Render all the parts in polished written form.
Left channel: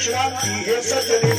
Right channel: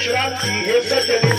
विश्रांति हे सज्जन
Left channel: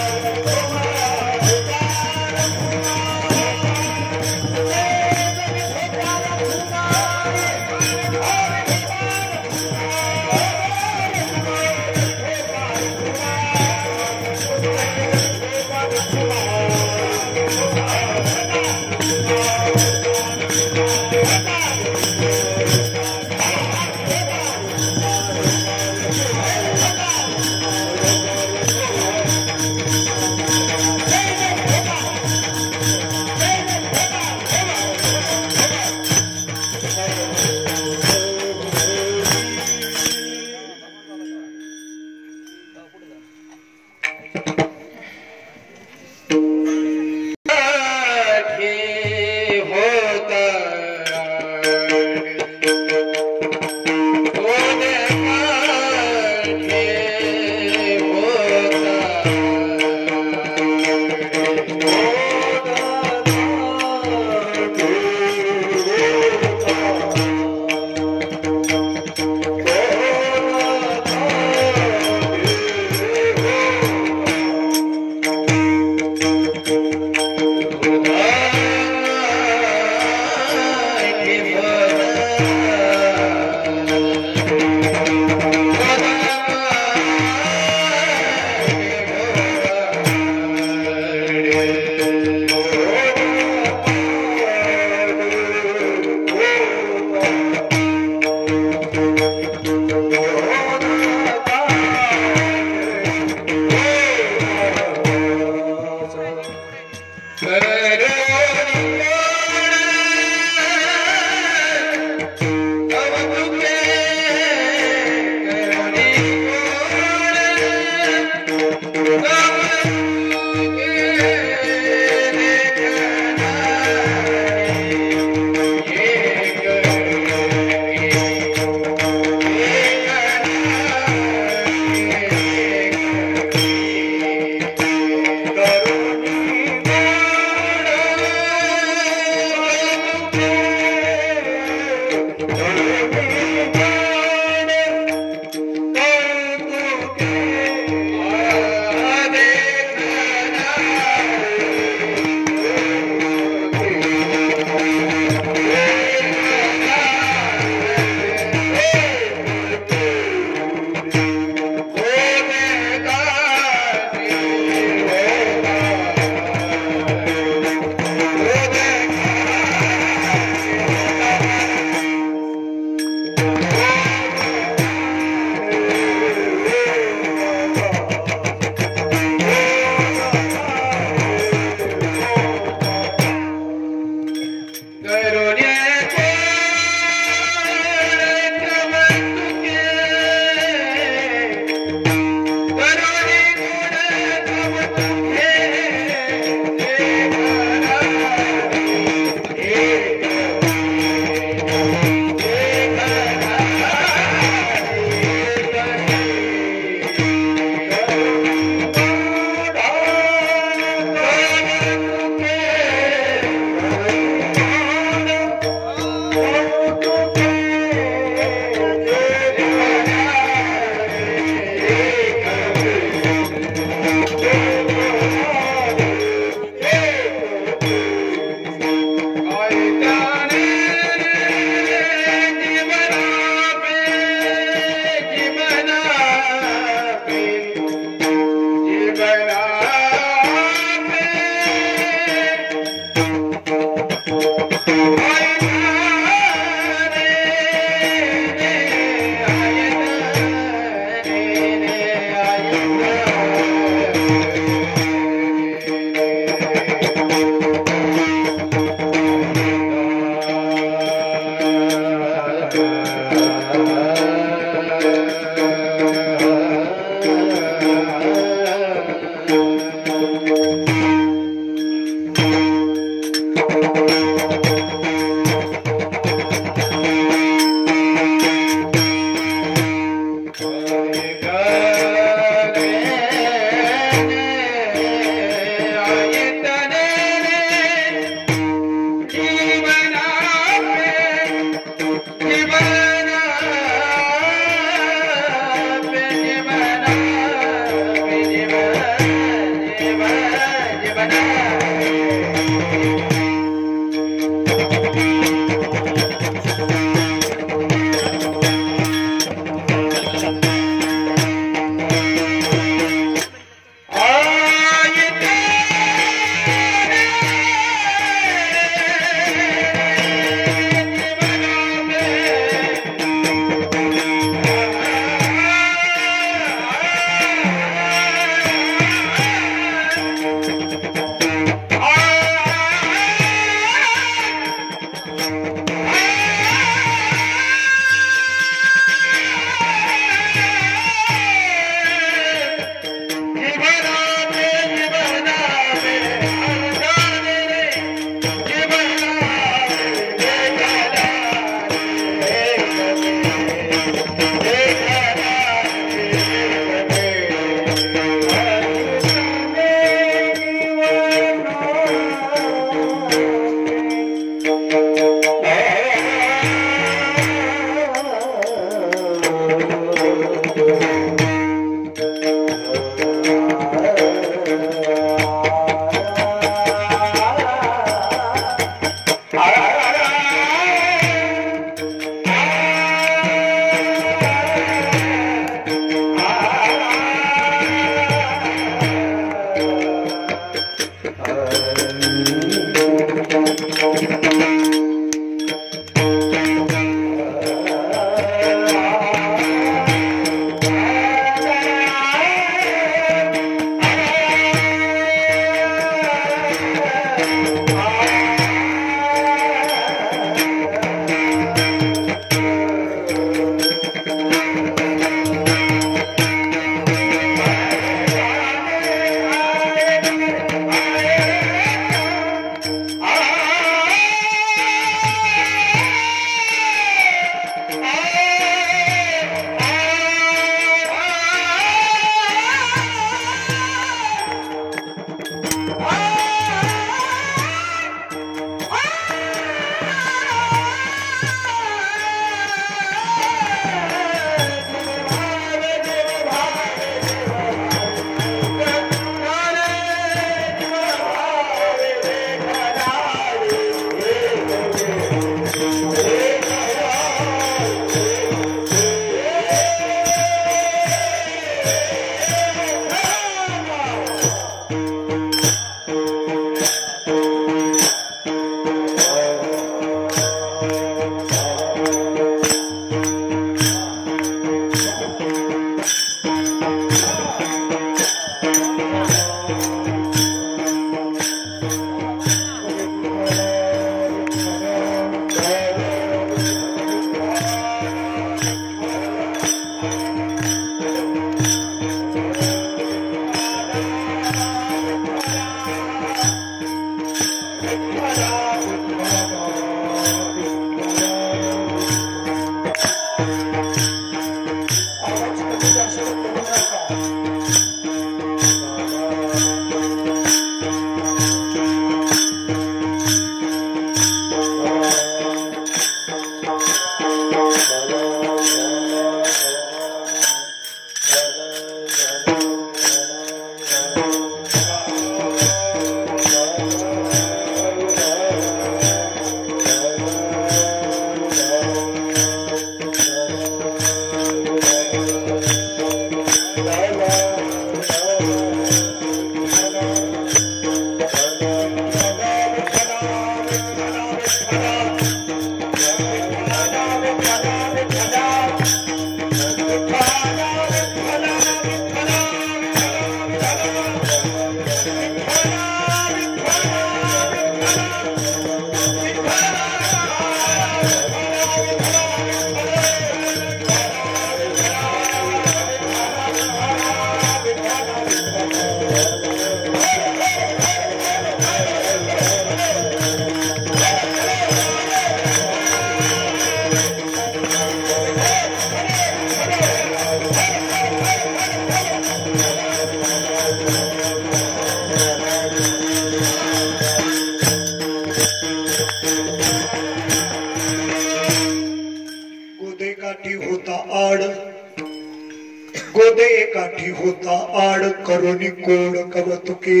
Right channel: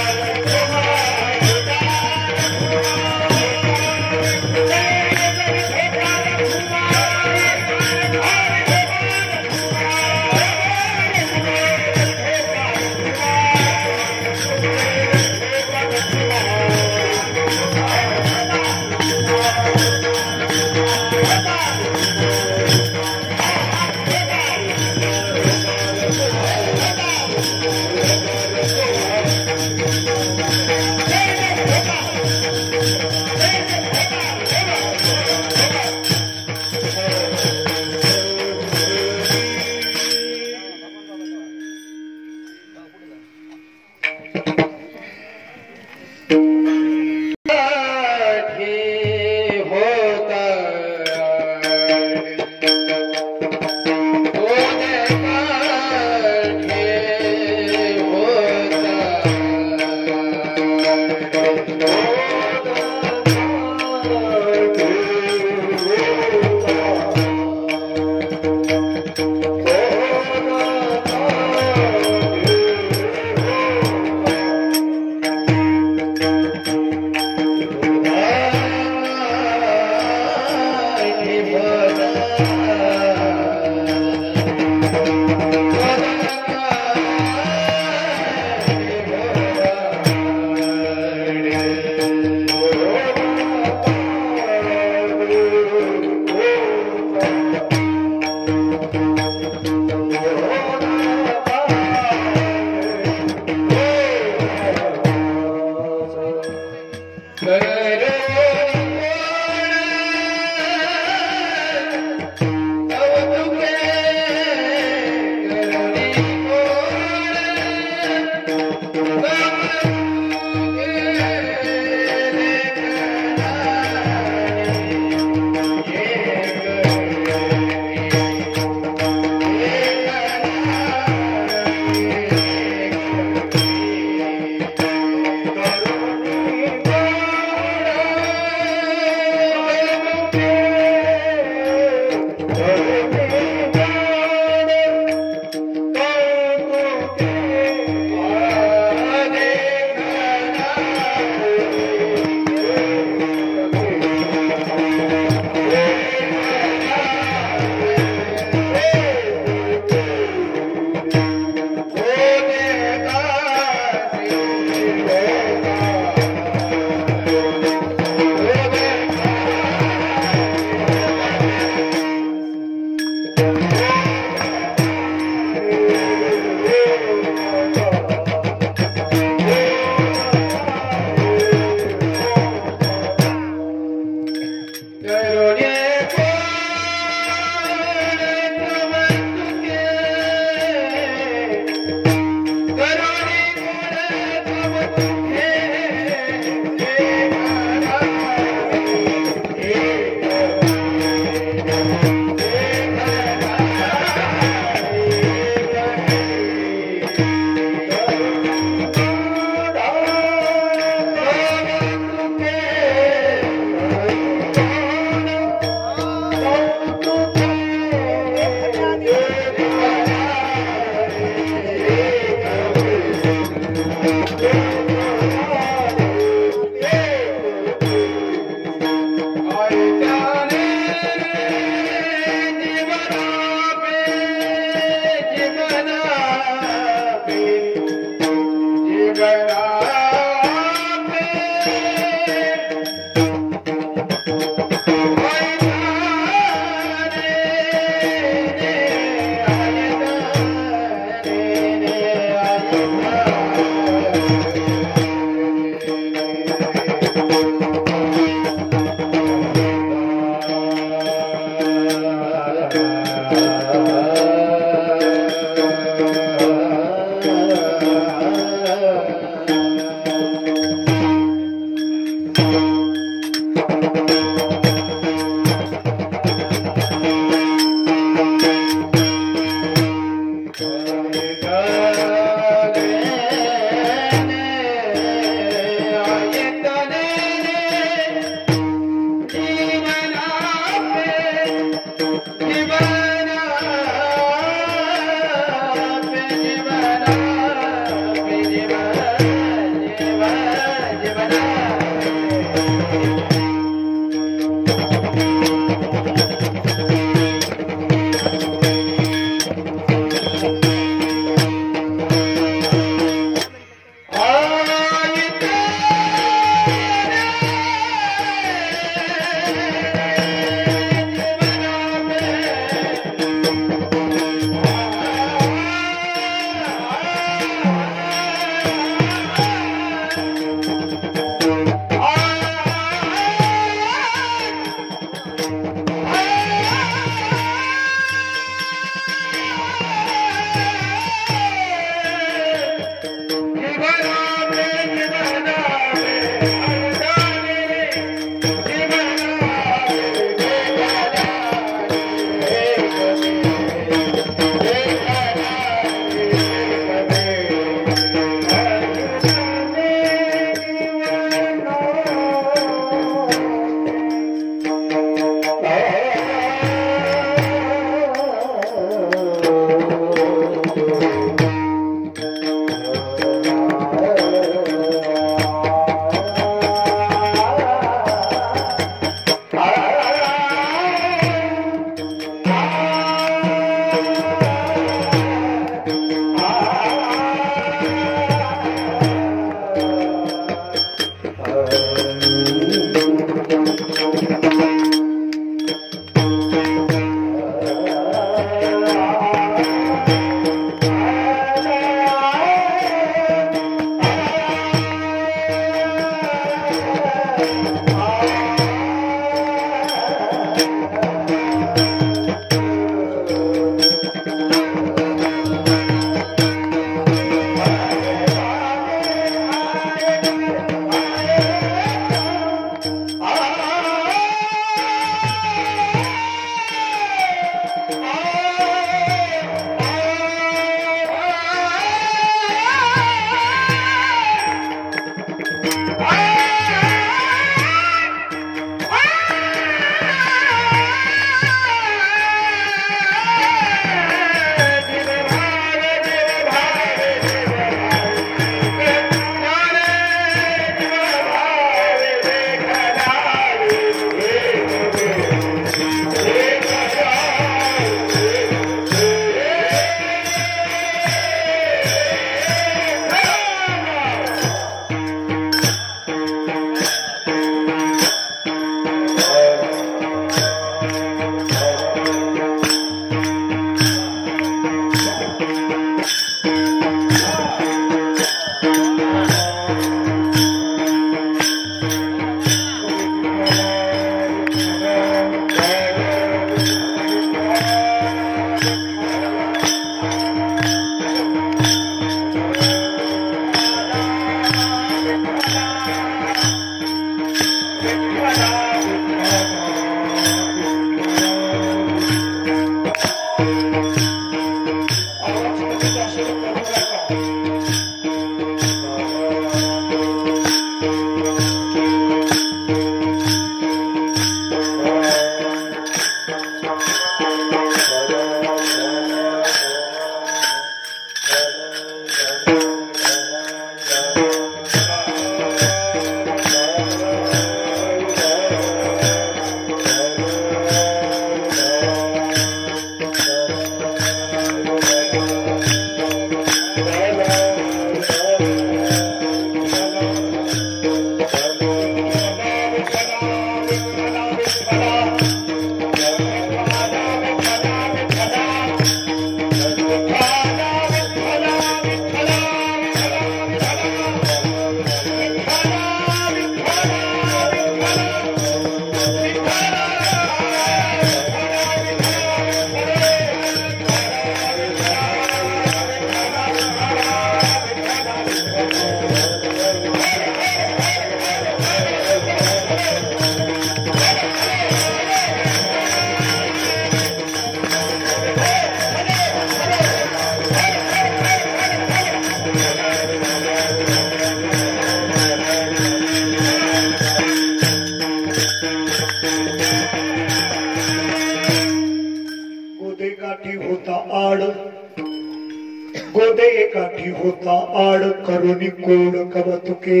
गोदे काठी होता आड करुणी कोड कवतुके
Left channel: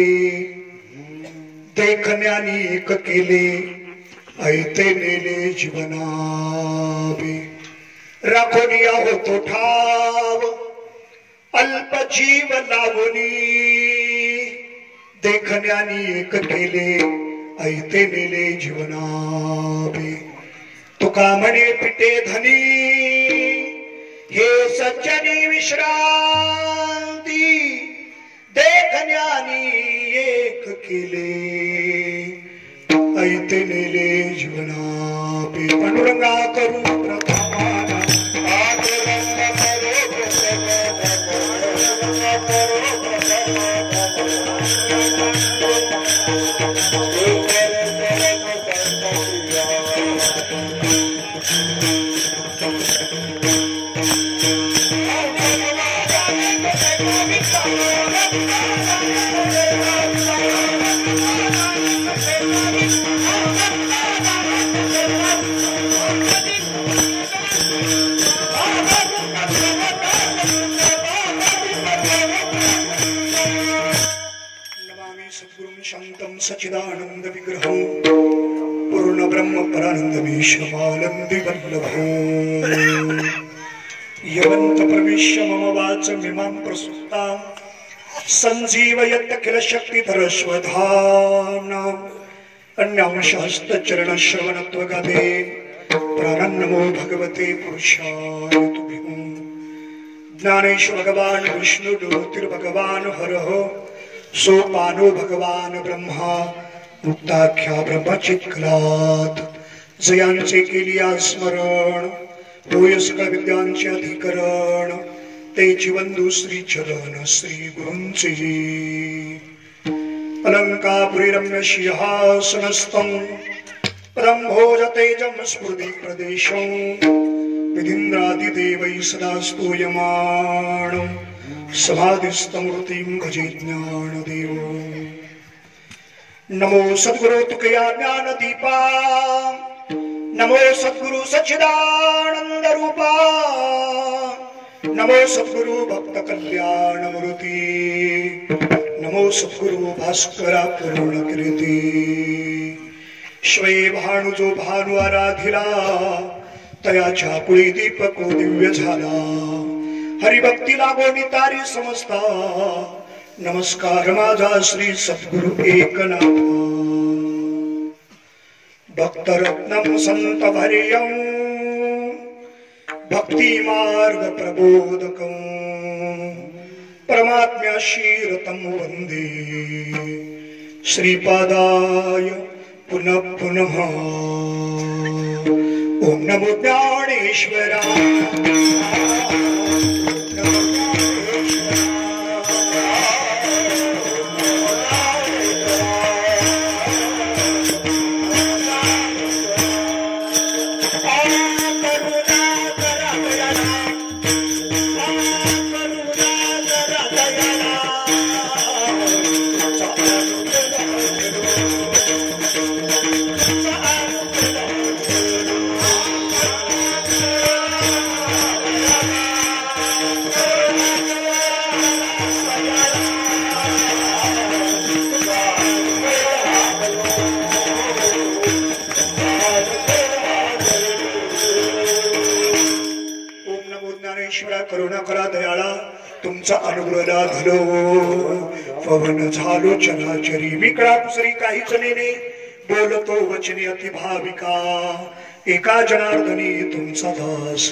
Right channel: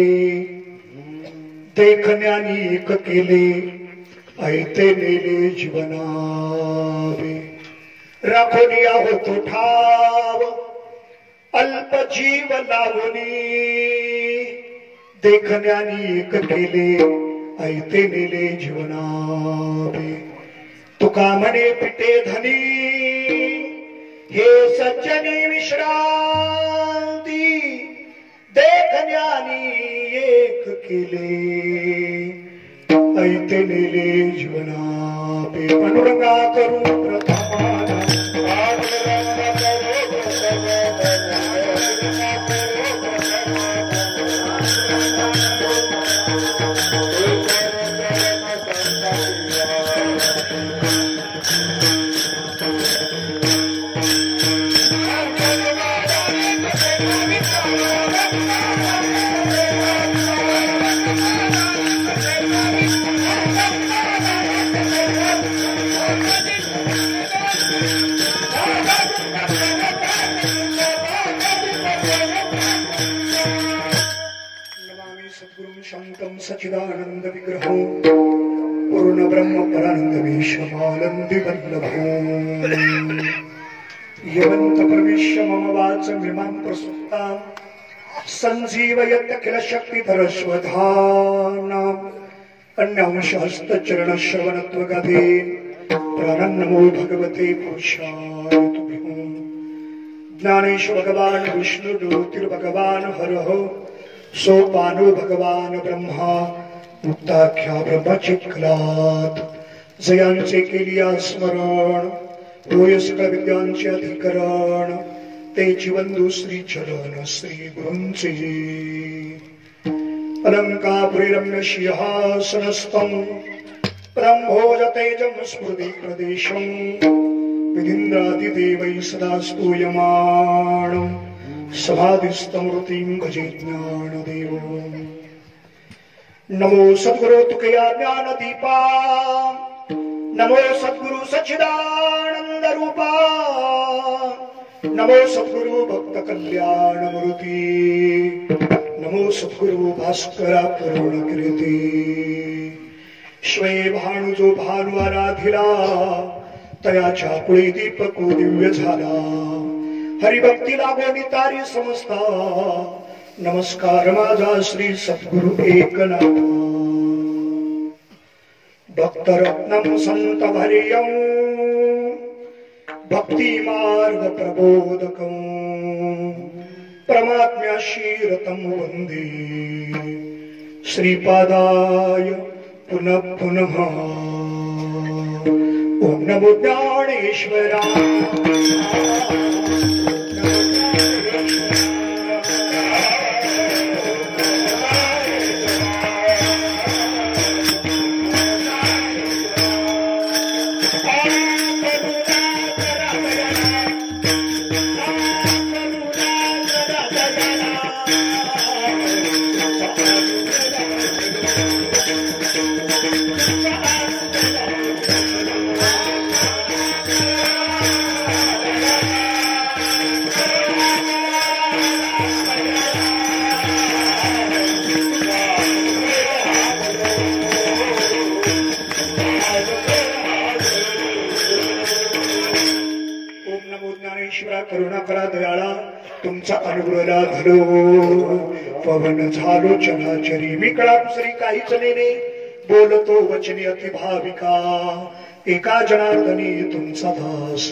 देखण्यानी एक केले ऐते नेले जीवनावे राखोनिया होतो ठाव अल्प जीव लावणी देखण्यानी एक केले ऐते नेले जीवनावे तुका म्हणे पिटे धनी हे सज्जनी विश्रांती देखण्यानी एक केले ऐते नेले जीवनापे पांडुरंगा करू सच्चिदानंद विग्रहो पूर्ण ब्रह्म परानंदमेशमानंदी वल्लभो यवंत प्रविश्य मम वाचमिमां प्रसुप्तां संजीवयत किल शक्तिधरस्वधानाम् अन्यांशहस्त चरणश्रवणत्वगादे प्राणन्नमो भगवते पुरुषाय तुभ्यं ज्ञानेश्वर भगवान् विष्णु ज्योतिर्भगवान् हरः सोपानो भगवान ब्रह्मा मुक्ताख्या ब्रह्मचित्कलात जयांचे केलिया स्मरण होय सकळ विद्यांचे अधिकरण ते जीवंदू श्री चरण श्री गुरूंचे अलंकापुरी रम्य सिंहासनस्थं ब्रह्मोज तेजं स्फुरति प्रदेशं विधिन्द्रादिदेवैः सदा स्तूयमानं सभाधिस्तमृतिं भजे ज्ञानदेवो नमो सद्गुरु तुकया ज्ञान दीपा नमो सद्गुरु सच्चिदानंद रूपा नमो सद्गुरु भक्त कल्याण मूर्ति नमो सद्गुरु भास्करा पूर्ण कीर्ती श्वे भानुजो भानु आराधिला तयाच्या कुळी दीपको दिव्य झाला हरिभक्ती लागोनी तारी समजता नमस्कार माझा श्री सद्गुरु एकनाथ भक्तरत्नम संत भर्यं भक्ति मार्ग प्रबोधकं परमात्म्याशी रतं वंदे श्रीपादाय पुनः पुनः ओम नमो ज्ञानेश्वराय करुणा करा दयाळा तुमचा अनुग्रह लाभलो पवन झालो चराचरी विकळा दुसरी काहीच नेने बोलतो वचने अति भाविका एका जनार्दनी तुमचा दास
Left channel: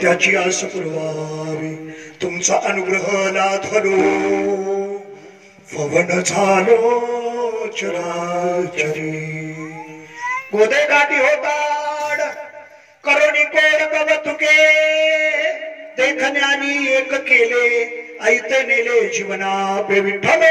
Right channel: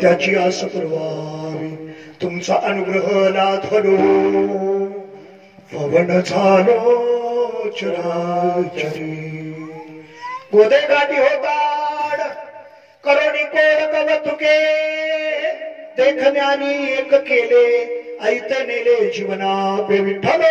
त्याची आस पुरवावी तुमचा अनुग्रह लाभलो पवन झालो चराचरी गोदे गाठी होताड करुणी कोड कवतुके देखण्यानी एक केले ऐते नेले जीवना पे विठ्ठल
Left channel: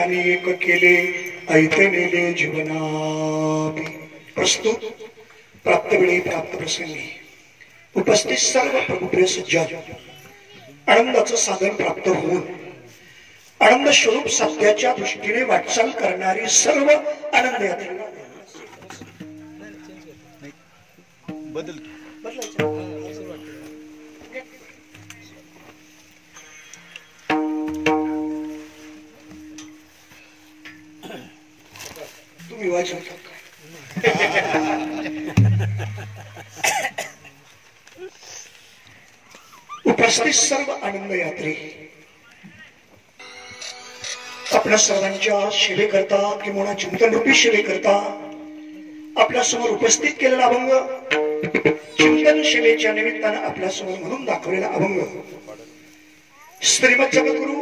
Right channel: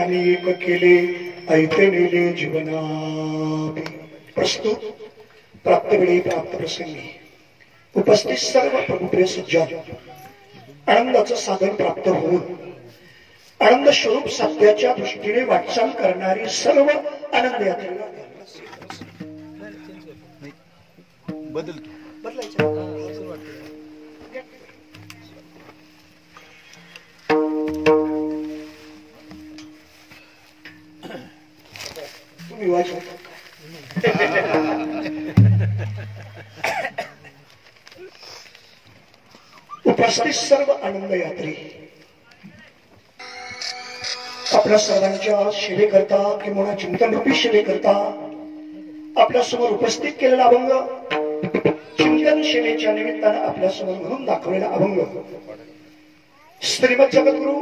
ध्यानी एक केले ऐते नेले जीवना। प्रस्तुत प्राप्त वेळी प्राप्त प्रसंगी उपस्थित सर्व प्रभुप्रिय सज्जन आनंदाचं साधन प्राप्त होऊन आनंद स्वरूप सत्याच्या दृष्टीने वाटचाल करणारी सर्व आनंद यात्रा तुम्ही वाचता उपस्थित सर्व आनंद यात्री आपल्या सर्वांच्या सेवेकरता किंवा चिंतन रूपी सेवेकरता आपल्या समोर उपस्थित केलेला अभंग चिंतन सेवेच्या निमित्तानं आपल्या समोर म्हणून दाखवलेला अभंग श्रीमद जगद्गुरु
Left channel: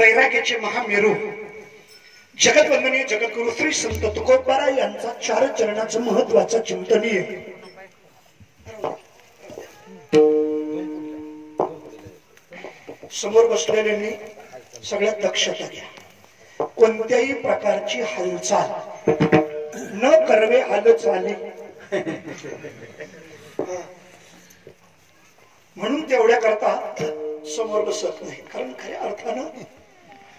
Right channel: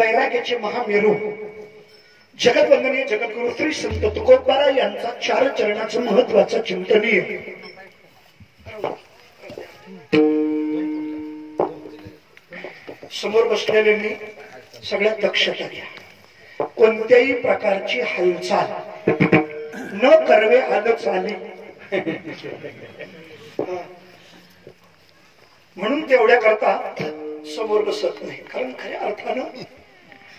वैराग्याचे महामेरू जगतवंदनीय जगद्गुरु श्री संत तुकोबारा यांचा 4 चरणाचं महत्वाचं चिंतनीय समोर बसलेले मी सगळ्यात दक्षता घ्या। कोणत्याही प्रकारची हालचाल न करवे हालचाली म्हणून तेवढ्या करता समोर बसत नाही, कारण खऱ्या अर्थानं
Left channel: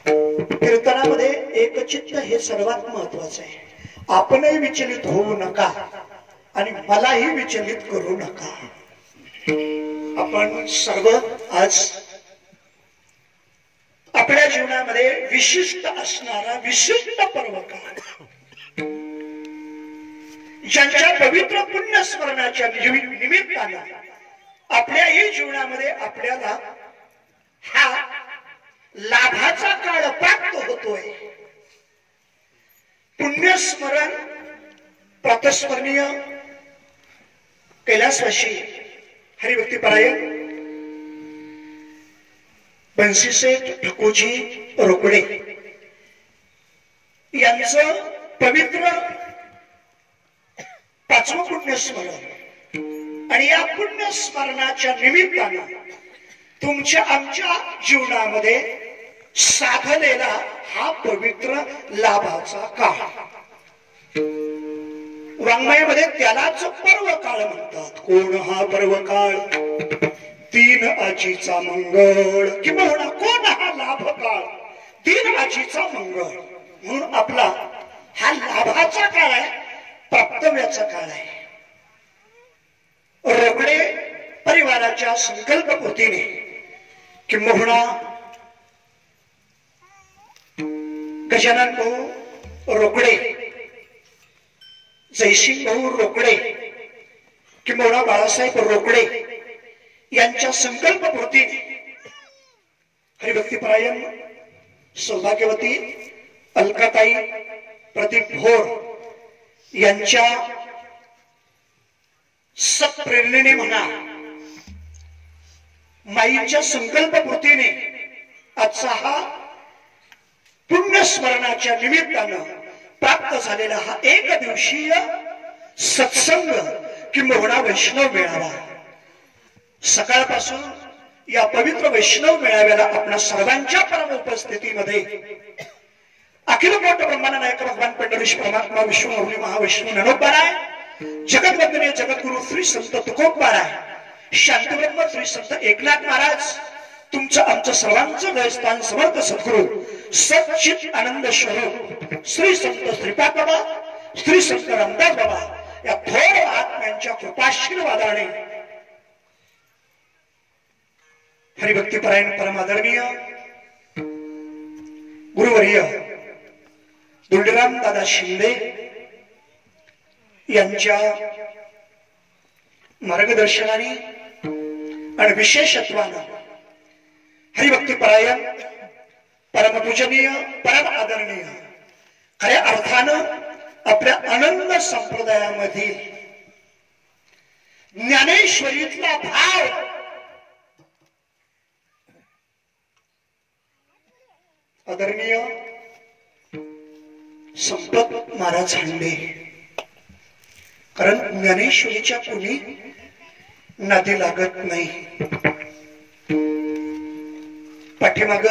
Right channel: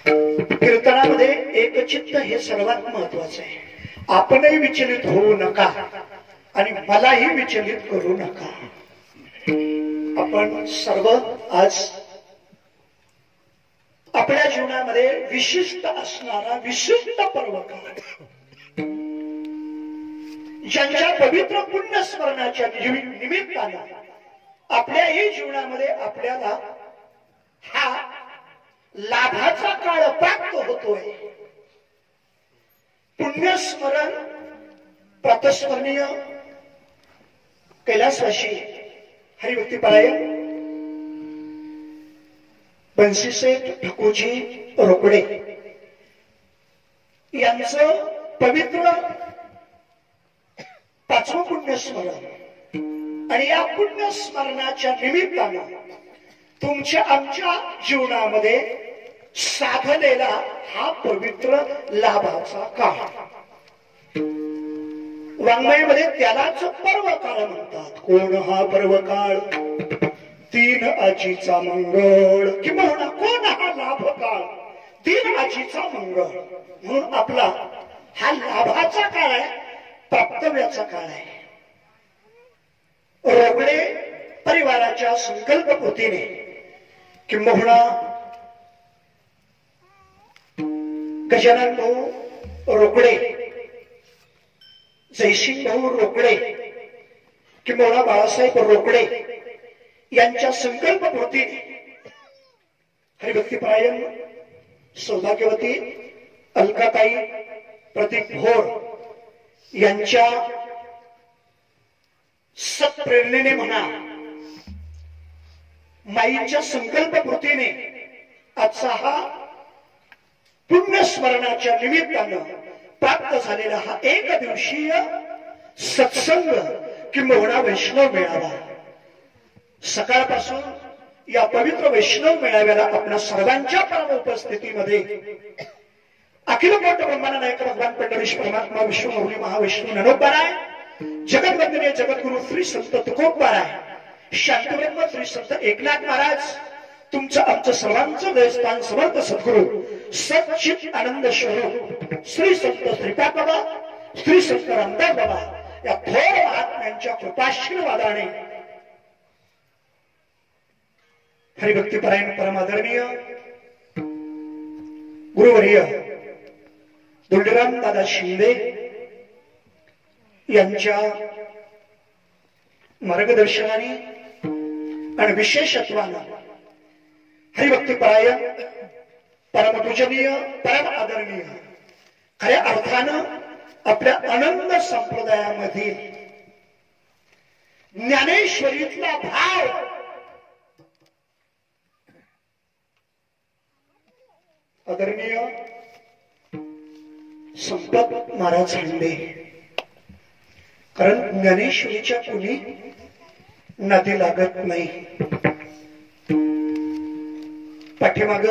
कीर्तनामध्ये एकचित्त हे सर्वात महत्वाचं आहे। आपणही विचलित होऊ नका आणि मलाही विचलित करू नका। आपण सर्व आज आपल्या जीवनामध्ये विशिष्ट असणारा विशिष्ट पर्व काळ ज्यांच्या पवित्र पुण्य स्मरणाच्या निमित्तानं आपल्याही जीवनामध्ये आपल्याला हा लाभाचा काळ प्राप्त होतोय। पुण्यस्मरण प्रातस्मरणीय कैलासवासी हरिभक्तीपरायण बंसीसेठ ठकुजी रोकडे यांचं पवित्र 5वं पुण्यस्मरण आणि या पुण्यस्मरणाच्या निमित्तानं तुमच्या आमच्या जीवनामध्ये साधलेला हा पवित्र लाभाचा काळ वाङ्मयामध्ये त्यालाच पर्व काळ म्हणतात। कोण हा पर्व काळ 3 आजीचा मंगळ किंवा कोण हा लाभ काळ 3 आजीचा मंगळ म्हणून आपला हा लाभाचा काळ आहे, प्राप्तव्याचा काळ आहे। रोकडे परिवाराच्या संकल्पपूर्तीने किंबहुना गजानन भाऊ रोकडे जयसिंग भाऊ रोकडे किंबहुना बाळासाहेब रोकडे यांच्या संकल्पपूर्तीने हरिभक्तीपरायण सौभाग्यवती अलकाताई प्रदीप भोर यांच्या सत्प्रेरणेने म्हणा माईच्या संकल्पपूर्तीने आजचा हा पुण्यस्मरणाच्या निमित्तानं प्राप्त झालेला हा एक दिवसीय सत्संग किंबहुना वैष्णव मेळावा सकाळपासून या पवित्र वैष्णव मेळाव्याला आपल्या सर्वांच्या परम उपस्थितीमध्ये अखिल मोठ ब्रह्मांड नायक भगवान पंढरीश परमात्मा विश्वमौली महावैष्णव ननोबाराय जगतवंदनीय जगद्गुरु श्री संत तुकोबाराय शांतब्रह्म श्री संत एकनाथ महाराज तुमचं आमचं सर्वांचं देवस्थान समर्थ सद्गुरु सच्चित आनंद स्वरूप श्री संत श्रीपाद बाबा श्री संत रामदास बाबा या थोर महात्म्यांच्या कृपाशीर्वादाने हरिभक्तीपरायण परमादरणीय गुरुवर्य दुंडराम दादा शिंदे यांच्या मार्गदर्शनाने आणि विशेषत्वानं हरिभक्तीपरायण परमपूजनीय परम आदरणीय खऱ्या अर्थानं आपल्या आनंद संप्रदायामध्ये ज्ञानेश्वरीतला भाव आदरणीय संपत महाराज हांडे कारण ज्ञानेश्वरीच्या कोणी नादी लागत नाही। पाठीमाग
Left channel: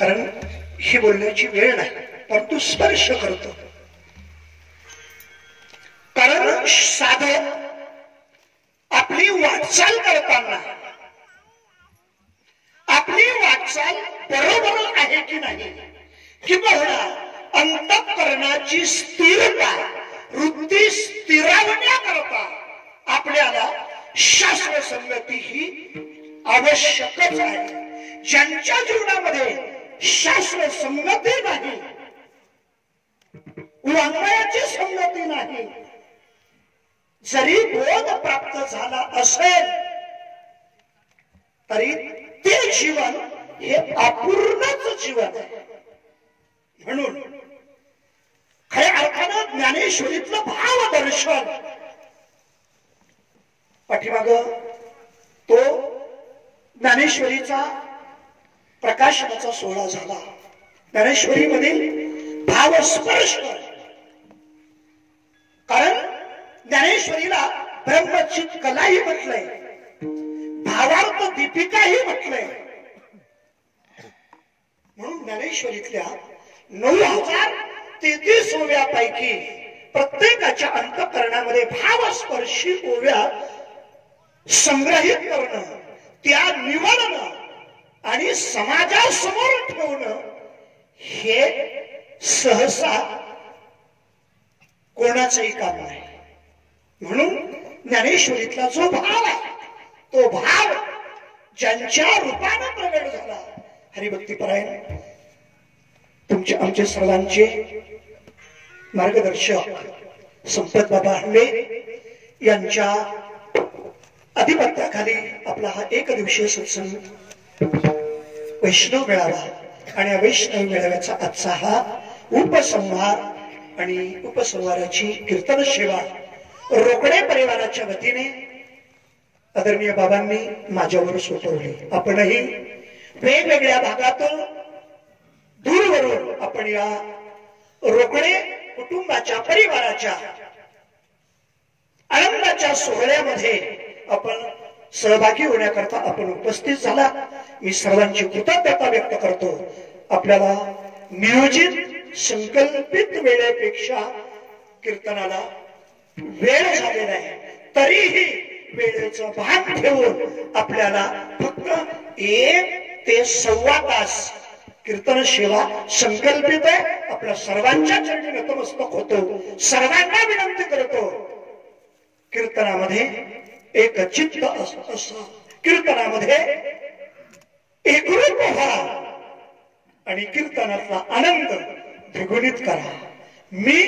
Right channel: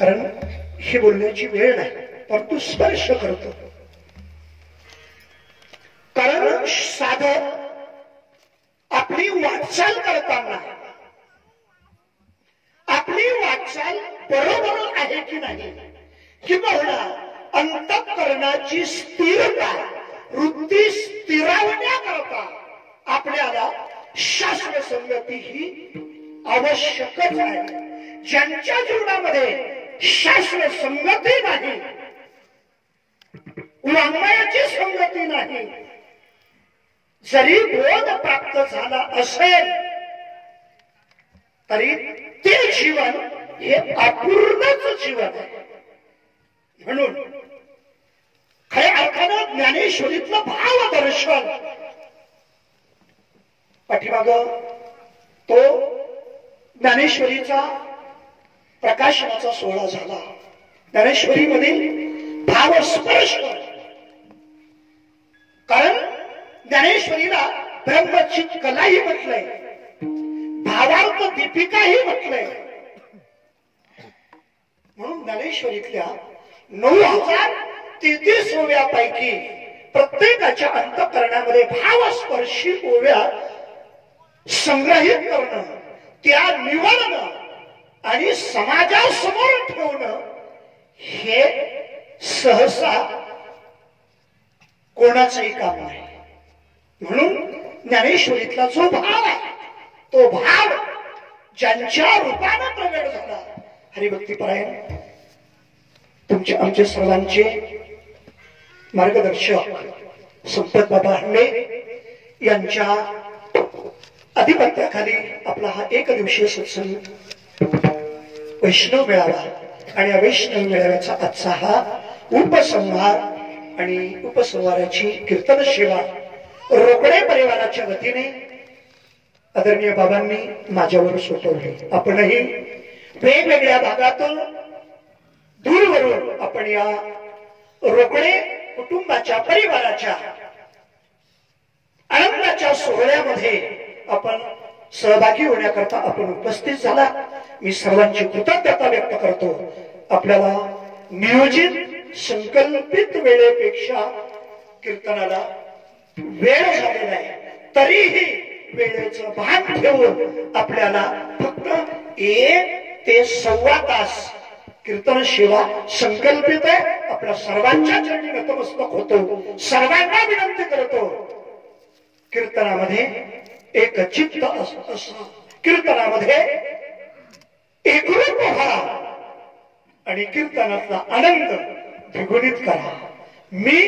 कारण ही बोलण्याची वेळ नाही, परंतु स्पर्श करतो. कारण साधक आपली वाटचाल करताना आपली वाटचाल बरोबर आहे की नाही, किंवा अंतःकरणाची स्थिरता वृत्ती स्थिरावण्याकरता आपल्याला शास्त्र संगती ही आवश्यकच आहे. ज्यांच्या जीवनामध्ये शास्त्र संगती नाही, वाङ्मयाची संगती नाही, जरी बोध प्राप्त झाला असेल तरी ते जीवन हे अपूर्णच जीवन आहे. म्हणून खऱ्या अर्थानं ज्ञानेश्वरीतलं भावदर्शन पाठीमाग तो ज्ञानेश्वरीचा प्रकाशनाचा सोहळा झाला. ज्ञानेश्वरी मधील भावस्पर्श, कारण ज्ञानेश्वरीला ब्रह्मचित कलाही म्हटलंय, भावार्थ दीपिकाही म्हटलंय. म्हणून ज्ञानेश्वरीतल्या 9033 ओव्यापैकी प्रत्येकाच्या अंतःकरणामध्ये भावस्पर्शी ओव्या संग्रहित करणं, त्या निवडणं आणि समाजासमोर ठेवणं हे सहसा कोणाचंही काम नाही. म्हणून ज्ञानेश्वरीतला जो भाव आहे तो भाव ज्यांच्या रूपानं प्रगट झाला, हरिभक्तीपरायण तुमचे आमचे सर्वांचे मार्गदर्शक संपत बाबा हंडे यांच्या अधिपत्याखाली आपला हा एक दिवसीय सत्संग वैष्णव मेळावा, आणि या वैष्णव मेळाव्याचा आजचा हा उपसंहार आणि उपसंहाराची कीर्तन सेवा रोकडे परिवाराच्या वतीने आदरणीय बाबांनी माझ्यावर सोपवली. आपणही वेगवेगळ्या भागातून दूरवरून आपण या रोकडे कुटुंबाच्या परिवाराच्या आनंदाच्या सोहळ्यामध्ये आपण सहभागी होण्याकरता आपण उपस्थित झाला. मी सर्वांची कृतज्ञता व्यक्त करतो. आपल्याला नियोजित संकल्पित वेळेपेक्षा कीर्तनाला वेळ झालेला आहे, तरीही वेळेचं भान ठेवून आपल्याला फक्त 1 ते सव्वा तास कीर्तन सेवा संकल्पित आहे. आपल्या सर्वांच्या चरणी नतमस्तक होतो. सर्वांना विनंती करतो, कीर्तनामध्ये एक चित्त असं, कीर्तनामध्ये एकरूप व्हा आणि कीर्तनातला आनंद द्विगुणित करा. मी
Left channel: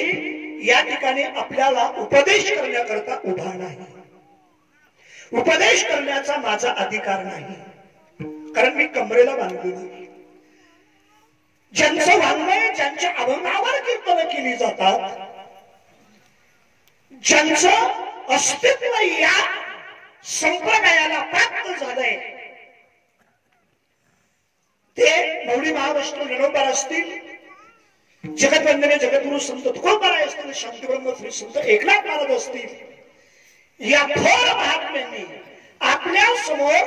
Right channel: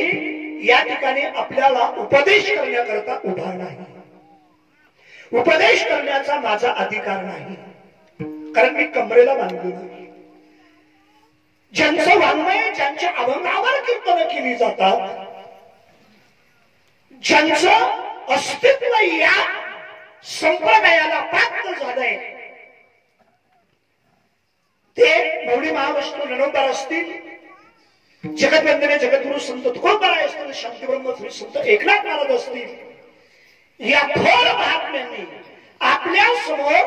या ठिकाणी आपल्याला उपदेश करण्याकरता उभा नाही, उपदेश करण्याचा माझा अधिकार नाही, कारण मी कमरेला बांधलेलो नाही. ज्यांचं वाङ्मय, ज्यांच्या अभंगावर कीर्तन केली जातात, ज्यांचं अस्तित्व या संप्रदायाला प्राप्त झालंय, ते मौली महाविष्णू नरोबर असतील, जगतवंदने जगद्गुरु संत तुकोबाराय असतील, शांतीब्रह्म श्री संत एकनाथ महाराज असतील, या थोर महात्म्यांनी आपल्या समोर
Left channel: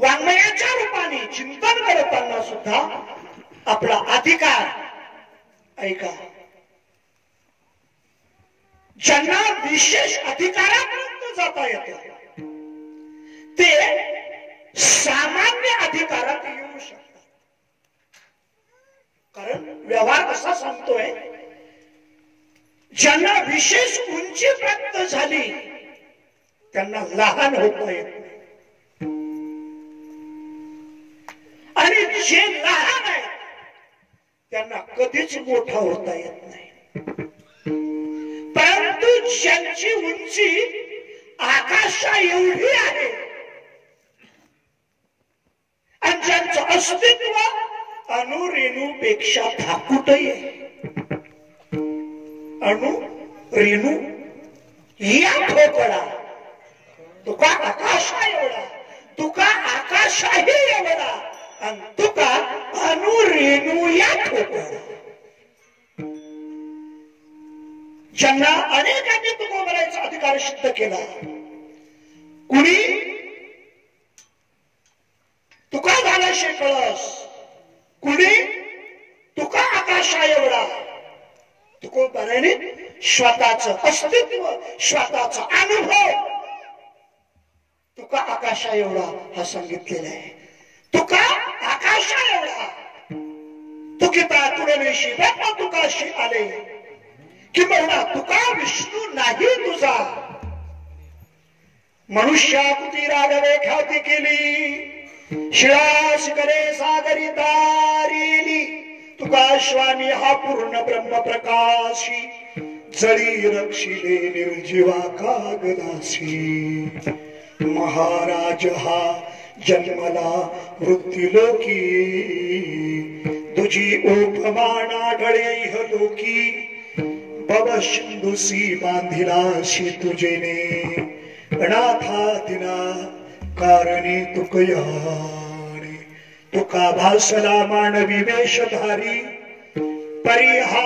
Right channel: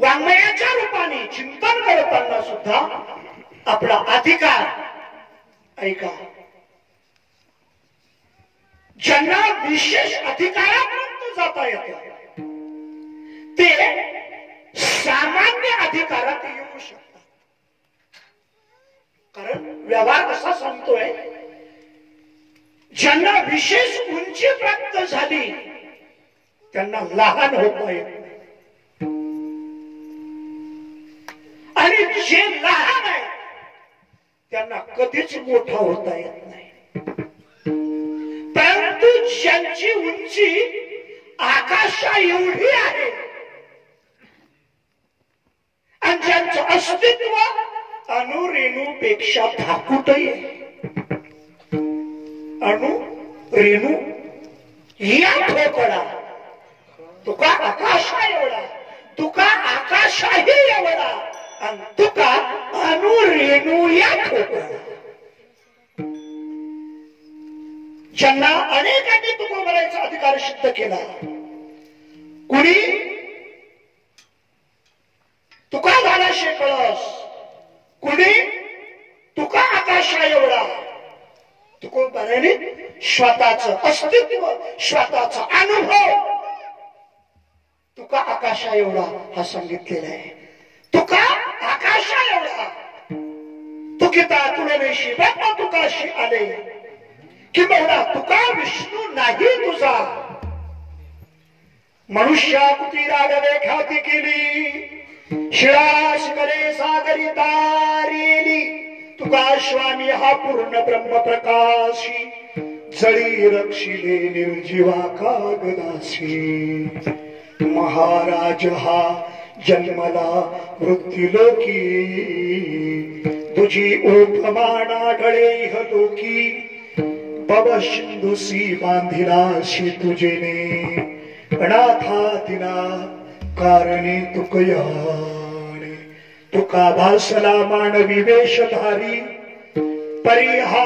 वाङ्मयाच्या रूपाने चिंतन करताना सुद्धा आपला अधिकार ऐका. ज्यांना विशेष अधिकारापर्यंत जाता येतं ते सामान्य अधिकारात येऊ शकतात. कारण व्यवहार कसा सांगतोय, ज्यांना विशेष उंची प्राप्त झाली त्यांना लहान होता येत नाही, आणि जे लहान आहेत त्यांना कधीच मोठा होता येत नाही. परंतु ज्यांची उंची आकाशा एवढी आहे आणि ज्यांचं अस्तित्व अणुरेणूपेक्षा धाकूटही आहे, अणु रेणू या ठोकळा, तुका आकाशा एवढा, तुका आकाशाही एवढा, आणि तुका अणुरेणू या ठोकळा. ज्यांना अनेकांनी तुकोबारायचा अधिकार सिद्ध केला, कुणी तुका झाला शेकळस, कुणी तुका आकाशा एवढा तुकोबाराने स्वतःच अस्तित्व स्वतःचा अनुभव तुका आकाशा एवढा हा सांगितलेला आहे. तुका आकाशा एवढा तुकिता तुलनेशी बापा तुकाशी आले किंवा तुका विष्णू नाही तुझा. मनुष्याकृती रागवे ख्याती केली शिळा शिकले सागरी तारेली तुका स्वामी हा पूर्ण ब्रह्म प्रकाशी जळी रक्षिले निर्जीवा कागदासी. महाराज हा जन्मला मृत्युलोकी तुझी उपमाना गळे इहलोकी बव सिंधुसी बांधिलाशी तुझेने अनाथा दिना कारणे तुकयाने. तुका भासला मानवी वेशधारी परिहा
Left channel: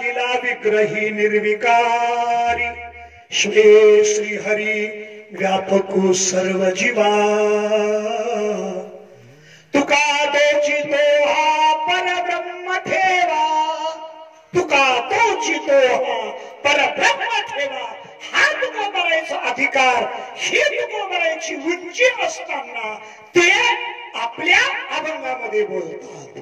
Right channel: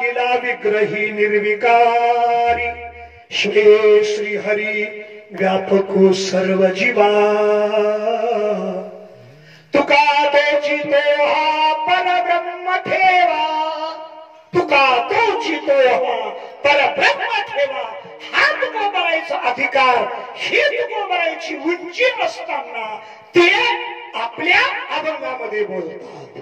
लीला विग्रही निर्विकारी. श्री श्री हरी व्यापको सर्व जीवा तुका तोची तो हा परब्रह्म ठेवा. तुका तोची तो हा परब्रह्म ठेवा. हा तुका करायचा अधिकार ही तुका करायची उंची असताना ते आपल्या अभंगामध्ये बोलतात.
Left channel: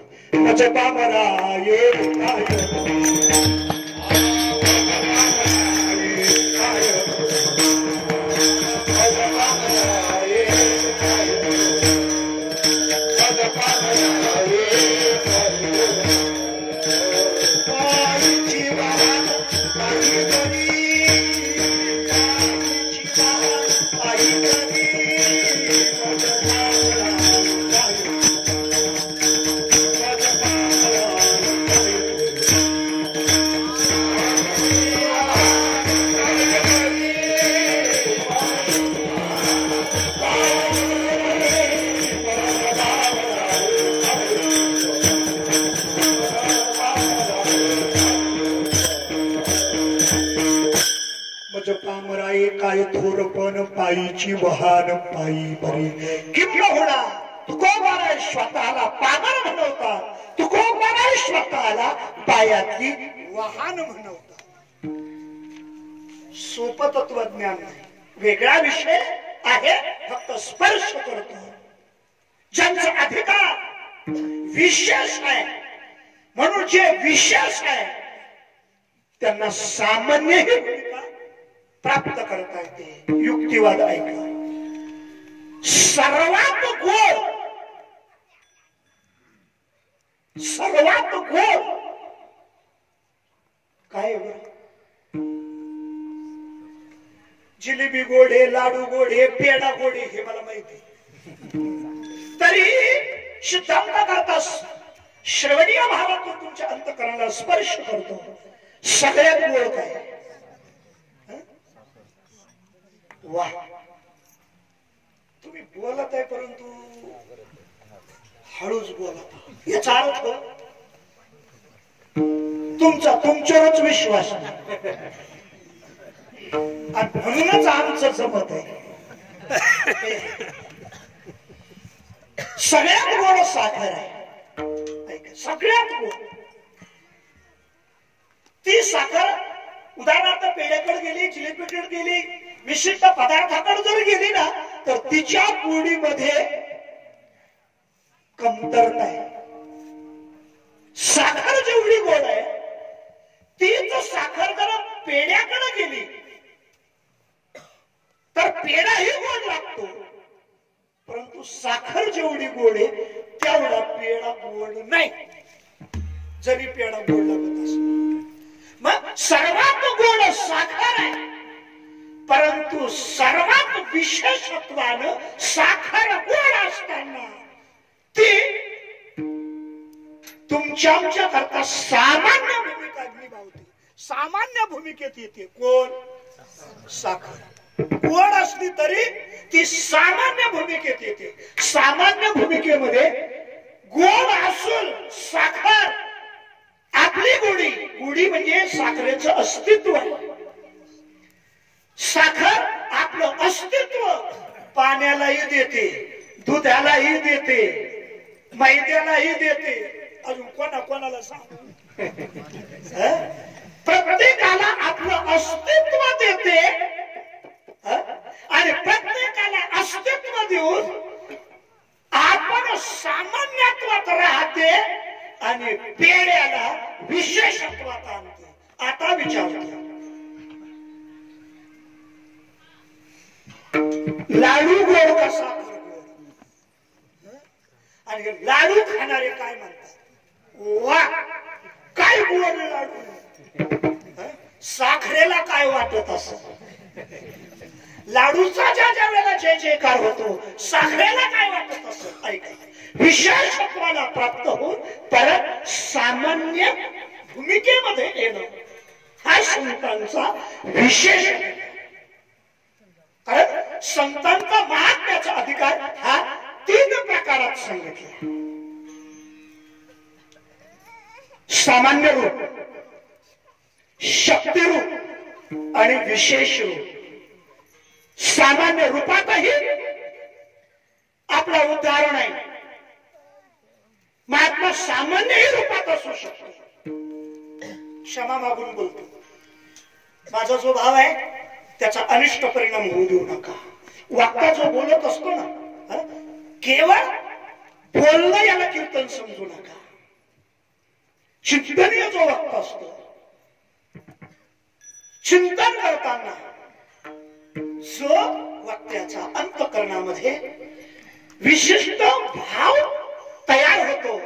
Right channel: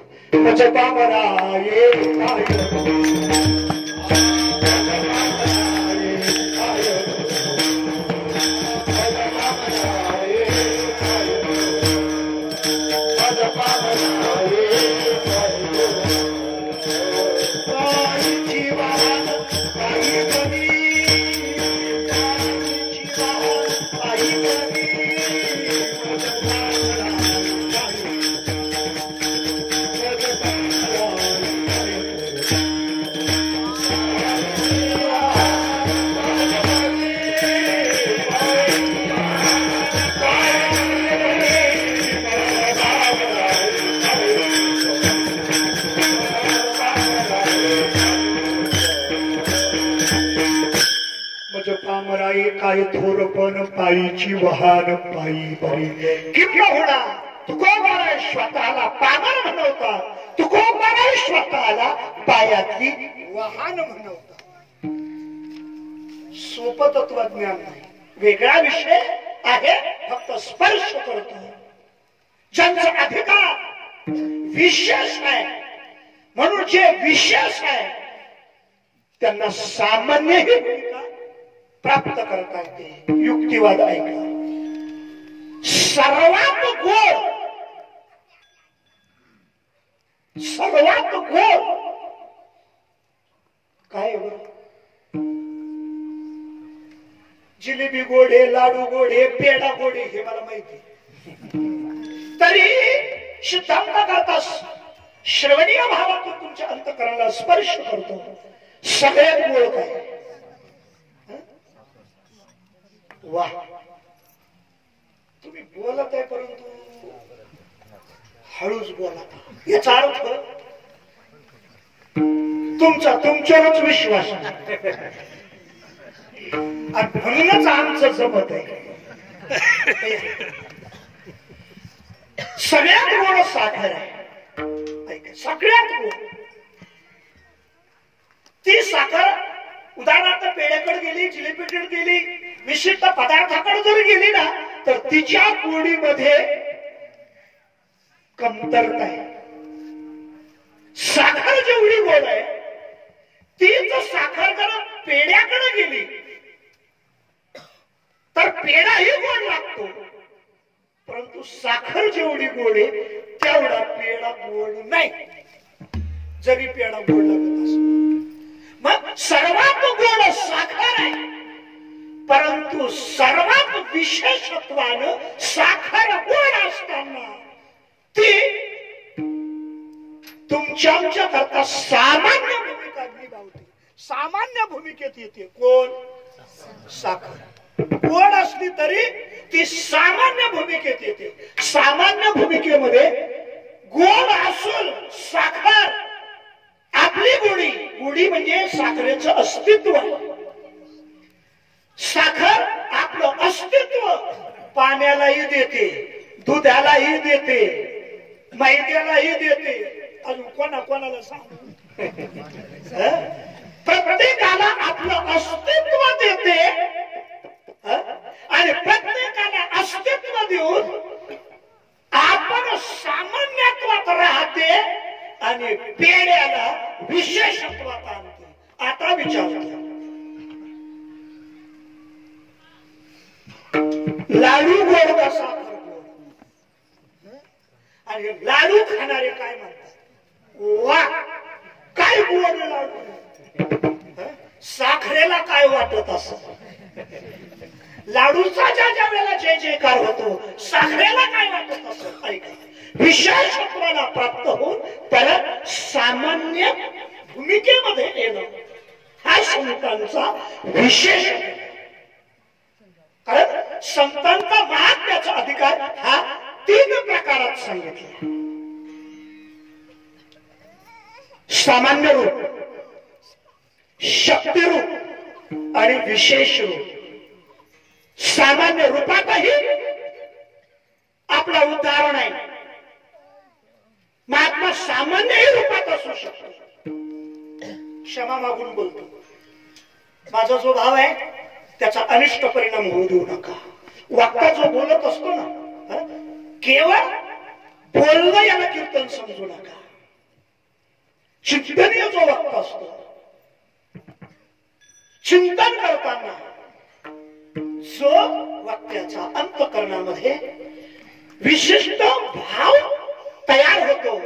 पामराये काय थोरपण पायीची वाहन पायी बरी. किंबहुना तुकोबारा स्वतःला पामर म्हणवतात. तुकोबारा स्वतःला पायातली वाहन म्हणवतात. सोपं तत्वज्ञान नाही, वेगळा विषय आहे. फक्त स्पर्श करतो. ज्यांचा अधिकार विशेष आहे म्हणून जे विशेष आहे त्यांना सामान्य ही भूमिका प्राप्त करता येते. युक्तिवाद ऐका. सर्वात गोड काय जिलेबी गोड आहे, लाडू गोड आहे, पेढा गोड आहे हे मला माहिती. तरी सिद्धांत करता श्रवणीय भावातून तुमच्या अंतःकरणाला स्पर्श करतो. सगळ्यात गोड काय? वाह, तुम्ही बोलत आहे परंतु हळूच बोलत. याचा अर्थ तुमचा तुमच्यावरच विश्वास आणि म्हणूनच आमचं जमत आहे. सगळ्यात गोड साखर आहे. सगळ्यात गोड ती साखर उदाहरणार्थ पेढ्याकडे गेली, जिलेबीकडे गेली, विशिष्ट पदार्थाकडे जर गेली ना तर तिच्या गोडीमध्ये कमतरता आहे. साखर जेवढी गोड आहे तीच साखर जर पेढ्याकडे गेली तर पेढाही गोड लागतो. परंतु साखर जेवढी गोड आहे तेवढा पेढा गोड नाही, जरी पेढा गोड लागत असेल. मग सर्वात गोड साखर आहे, परंतु सर्वात विशेषत्वानं साखर गोड असताना ती तुमच्या करता सामान्य भूमिका निभावते. सामान्य भूमिकेत येते. कोण? साखर. गोड असली तरी ती सामान्य भूमिकेत येते. सामान्य भूमिकेमध्ये गोड असून साखर आपली गोडी म्हणजे साखरेचं अस्तित्व आहे. साखर आपलं अस्तित्व पाण्यालाही देते, दुधालाही देते, मैद्यालाही देते, अजून कोणाला सांग. प्रत्येकाला आपलं अस्तित्व देते आणि प्रत्येकाला अस्तित्व देऊन आपण सामान्यत्वात राहते आणि पेड्याला विशेषत्वात आणते. आता विचारतो, लाडू गोड का साखर गोड? आणि लाडू खाणारे काय म्हणतात, वा काय गोड लाडू. साखरेला काय वाटत असं? लाडूचा ज्या वेळेला जय जयकार होतो, साखरेला काय वाटत असं? ऐका, विशेषत्वाला प्राप्त होऊन परत सामान्य भूमिकेमध्ये येणं हा संतांचा विशेष. कारण संतांचा महात्म्याचा अधिकार हा 3 प्रकारात सांगितला. सामान्य रूप, शक्ती रूप आणि विशेष रूप. सामान्य रूपातही आपला उदाहरण आहे. महात्मा सामान्यही रूपात असू शकतो. क्षमा मागून बोलतो, माझा जो भाव आहे त्याचा अनिष्ट परिणाम होऊ देऊ नका. वक्ता जो बोलत असतो ना, केवळ बोलणं याला कीर्तन समजू नका. चिंतनीय जो वक्ता असतो, चिंतन करताना जो वक्त्याचा अंतःकरणामध्ये विशिष्ट भाव तयार होतो,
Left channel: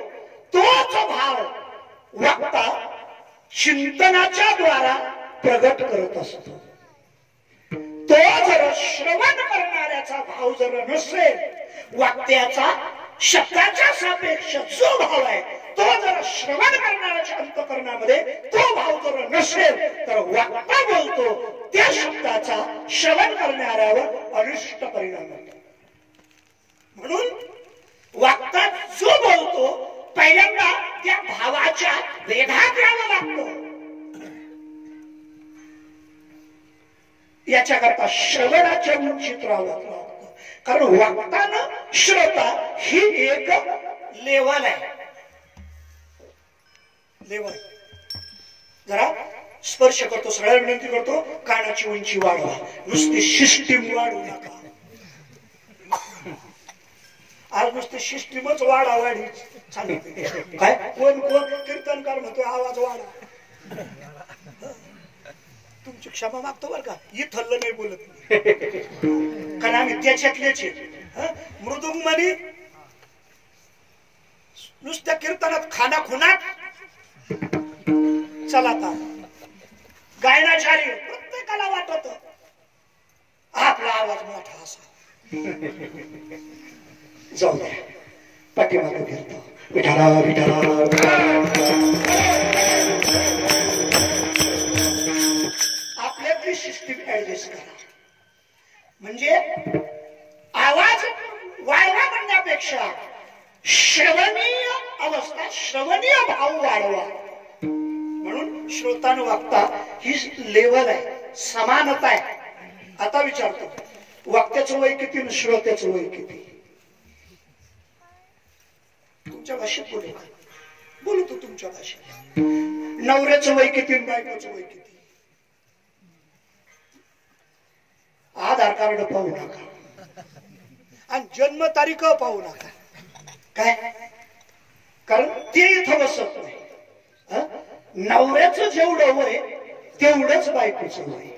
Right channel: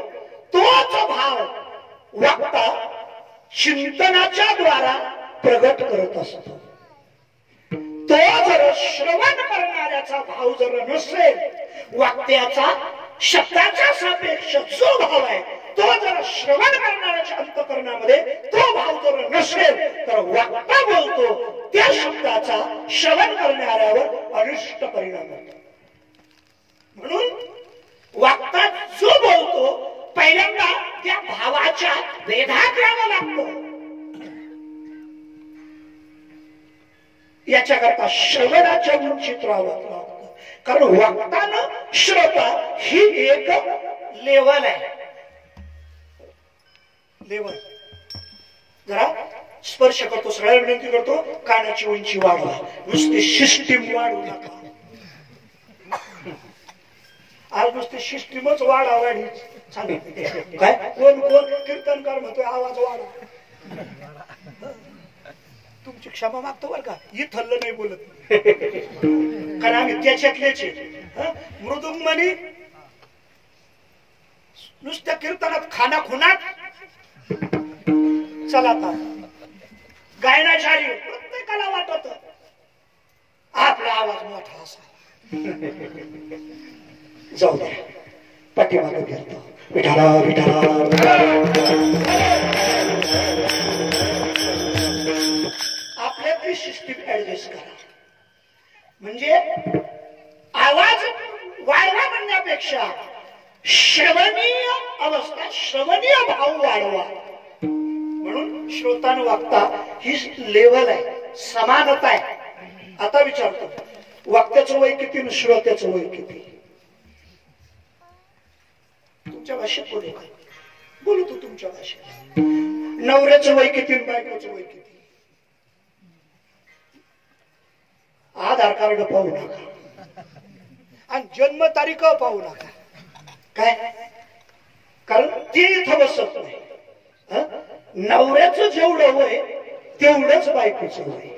तोच भाव वक्ता चिंतनाच्या द्वारा प्रगट करत असतो. तो जर श्रवण करणाऱ्याचा भाव जर नसेल, वक्त्याचा शब्दाच्या सापेक्ष जो भाव आहे तो जर श्रवण करणाऱ्याच्या अंतःकरणामध्ये तो भाव जर नसेल, तर वक्ता बोलतो त्या शब्दाचा श्रवण करणाऱ्यावर अनिष्ट परिणाम होतो. म्हणून वक्ता जो बोलतो पहिल्यांदा त्या भावाच्या वेधात यावं लागतं. याच्याकरता श्रवणाच्या उंचीत राहावं लागतं. कारण वक्तानं श्रोता ही एक लेवल आहे. लेवल जरा स्पर्श करतो, सगळ्या विनंती करतो, कानाची उंची वाढवा. नुसती सिस्टीम वाढवू नका. आज नुसती सिस्टीमच वाढावाढी सांगितली. काय कोण कीर्तनकार म्हणतोय आवाज वाढा. तुमची क्षमा मागतो बरं का, इथलं नाही बोलत, कारण आम्ही त्याच्यातलेच. मृदुंग म्हणी नुसत्या कीर्तनात खाना खुनात चला. आता गायनाचारी प्रत्येकाला वाटत आपला आवाज मोठा असावा. जाऊ द्या, पाठीमागे फिरतो. विठाला विठाला आपल्यातली सिस्टीम ऍडजस्ट करा. म्हणजे आवाज वाढवा म्हणण्यापेक्षा श्रवणीय अवस्था, श्रवणीय भाव वाढवा. म्हणून श्रोतान वक्ता ही लेवल आहे, समानता आहे. आता विचारतो, वक्त्याचं वय किती आणि श्रोत्याचं वय किती? तुमच्या भाषेत बोलू का? बोलू तू तुमच्या भाषेत. नवऱ्याचं वय किती आणि बायकोचं वय किती? आधार कार्ड पाहू नका आणि जन्म तारीख पाहू नका. काय? कारण ते इथं बसत नाही. नवऱ्याचं जेवढं वय तेवढंच बायकोचं वय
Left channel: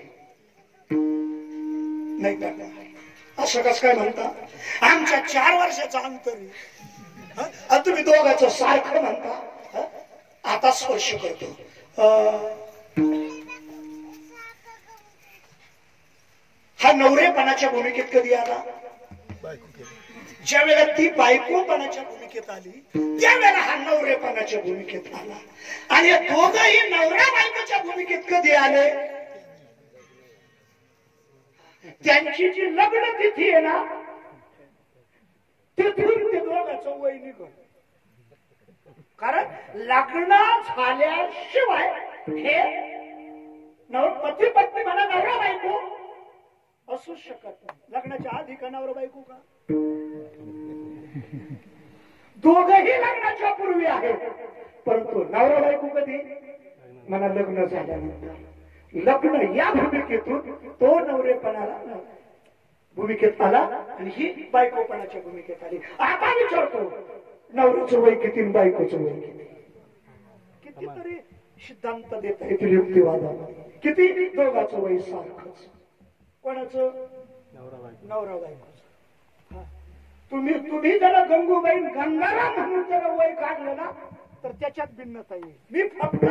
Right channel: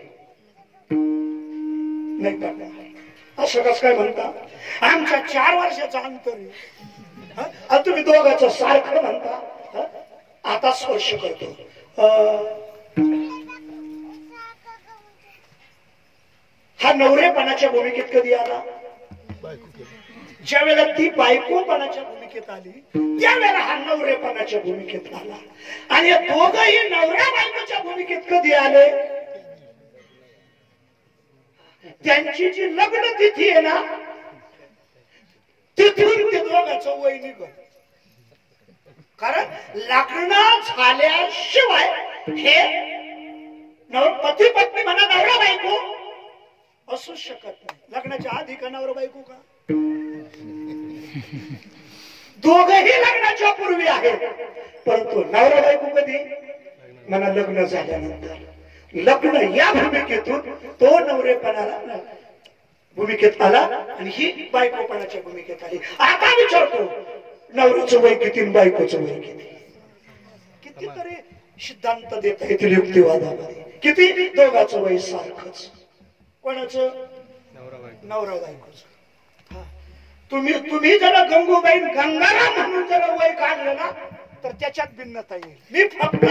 नाही. टाका असं कसं काय म्हणता? आमच्या 4 वर्षाचा अंतर, तुम्ही दोघांचं सारखं म्हणता. आता स्पर्श करतो. हा नवरेपणाच्या भूमिकेत कधी आला? ज्या वेळेला ती बायकोपणाच्या भूमिकेत आली त्यावेळेला हा नवरेपणाच्या भूमिकेत आला. आणि या दोघंही नवऱ्या बायकोच्या भूमिकेत कधी आले? त्यांची जी लग्न तिथी आहे ना, तिथून ते दोघांचं वय निघत. कारण लग्न झाल्याशिवाय हे पती पत्नी म्हणा नवरा बायको असू शकत नाही. लग्नाच्या आधी का नवरा बायको का? दोघही लग्नाच्या पूर्वी आहेत, परंतु नवरा बायको कधी मला लग्न झाल्यानंतर. लग्न या भूमिकेतून तो नवरेपणाला भूमिकेत आला आणि ही बायकोपणाच्या भूमिकेत आली. आता विचारतो नवऱ्याचं वय किती आणि बायकोचं वय किती? कितीतरी सिद्धांत देता येतील युक्तिवादामध्ये. किती? दोघांचं वय सारखंच. कोणाचं? नवरा बायकोचं. तुम्ही जरा गंगूबाई गंगाराम म्हणून जरा वय काढलं ना तर त्याच्यात भिन्नता येईल. मी फक्त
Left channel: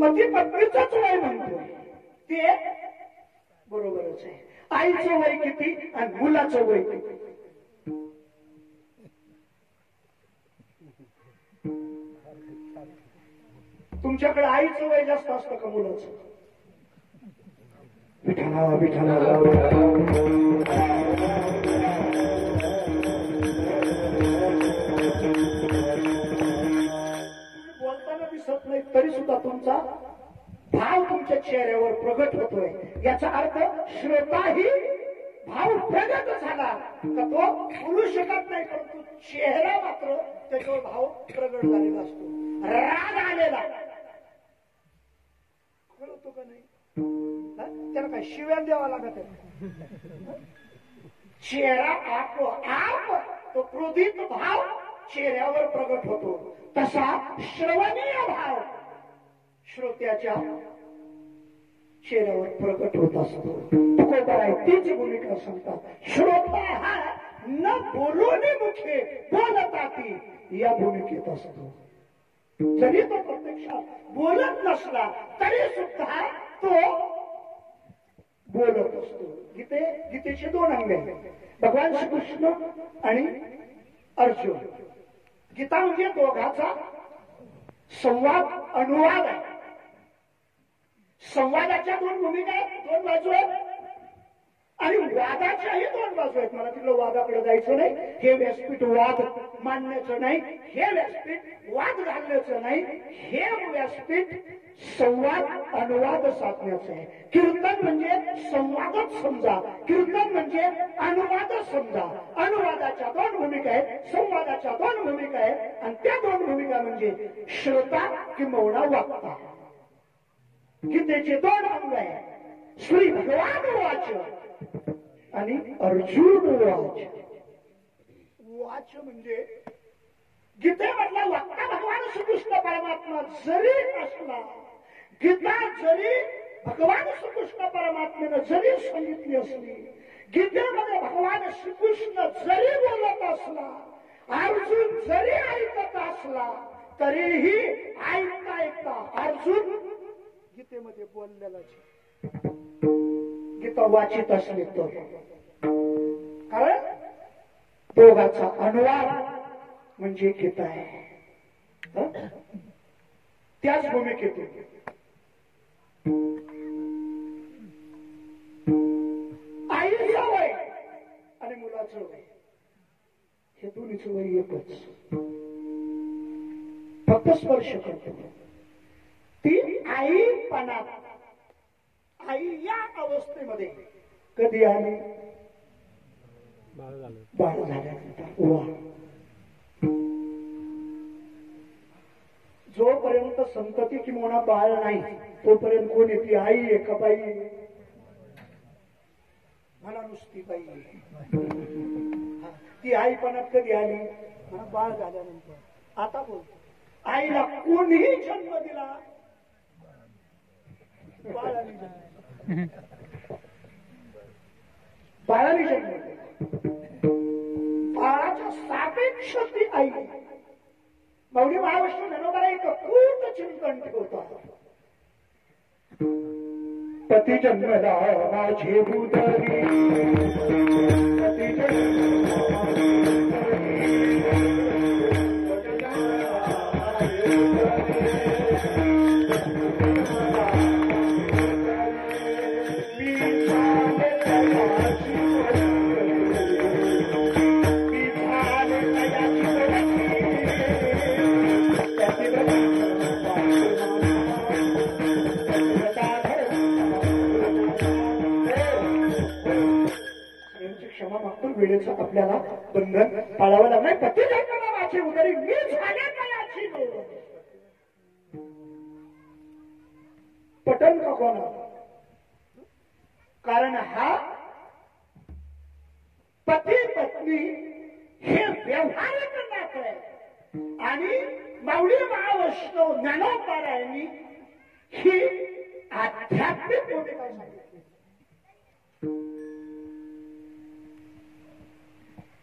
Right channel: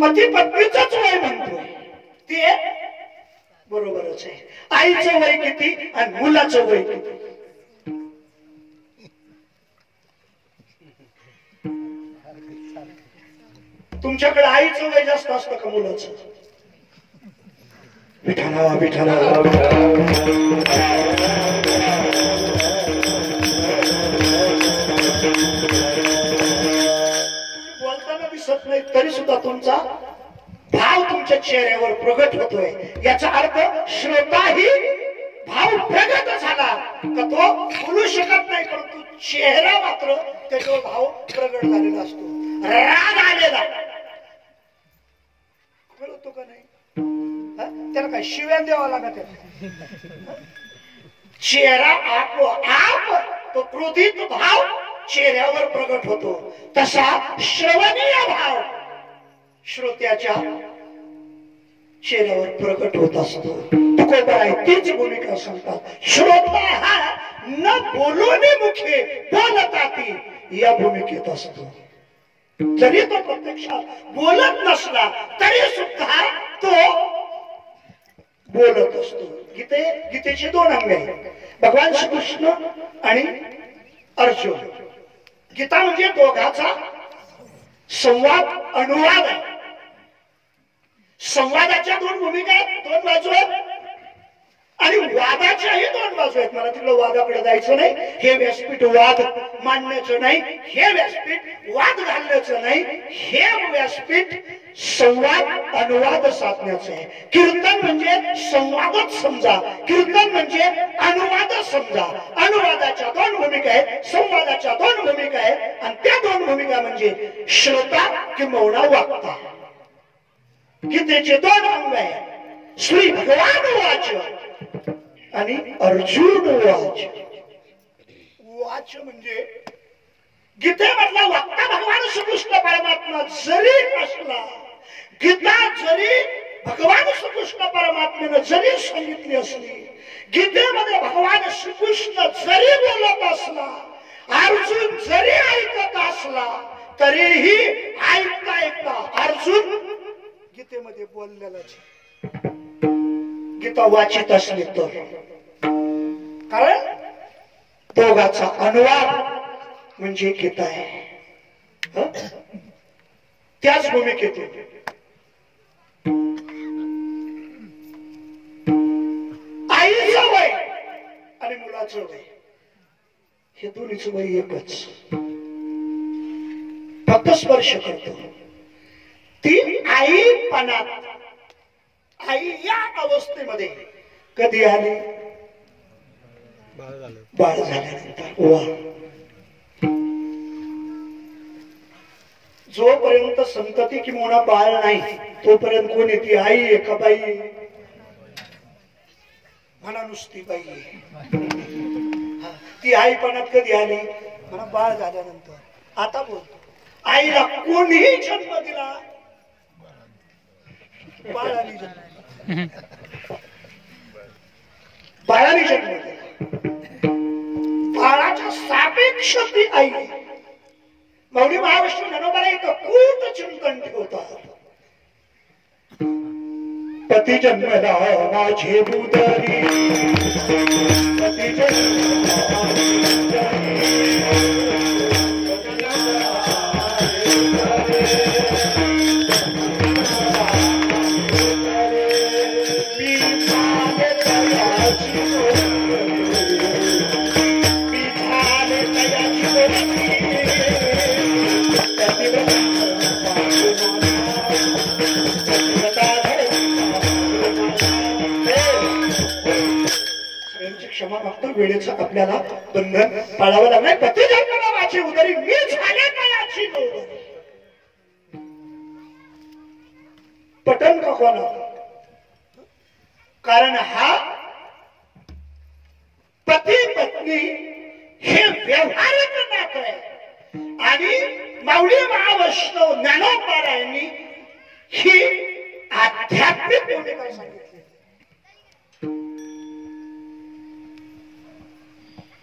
पती पत्नीचंच वय म्हणतोय, ते बरोबरच आहे. आईचं वय किती आणि मुलाचं वय किती? तुमच्याकडे आईचं वय जास्त असतं का मुलाचं? विठाला विठाला बोलताना दिसत नाही तरी सुद्धा तुमचा भाव तुमच्या चेहऱ्यावर प्रगट होतोय. याचा अर्थ श्रोताही भाव प्रगट झाला का तो बोलू शकत नाही, परंतु चेहरा मात्र त्याच्यावर भाव प्रगट झालेला असतो. राग आलेला कळतो का नाही? त्याला काय शिव्या द्यावा लागत? चेहरा आपोआप तो क्रोधित भाव चेहऱ्यावर प्रगट होतो. तसा श्रवणीय भाव श्रोत्याच्या चेहऱ्यावर प्रगट होत असतो. तुकोबा आहे तीच भूमिका सांगतात. श्रोता हा न बोलून मुखे बोलताती या भूमिकेत असतो. जरी तो प्रत्यक्षात बोलत नसला तरी सुद्धा तो बोलत असतो. गीतेचे दोन अंग आहेत, भगवान श्रीकृष्ण आणि अर्जुन. गीता म्हणजे दोघाचा संवाद अनुवाद आहे. संवादाच्या दोन भूमिका आहेत, दोन बाजू आहेत आणि वादाच्याही दोन बाजू आहेत. मला तिकडं वादाकडे जायचं नाही. हे व्यासपीठ वाद मांडण्याचं नाही, हे व्यासपीठ वाद घालण्याचं नाही, हे व्यासपीठ संवाद अनुवाद साधण्याचं आहे. कीर्तन म्हणजे संवादच समजा, कीर्तन म्हणजे अनुवाद समजा. अनुवादाच्या दोन भूमिका आहेत, संवादाच्या दोन भूमिका आहेत आणि त्या दोन भूमिका म्हणजे श्रोता किंवा वाक्ता. गीतेचे दोन अंग आहेत, श्री भगवान वाच आणि अर्जुन वाच. वाच म्हणजे गीतेमधला वक्ता भगवान श्रीकृष्ण परमात्मा जरी असला, गीता जरी भगवान श्रीकृष्ण परमात्म्यानं जरी सांगितली असली, गीतेमध्ये भगवान श्रीकृष्ण जरी बोलत असला, अर्जुन जरी ऐकत असला, तरीही ऐकता ऐकता अर्जुन गीतेमध्ये बोललेलाच. गीता वाचित असली तर, कारण दोघाचा अनुवाद म्हणजे गीता आहे. त्याच भूमिकेतून आईचं वय आणि मुलाचं वय हे दोन्हीचं वय एकच, फक्त स्पर्श करतो. ती आईपणात, आई या अवस्थेमध्ये कधी आली? बाळ झाल्यानंतर. वा, जोपर्यंत संतती किंवा बाळ नाही तोपर्यंत कोण येते? आई आहे का बाई? म्हणा नुसती बाई. ती आईपणात कधी आली? म्हणा बाळ झाल्यानंतर. आता बोलतो, आईला कोणीही जन्म दिला, बाळाने जन्म, बाळाने जन्म दिला. बाळाच्या सापेक्ष ती आई. मौली महाविष्णू जनोबाला एक कूट चिंतन ठेवतात. पती जन्मला माझे बुदरी, पती जन्मला क्षमा मागतो. वेळेचं आपल्याला बंधन पाळावं लागणार. पती जन्मला कोणाची उदरी मी झाले का याची नोंद पटन का कोणा कारण हा पती पत्नी हे व्यवहारिक नातं आहे आणि माऊली महावैष्णव ज्ञानोबारायांनी ही आध्यात्मिक भूमिका सांगितली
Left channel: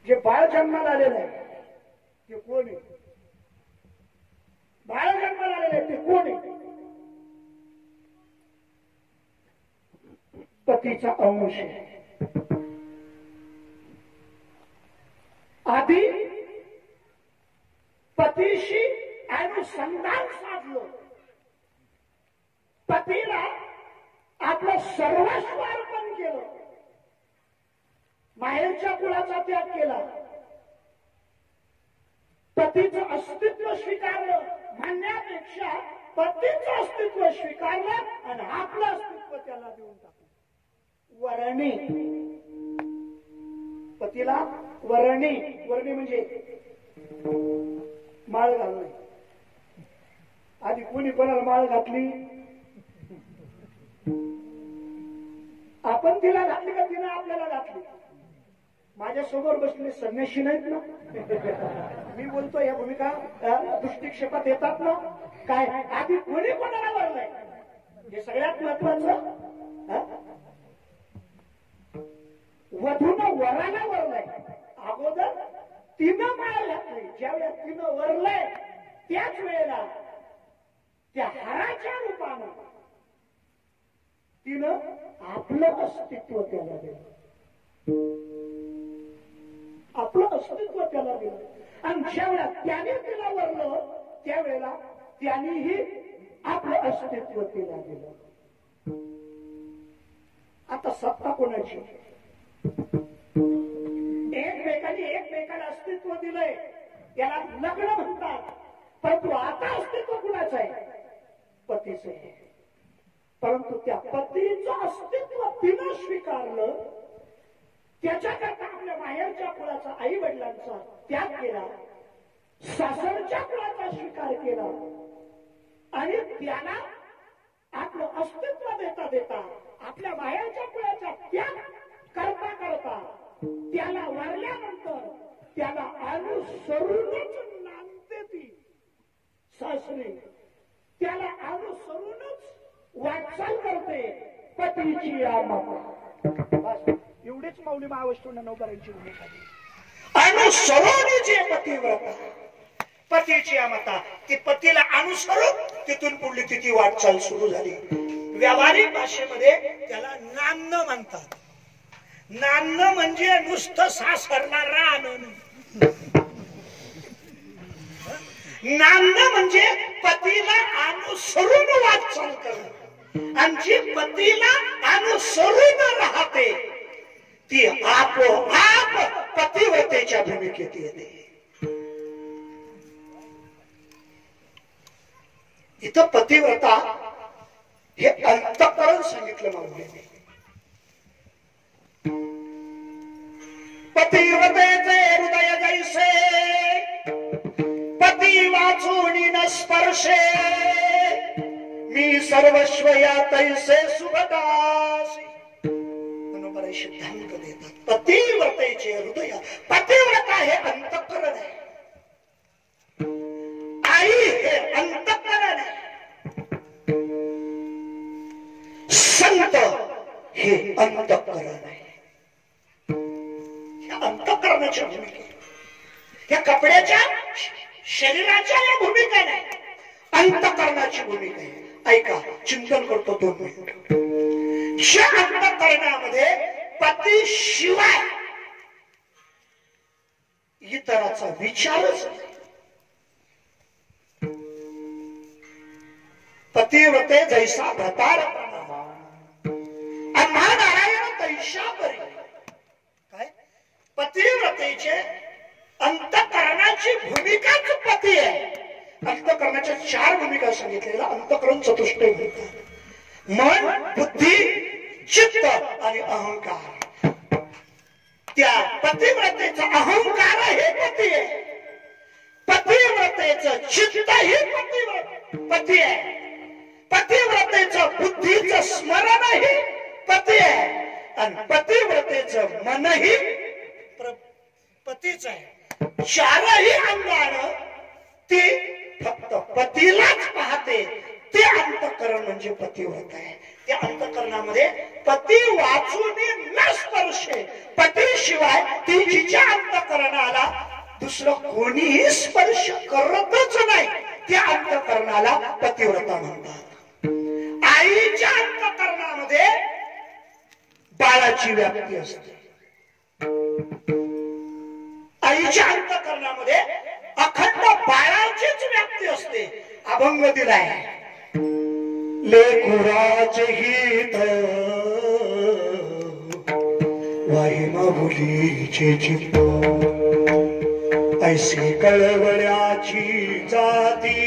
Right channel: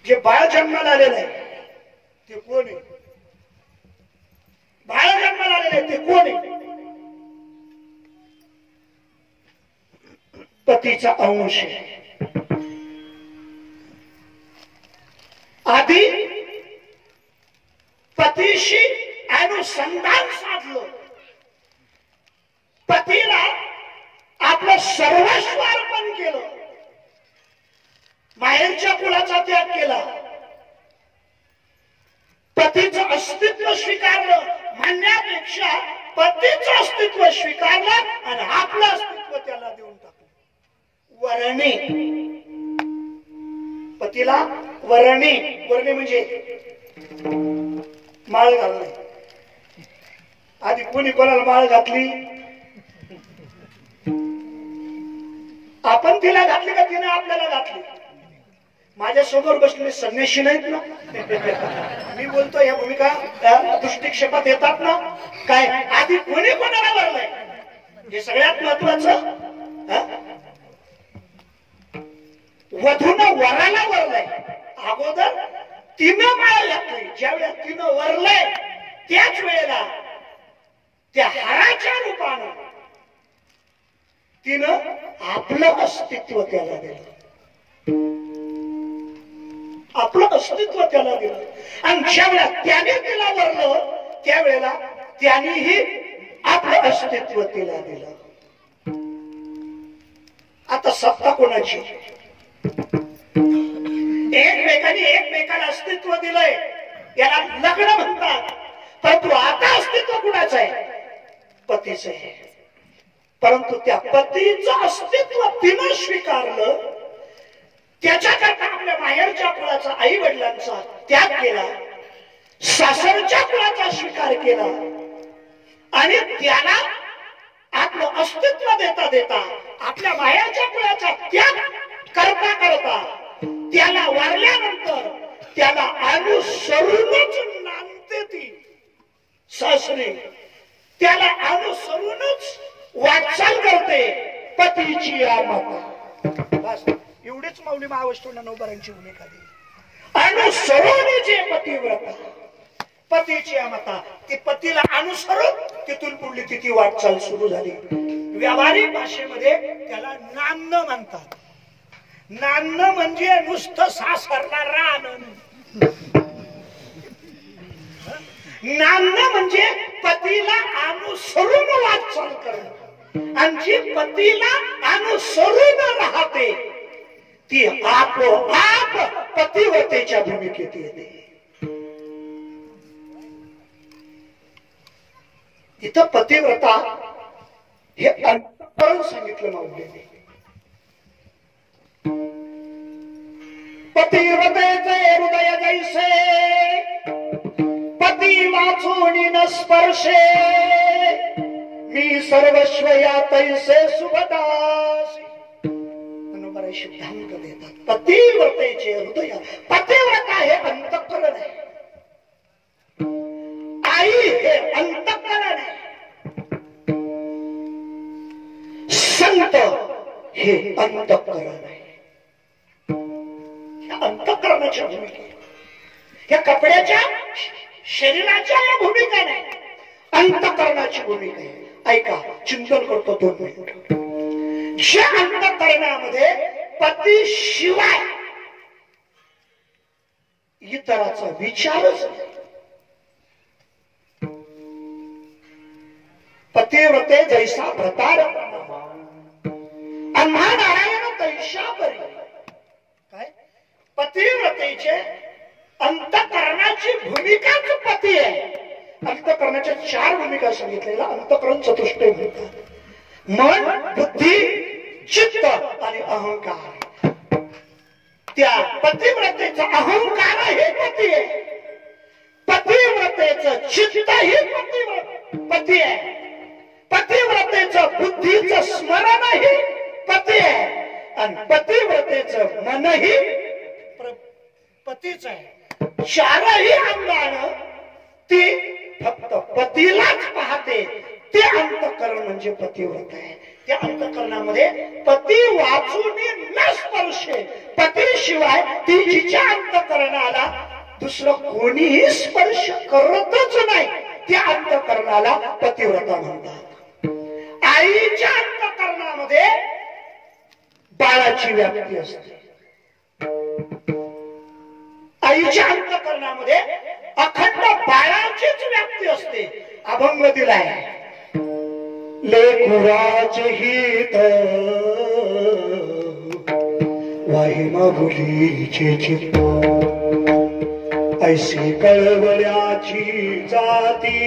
जे बाळ जन्माला आलेलं आहे ते कोण आहे बाळ जन्माला आलेलं आहे ते कोण आहे पतीचा अंश आहे आधी पतीशी अनुसंधान साधलं पतीला आपलं सर्वस्व अर्पण केलं माहेरच्या कुळाचा त्याग केला पतीचं अस्तित्व स्वीकारलं म्हणण्यापेक्षा पतीचं अस्तित्व स्वीकारलं आणि आपलं अस्तित्व त्याला देऊन टाकलं वरणे पतीला वरणे वरणे म्हणजे माळ घालणे आधी कोणी कोणाला माळ घातली आपण तिला घातली का तिने आपल्याला घातली माझ्या समोर बसलेले संन्यासी नाहीत ना मी बोलतो या भूमिका दृष्टिक्षेपात येतात ना काय आधी कोणी कोणाला वरलंय हे सगळ्यात महत्वाचं वधूनं वराला वरलंय अगोदर तिनं माळ घातली ज्यावेळेस तिनं वरलंय त्याच वेळेला त्या हाराच्या रूपानं तिनं आपलं अस्तित्व त्याला दिलं आपलं अस्तित्व त्याला दिलं आणि ज्यावेळेला त्याने तिला वरलं त्यावेळेला त्यानेही आपलं अस्तित्व तिला दिलं आता सत्ता कोणाची एकमेकांनी एकमेकाला अस्तित्व दिलंय याला लग्न म्हणतात परंतु आता अस्तित्व कुणाचं आहे पतीचं आहे परंतु त्या पतीचं अस्तित्व तिनं स्वीकारलं त्याच्याकरता आपल्या माहेरच्या कुळाचा आई वडिलांचा त्याग केला सासरच्या कुळाचा स्वीकार केला आणि त्याला आपलं अस्तित्व देता देता आपल्या माहेरच्या कुळाचा त्याग करता करता त्याला वारल्यानंतर त्याला अनुसरूनच नांदते ती सासरी त्याला अनुसरूनच वाटचाल करते पतीची या माता बस एवढीच माऊली महावैष्णव ज्ञानोबारांची भूमिका दिली अनुसरून जे पतिव्रता पतीची या माता ती पतीला अनुसरून तिथून पुढली तिची वाटचाल सुरू झाली व्यावहारिक भाषेमध्ये त्याला नांदणं म्हणतात नांदणं म्हणजे नुसतं सासरला राहणं नांदणं म्हणजे पतीला अनुसरून वाटचाल करणं आणि जी पतीला अनुसरून राहते ती आपोआप पतिव्रतेच्या भूमिकेत येते इथं पतिव्रता हे अंतःकरण सांगितलं माऊलीने पतिव्रतेचे हृदय जैसे पती वाचून न स्पर्शे मी सर्वस्व या तैसे सुभदासी मनोबरा सिद्धांत देतात पतिव्रतेचे हृदय पतिव्रता हे अंतःकरण आहे आई हे अंतःकरण आहे संत हे अंतःकरण आहे अंतःकरणाच्या भूमिका या कपड्याच्या शरीराच्या या भूमिका नाही अंतःकरणाची भूमिका आहे ऐका चिंतन करतो 2 मिनिट ज्या अंतःकरणामध्ये पती शिवाय इतराचा विचारच नाही पतिव्रते जैसा भतार आम्हा नारायण तैशा परी काय पतिव्रतेचे अंतःकरणाची भूमिकाच पती आहे अंतःकरणाच्या 4 भूमिका सांगितलेल्या अंतःकरण चतुष्टय म्हणतात मन बुद्धी चित्त आणि अहंकार त्या पतिव्रतेचा अहंकार हे पती आहे पतिव्रतेचं चित्तही पती आहे, पतिव्रतेचं बुद्धीचं स्मरणही पती आहे, आणि पतिव्रतेचं मनही पतीच आहे. चारही अंगानं ती फक्त पतीलाच पाहते. ते अंतःकरण म्हणजे पतिव्रत आहे. त्या अंतःकरणामध्ये पती वाचून न स्पर्शे, पतीशिवाय ती जिच्या अंतःकरणाला दुसरं कोणीही स्पर्श करतच नाही, त्या अंतःकरणाला पतिव्रता म्हणतात. आईच्या अंतःकरणामध्ये बाळाची व्याप्ती असते. आईच्या अंतःकरणामध्ये अखंड बाळाचीच व्याप्ती असते. अभंग दिलाय, लेकुराचे हित वाही मागुलीचे चित्त, ऐसी कळवळ्याची जाती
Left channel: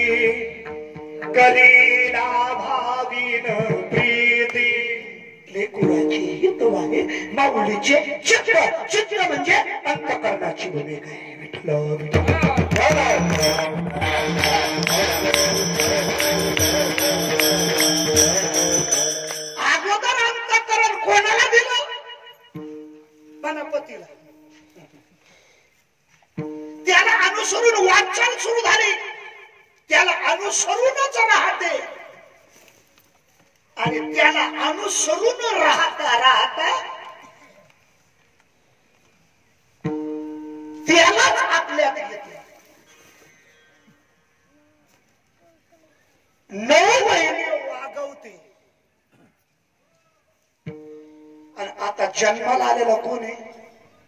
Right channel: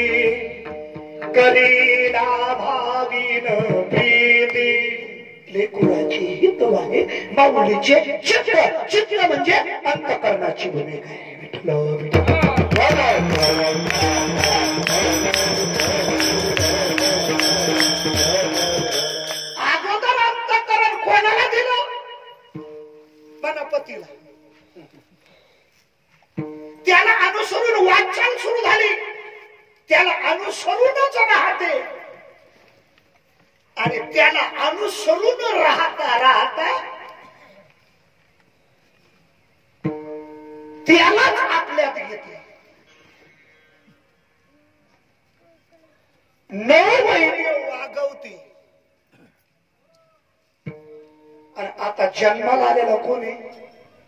करीला भावीन प्रीती. लेकुराची हित वाहे माऊलीचे चित्त. चित्त म्हणजे अंतःकरणाची भूमिका आहे. अगोदर अंतःकरण कोणाला दिलं? पतीला. त्याला अनुसरून वाटचाल सुरू झाली, त्याला अनुसरूनच राहते, आणि त्याला अनुसरून राहता राहता त्यालाच आपल्यात घेते. 9 महिने वागवते. आणि आता जन्माला आलेला कोण आहे?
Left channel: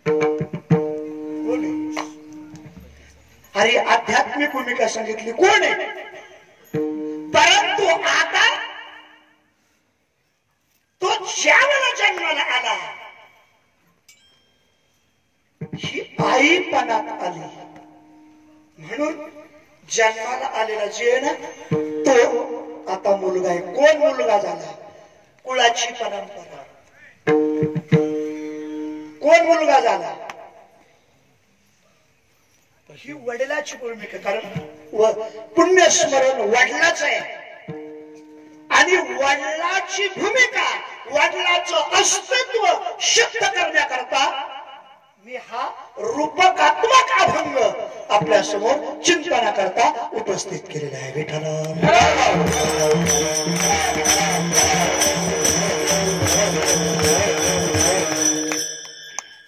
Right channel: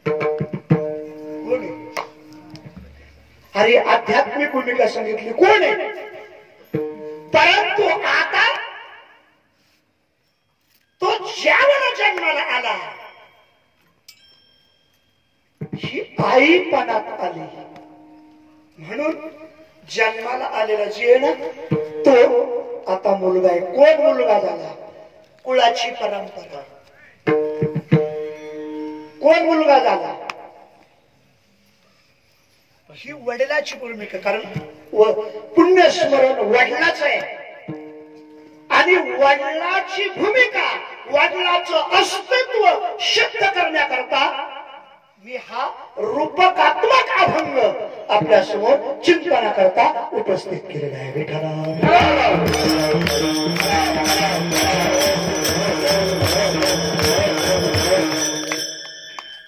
कोण आहे? अरे आध्यात्मिक भूमिका सांगितली, कोण आहे? परंतु आता तो ज्यावेळेला जन्माला आला, ही आईपणात आली. म्हणून जन्माला आलेला जे ना तो आता मुलगा आहे. कोण मुलगा झाला? कुळाची परंपरा. कोण मुलगा झाला? ही वडिलाची भूमिका. कारण पुण्यस्मरण वडिलाच आहे, आणि वडिलाची भूमिका, वडिलाचं अस्तित्व सिद्ध करण्याकरता मी हा रूपकात्मक अभंग आपल्या समोर चिंतनाकरता उपस्थित केलेला आहे.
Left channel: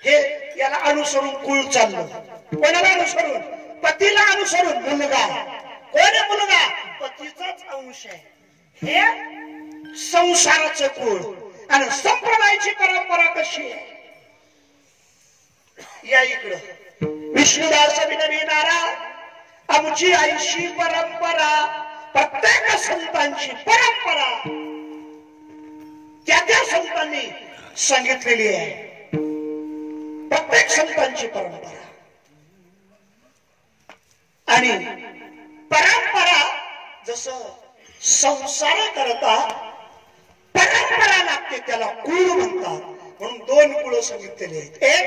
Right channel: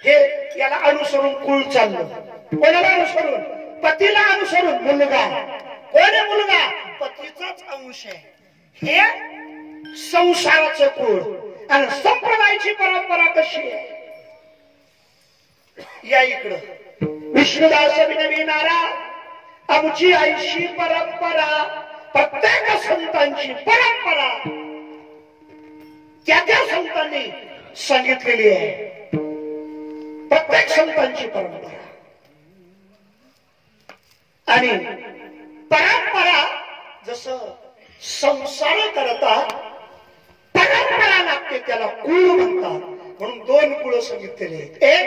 हे याला अनुसरून कुळ चाललं. कोणाला अनुसरून? पतीला अनुसरून. मुलगा कोण आहे? मुलगा पतीचाच अंश आहे. हे संसाराचं कुळ. आणि संप्रदायाची परंपरा कशी आहे? या इकडं विष्णुदास विनविणारा आमची आईची परंपरा, प्रत्येक संतांची परंपरा त्या त्या संतांनी सांगितलेली आहे. प्रत्येक संतांची परंपरा. आणि परंपरा जसं संसार करता परंपरा लागते, त्याला कुळ म्हणतात. म्हणून 2 कुळ सांगितलेले आहेत. एक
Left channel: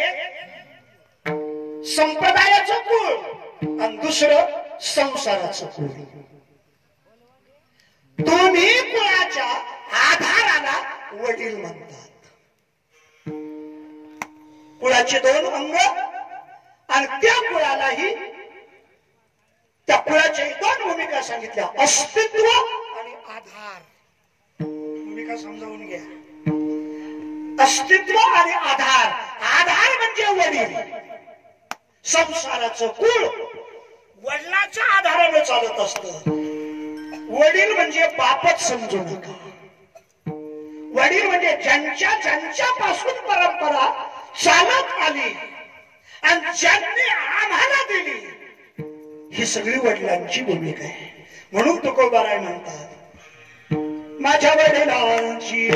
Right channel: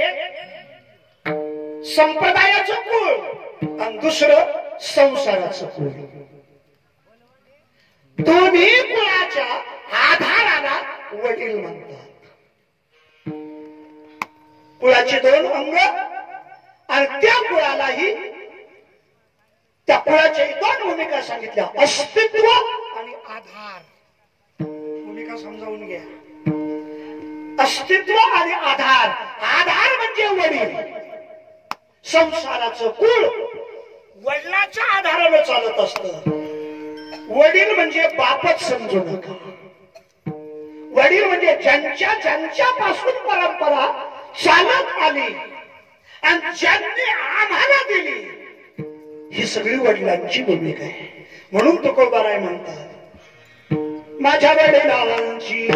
संप्रदायाचं कुळ आणि दुसरं संसाराचं कुळ. दोन्ही कुळाच्या आधाराला वडील म्हणतात. कुळाची 2 अंग, आणि त्या कुळालाही त्या कुळाच्या 2 भूमिका सांगितल्या, अस्तित्व आणि आधार. भूमिका समजावून घ्या. अस्तित्व आणि आधार. आधार म्हणजे वडील. संसाराचं कुळ वडिलाच्या आधाराने चालत असत. वडील म्हणजे बापच समजू नका. वडील म्हणजे ज्यांच्यापासून परंपरा चालत आली आणि ज्यांनी आम्हाला दिली, ही सगळी वडिलांची भूमिका आहे. म्हणून तुकोबाराय म्हणतात, माझ्या वडिलांची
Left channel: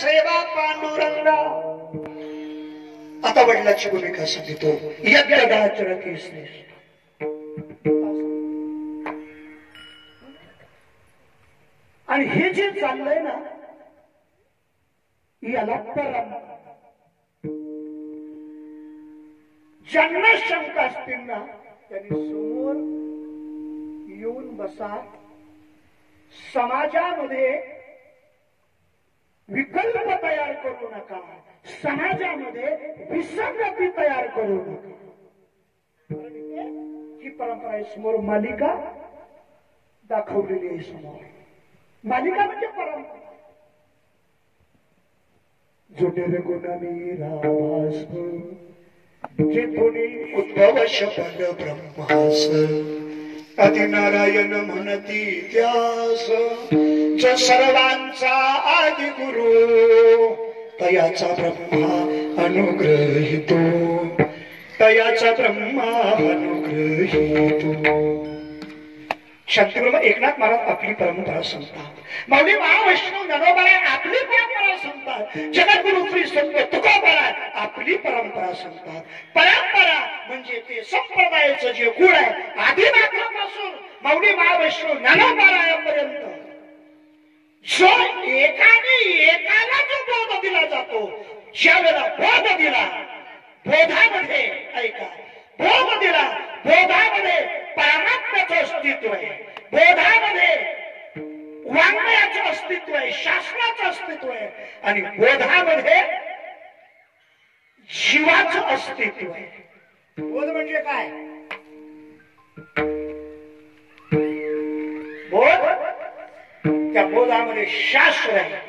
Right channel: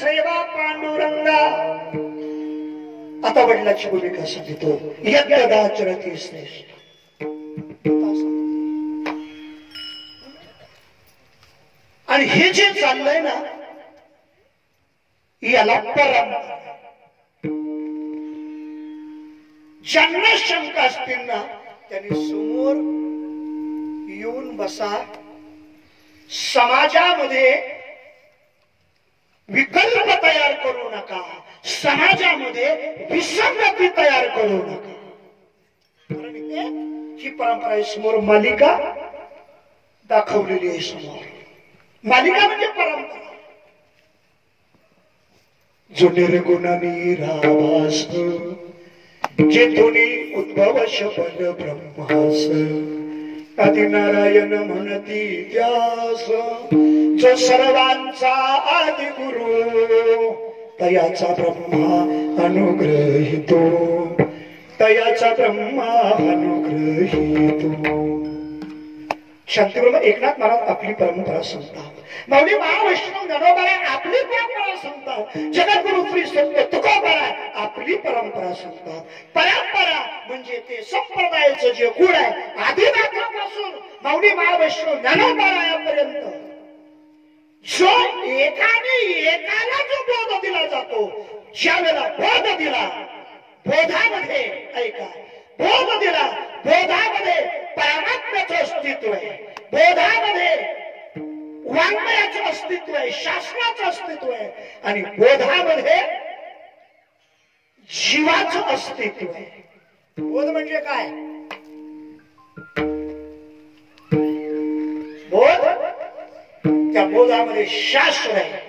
सेवा पांडुरंगा. आता वडिलांची भूमिका सांगतो. यज्ञदाचरती श्रेष्ठ. आणि हे जे चाललंय ना याला परंपरा. ज्यांना शंका असतील ना त्यांनी समोर येऊन बसा. समाजामध्ये विकल्प तयार करू नका. समाजामध्ये विसंगती तयार करू नका. ही परंपरा आहे. समोर मालिका दाखवलेली आहे. समोर मालिका म्हणजे परंपरा. जो निर्गुणानी राभास जेथुनी उद्भव शपल ब्रह्मास आदिनारायण म्हणती त्यास. जो सर्वांचा आदि गुरु तयाचा ब्रह्मा अनुग्रहितो. तयाचा ब्रह्मा अनुग्रहितो. शांतीप्रभू एकनाथ महाराज आपली परंपरा सांगतात. माऊली महावैष्णव ज्ञानोबा आपली परंपरा सांगतात. जगद्गुरु श्री संत तुकोबा आपली परंपरा सांगतात. परंपरा म्हणजे ते संप्रदायाचं जे गुण आहे आदिनाथापासून माऊली महावैष्णव ज्ञानोबापर्यंत जो एकाला जो बोध दिला जातो. ज्या वेळेला बोध दिला बोधामध्ये ऐका बोध दिला. बोधामध्ये परमात्म्याचं अस्तित्व आहे. बोधामध्ये वाङ्मयाचं अस्तित्व आहे. शास्त्राचं अस्तित्व आहे. आणि बोधामध्ये जीवाचं अस्तित्व आहे. बोध म्हणजे काय? बोध त्या बोधामध्ये शास्त्र आहे.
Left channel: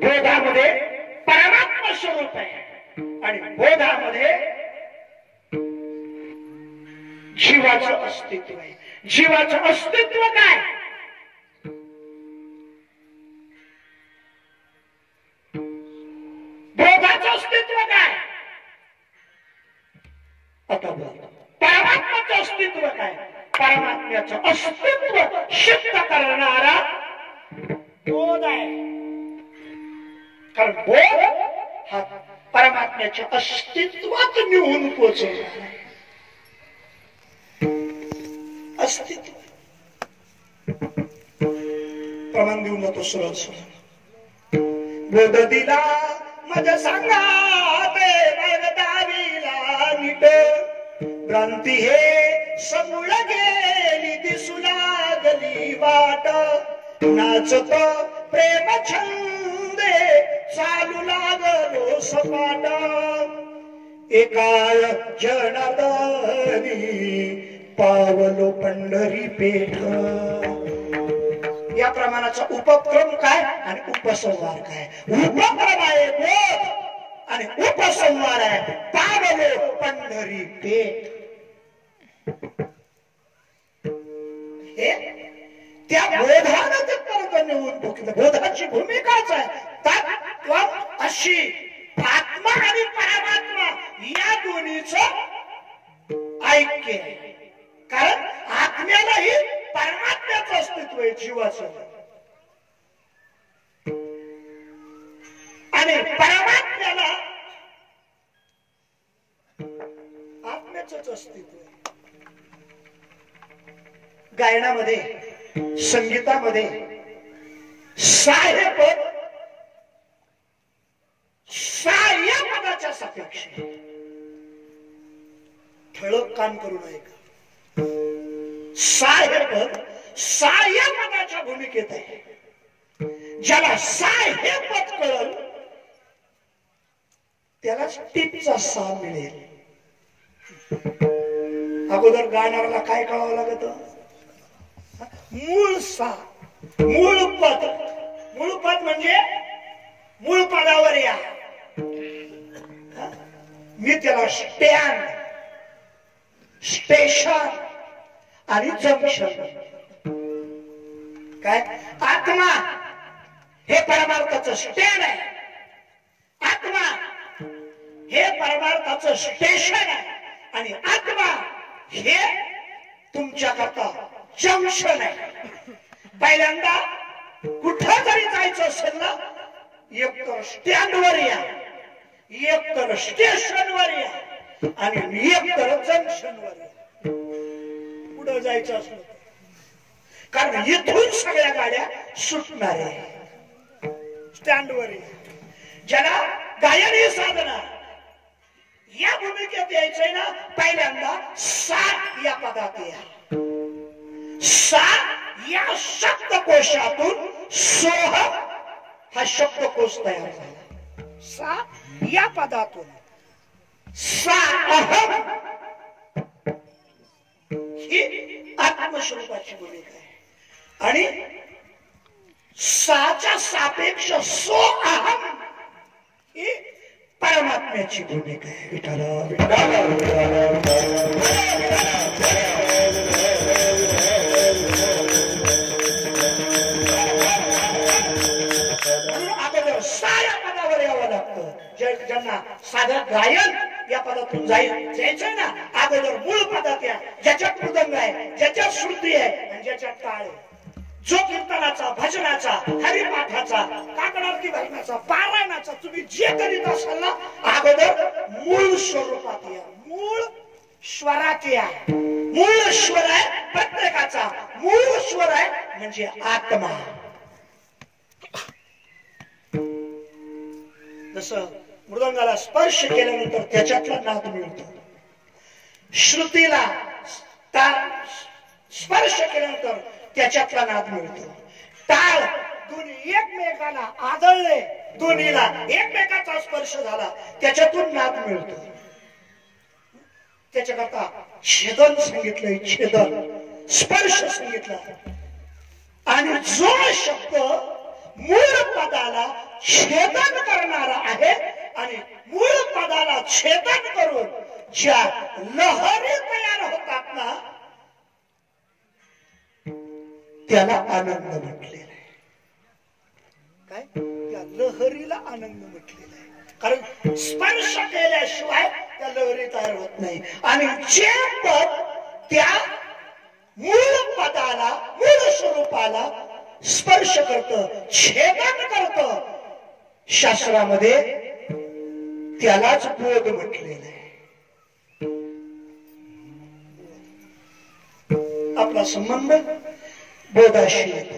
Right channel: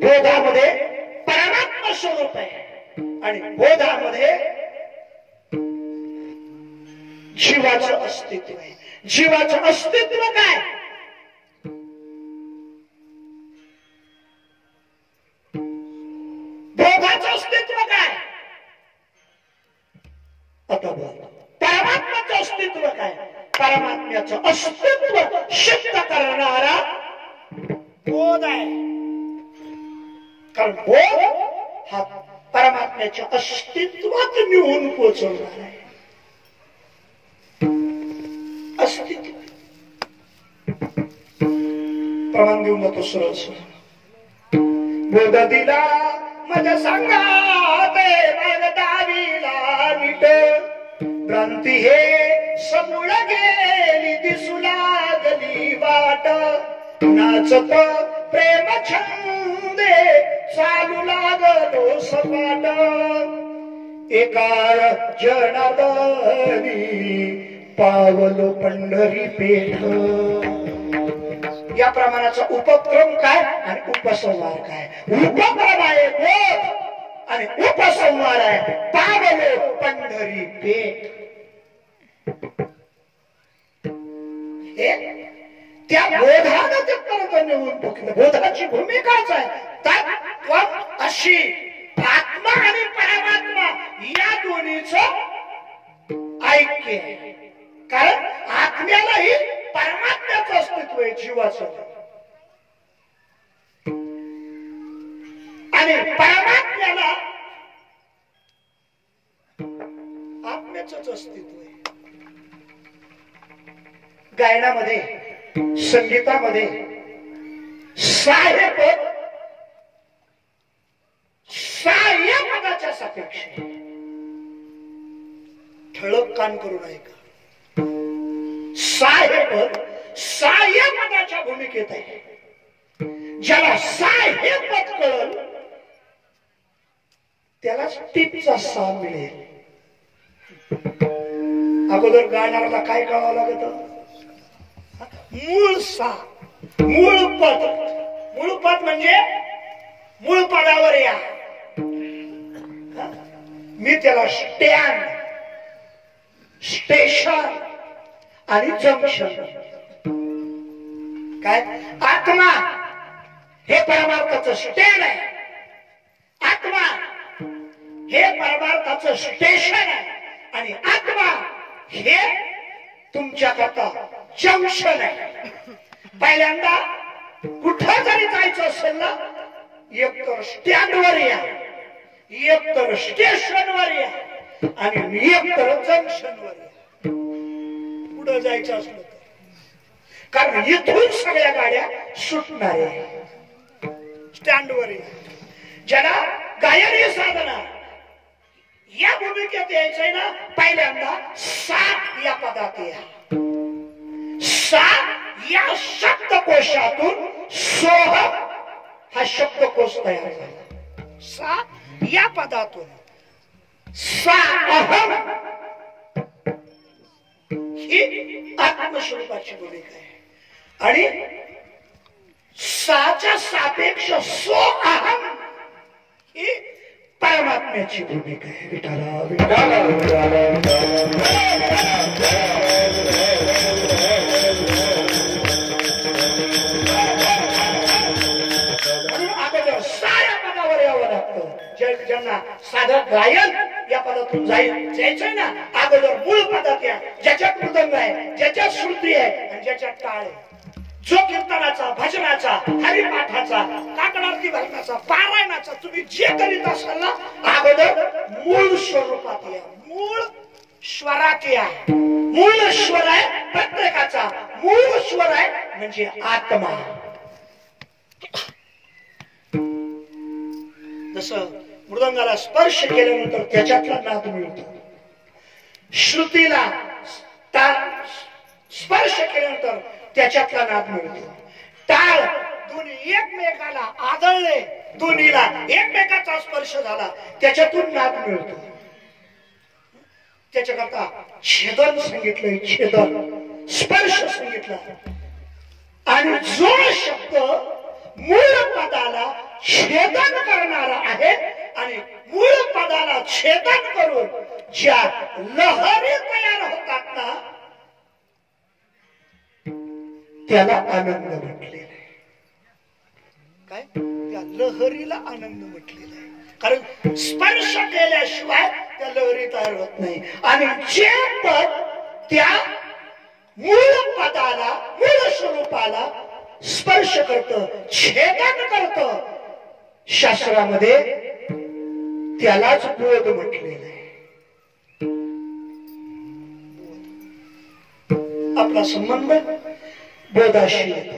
बोधामध्ये परमात्मा स्वरूप आहे. आणि बोधामध्ये जीवाचं अस्तित्व आहे. जीवाचं अस्तित्व काय? बोधाचं अस्तित्व काय? आता परमात्म्याचं अस्तित्व काय? परमात्म्याचं अस्तित्व सिद्ध करणारा बोध आहे. कारण बोध हा परमात्म्याच्या अस्तित्वात निवून पोचवला आहे. अस्तित्व प्रमाण घेऊन जातो. सरळ सरळ बोध दिला मज सांगाते दावीला नीट. भ्रांती हे समूळ गेली दिसू लागली वाट. नाचत प्रेम छंदे चालू लागलो सपाट. एका जनार्दनी पावलो पंढरी पेठ. या प्रमाणाचा उपक्रम काय आणि उपसंहार काय? उपक्रम आहे बोध आणि उपसंहार आहे पावलो पंढरी पेठ. त्या बोधानं ते पर्वत निवडून टाकलं. बोधाची भूमिकाच आहे तत्व अशी. आत्मा आणि परमात्मा या दोन्हीचं ऐक्य. कारण आत्म्यालाही परमात्म्याचं अस्तित्व आहे. जीवाचं आणि परमात्म्याला आत्म्याचंच अस्तित्व आहे. गायनामध्ये संगीतामध्ये साहेब सहाय्य पदाच्या सापेक्ष ठळक कान करून ऐका. साहेब सहाय्य पदाच्या भूमिकेत आहे. ज्याला सहाय्य पद कळल त्यालाच टीपचा सा मिळेल. अगोदर गाणाऱ्याला काय कळावं लागत? मूळ सा. मूळ पद. मूळ पद म्हणजे मूळ पदावर या. मी त्याला स्टँड स्टेशन आणि जंक्शन. काय? आत्मा हे परमार्थाचं स्टँड आहे. आत्मा हे परमार्थाचं स्टेशन आहे. आणि आत्मा हे तुमच्या करता जंक्शन आहे. पहिल्यांदा कुठं जरी जायचं असेल ना एकतर स्टँडवर या, एकतर स्टेशनवर या आणि एकतर जंक्शनवर या. पुढे जायचं असलं कारण इथून सगळ्या गाड्या सुटणार आहे. स्टँडवर या. ज्याला गायन साधना या भूमिकेत यायचंय ना, पहिल्यांदा सात या पदात या. सात या शब्दकोशातून सोहम हा शब्दकोश तयार झाला. सात या पदातून सा अहम ही आत्मस्वरूपाची भूमिका आहे आणि साच्या सापेक्ष सो अहम ही परमात्म्याची भूमिका आहे. विठाला विठाला अगोदर साऱ्या पदावर यावं लागतं. ज्यांना साधं गायन या पदातून जायचंय ना, अगोदर मूळ पदात या, ज्याच्यात मृदंग आहे, ज्याच्यात श्रुती आहे आणि ज्याच्यात टाळ आहे. जो कीर्तनाचा, भजनाचा, हरिपाठाचा, काकडारती भजनाचा, पारायणाचा तुम्ही जे करीत असाल ना, अगोदर मूळ स्वरूपात या, मूळ स्वरात या. मूळ स्वर आहे प्रत्येकाचा, मूळ स्वर आहे म्हणजे आत्मा. जसं मृदंगाला स्पर्श केल्यानंतर त्याच्यातला नाद मिळतो, श्रुतीला स्पर्श केल्यानंतर त्याच्यातला नाद मिळतो. टाळ दोन्ही एकमेकाला आदळले, दोन्हीला एकमेकाचा स्पर्श झाला, त्याच्यातून नाद मिळतो. त्याच्याकरता छेदन सांगितलंय, छेदन स्पर्श सांगितला. आणि जो शब्द मूळ पदाला छेदन करणारा आहे आणि मूळ पदाला छेदन करून ज्या लहरी तयार होतात ना, त्याला आनंद म्हटलेला आहे. काय त्या लहरीला आनंद म्हटलेला आहे, कारण स्पर्श केल्याशिवाय त्या लहरी तयार होत नाही. आणि जे पद त्या मूळ पदाला, मूळ स्वरूपाला स्पर्श करत, छेदन करत, शास्त्रामध्ये त्यालाच बोध म्हटलेलं आहे. आपला संबंध बोधाशी येतो.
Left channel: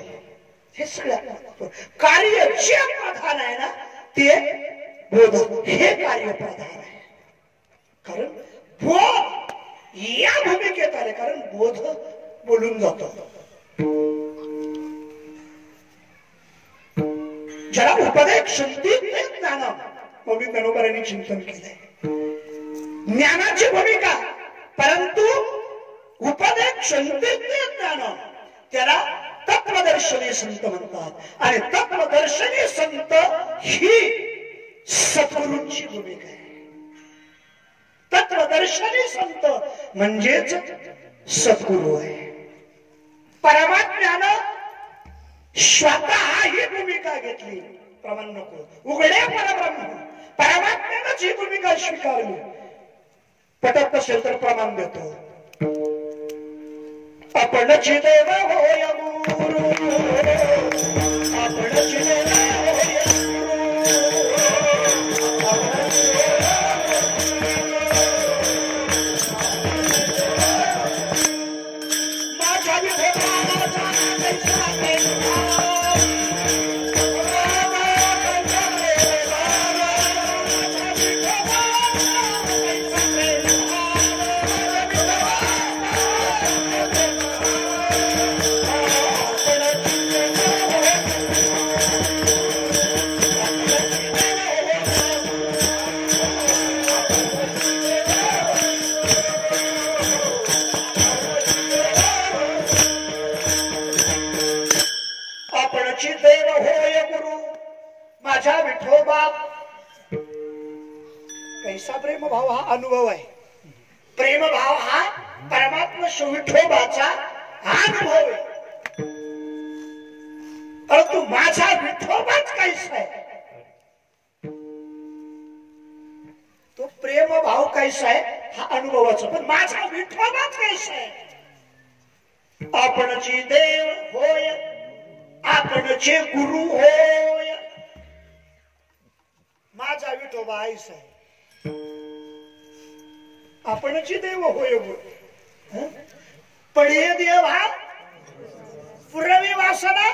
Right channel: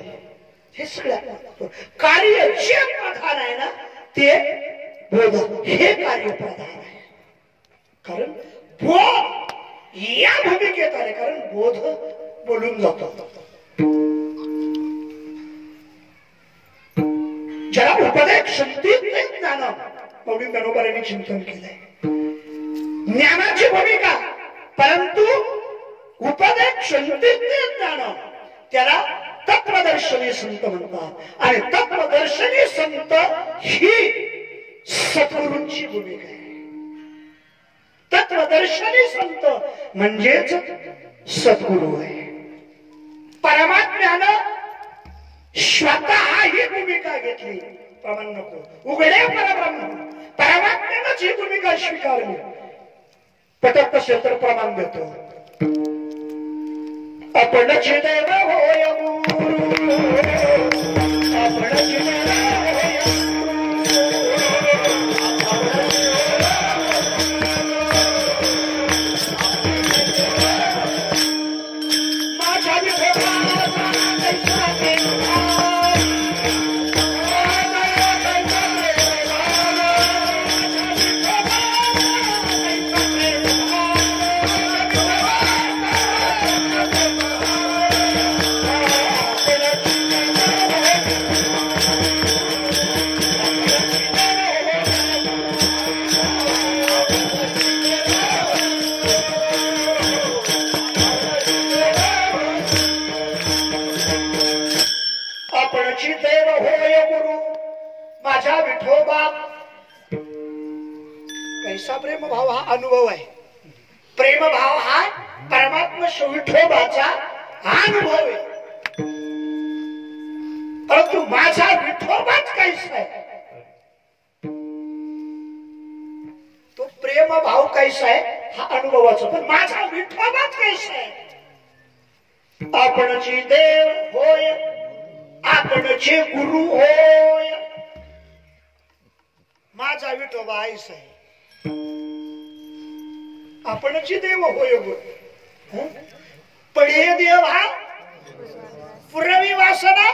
हे सगळ्यात कार्य जे प्रधान आहे ना, ते बोध हे कार्य प्रधान आहे. कारण बोध या भूमिकेत आले, कारण बोध बोलून जातो. ज्याला उपदेक्षंती ज्ञान मौली गणोबरांनी चिंतन केलंय. ज्ञानाची भूमिका, परंतु उपदेक्षंती ज्ञान त्याला तत्वदर्शनी संत म्हणतात. आणि तत्वदर्शनी संत ही सद्गुरूंची भूमिका आहे. तत्वदर्शनी संत म्हणजेच सद्गुरू आहे. परमात्म्यानं स्वतः ही भूमिका घेतली. प्रमाण नको, उघड्या परब्रह्म परमात्म्यानंच ही भूमिका स्वीकारली. पटत नसेल तर प्रमाण देतो. आपणच देव होय गुरु, आपणच देव होय माझ्या देव होय गुरु, माझ्या विठोबा. कैसा प्रेम भाव हा अनुभव आहे. प्रेम भाव हा परमात्मा विठोबाचा अनुभव आहे. परंतु माझा विठोबाच कैसा आहे, तो प्रेम भाव कैसा आहे हा अनुभवाचा. पण माझा विठोबाच कैसा आहे. आपणची देव होय, आपणचे गुरु होय. माझा विठोबा आईस आहे आपणची देव होय बोल पडिये देव हा पुरवी वासना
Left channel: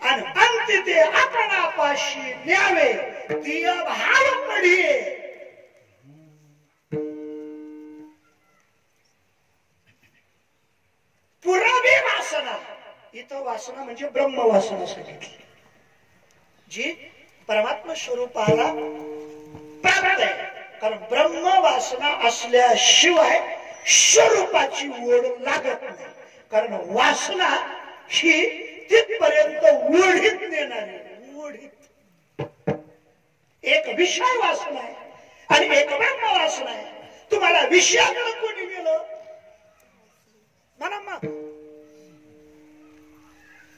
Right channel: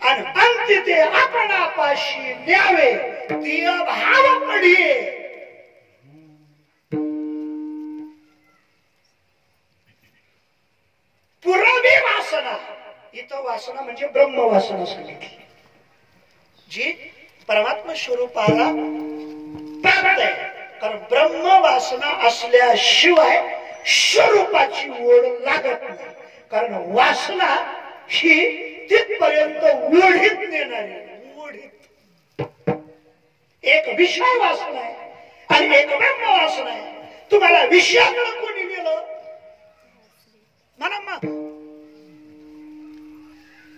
आणि अंती ते आपणापाशी न्यावे देव भाव पडिये पुरवी वासना इथं वासना म्हणजे ब्रह्म वासना सांगितली जी परमात्मा स्वरूपाला प्राप्त आहे कारण ब्रह्म वासना असल्याशिवाय स्वरूपाची ओढ लागत नाही कारण वासना ही तिथपर्यंत ओढीत नेणारी ओढीत एक विषय वासना आहे आणि एक ब्रह्म वासना आहे तुम्हाला विषयाकडे कोणी नेलं म्हणा मग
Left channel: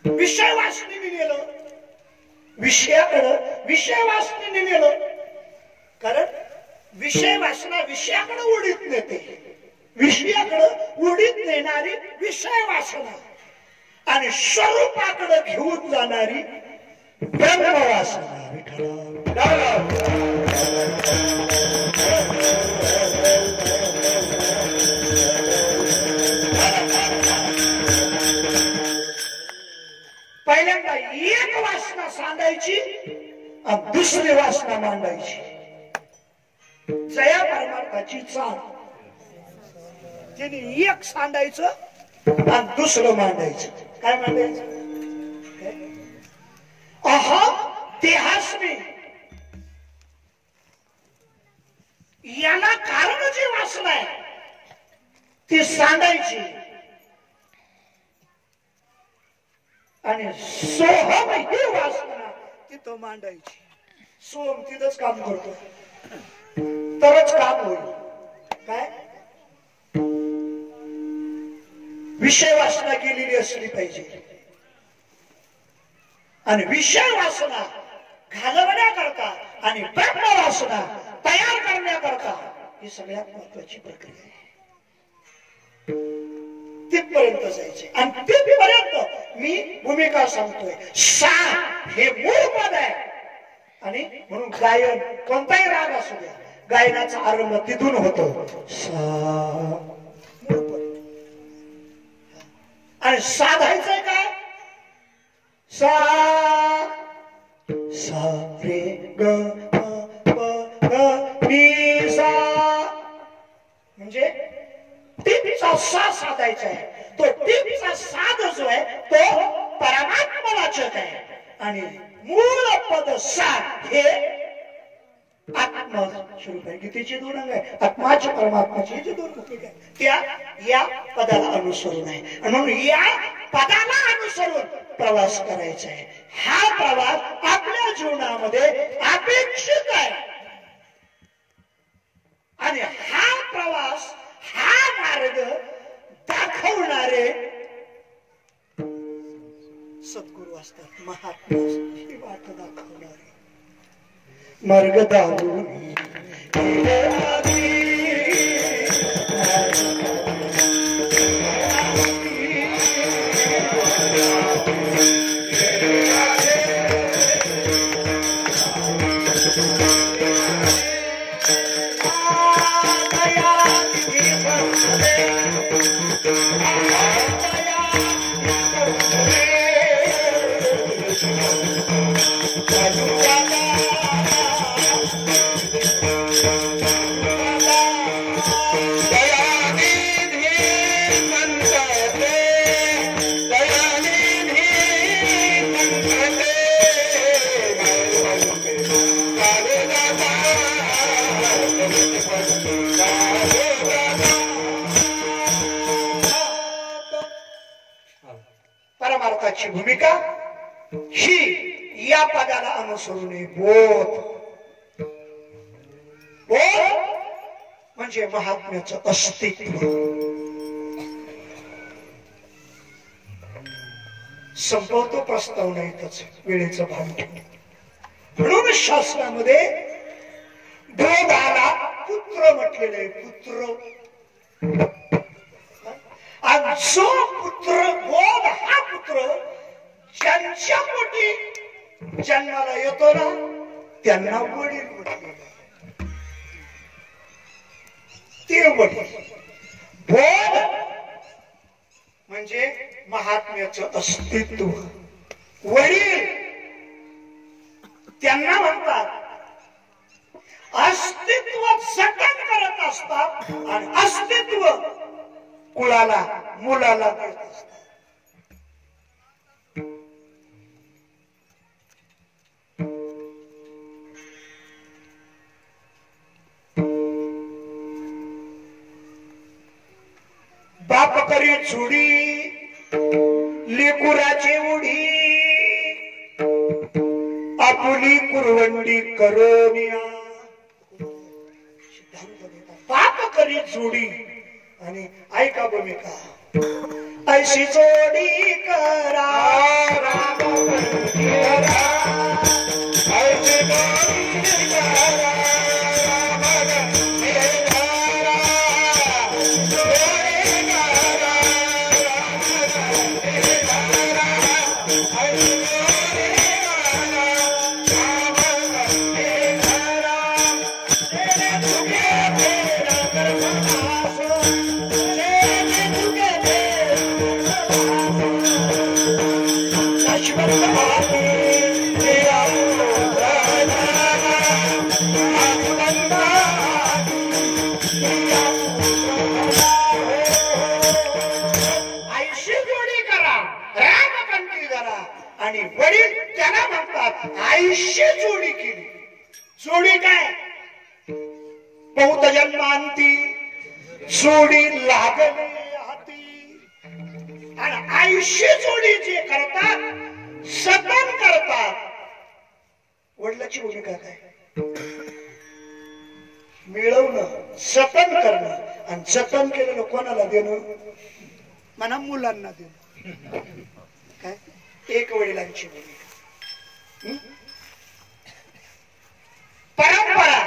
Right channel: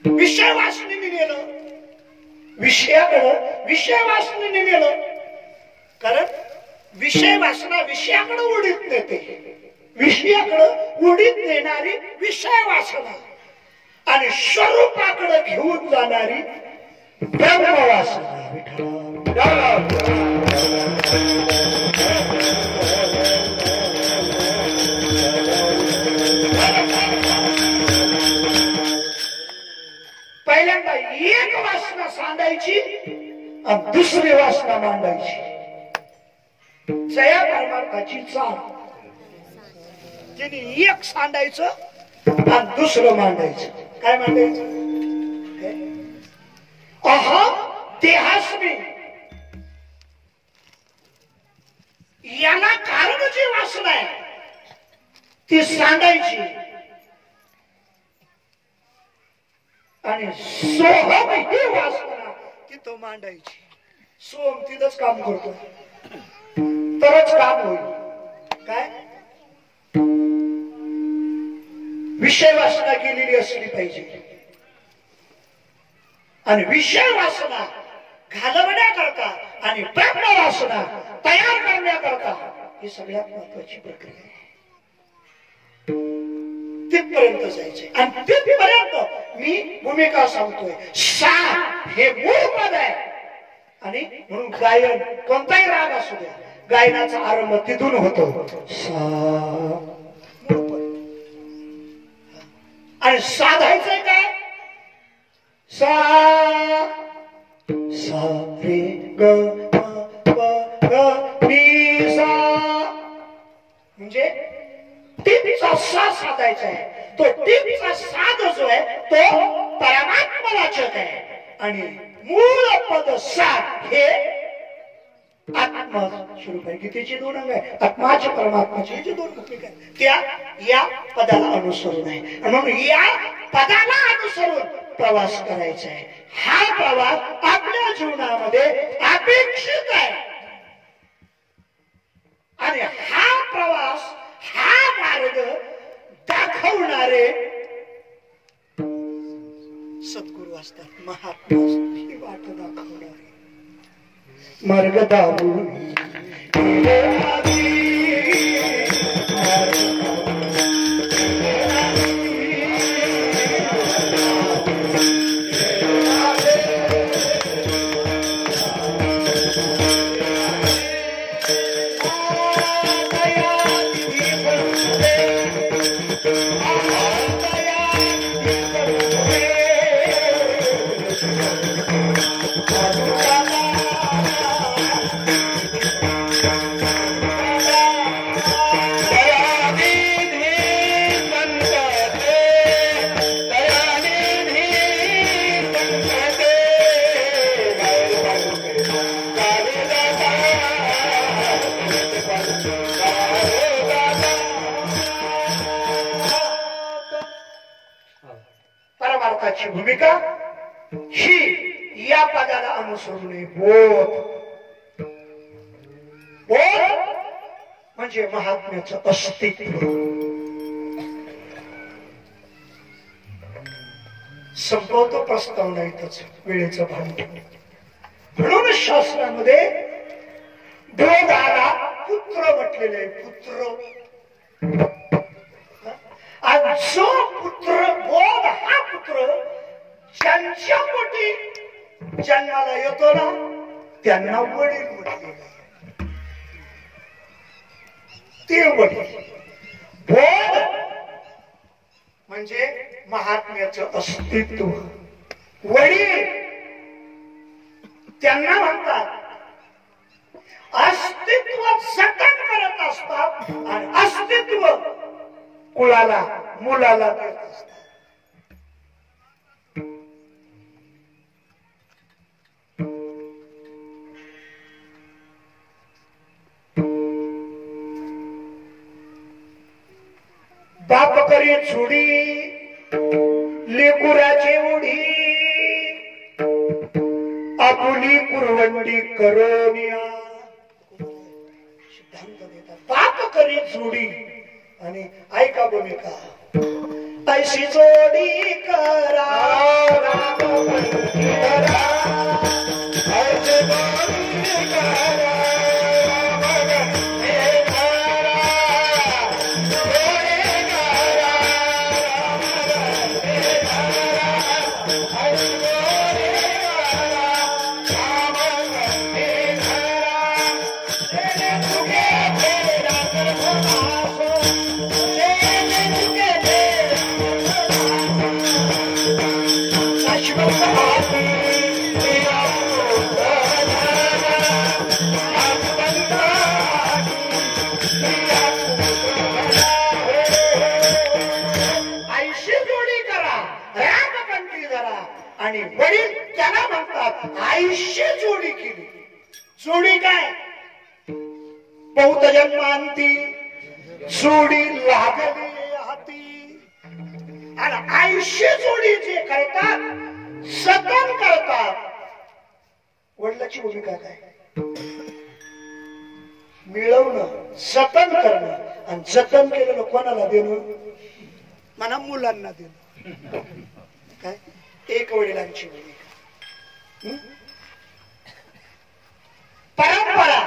विषय वासनेने नेलं विषयाकडं विषय वासनेने नेलं कारण विषय वासना विषयाकडे उडीत नेते विषयाकडे उडीत नेणारी विषय वासना आणि स्वरूपाकडे घेऊन जाणारी ब्रह्म वासना पहिल्यांदा एक वासना सांगायची आणि दुसरी वासना मांडायची जया परमार्थाची चाल त्यांनी एक सांडायचं आणि दुसरं मांडायचं काय मांडायचं अहम देहास्मी याला कारण जी वासना आहे ती सांडायची आणि सोहम ही वासना तिथं मांडायची सोहम तिथंच काम करतो तरच काम होईल काय विषय वासना केलेली असली पाहिजे आणि विषय वासना घालवण्याकरता आणि ब्रह्म वासना तयार करण्याकरता ही सगळ्यात महत्वाची प्रक्रिया आहे तिथपर्यंत जायचे आणि तिथपर्यंत मी भूमिका सांगतोय सा हे मूळ पद आहे आणि म्हणून गायन कोणताही राग असू द्या गायनाचा आरंभ तिथून होतो सा मूळ पद आणि साधायचंय काय सा सा रे ग नी सा म्हणजे टीपचा सा साधायचा आहे तो टीपचा साध जो आहे तो परमात्मावाचक आहे आणि मूळ पद सा हे आत्मा स्वरूप आहे गीतेची दोन अंग आहे आत्माची परमात्माची जे दोन भूमिका आहे त्या या पदाला अनुसरून आहे आणि म्हणून या पदाला अनुसरून प्रवास करायचा आहे हा प्रवास आपल्या जीवनामध्ये अपेक्षित आहे आणि हा प्रवास हा मार्ग दाखवणारे सद्गुरू असतात महात्मा ही वाट दाखवणारे मार्ग दाखवून परमार्थाची भूमिका ही या पदाला अनुसरून बोध बोध म्हणजे महात्म्याचं अस्तित्व संपवतो प्रस्तावना इथंच वेळेचं भान म्हणून शास्त्रामध्ये बोधाला पुत्र म्हटलेलं आहे पुत्र आणि जो पुत्र बोध हा पुत्र ज्यांच्या पोटी जन्माला येतो ना त्यांना वडील म्हटलेलं आहे ते वडील. बोध म्हणजे महात्म्याचं अस्तित्व. वडील त्यांना म्हणतात अस्तित्व जतन करत असतात आणि अस्तित्व कुळाला मुलाला देत असतात. बाप करी झुडी लेकुराची उडी आपुली कुरवंडी करोनिया. सिद्धांत देतात बाप करी जोडी आणि ऐका भूमिका. ऐशी जोडी करा ऐशी जोडी करा आणि वडील त्याला म्हणतात आयुष्य जोडी केली. जोडी काय बहुत जन्मांती जोडी लागली हाती. आणि आयुष्य जोडी जे करतात जतन करतात. वडिलाची भूमिका काय मिळवणं जतन करणं आणि जतन केलेलं कोणाला देणं म्हणा मुलांना देणं. काय एक वडिलांची भूमिका. परंपरा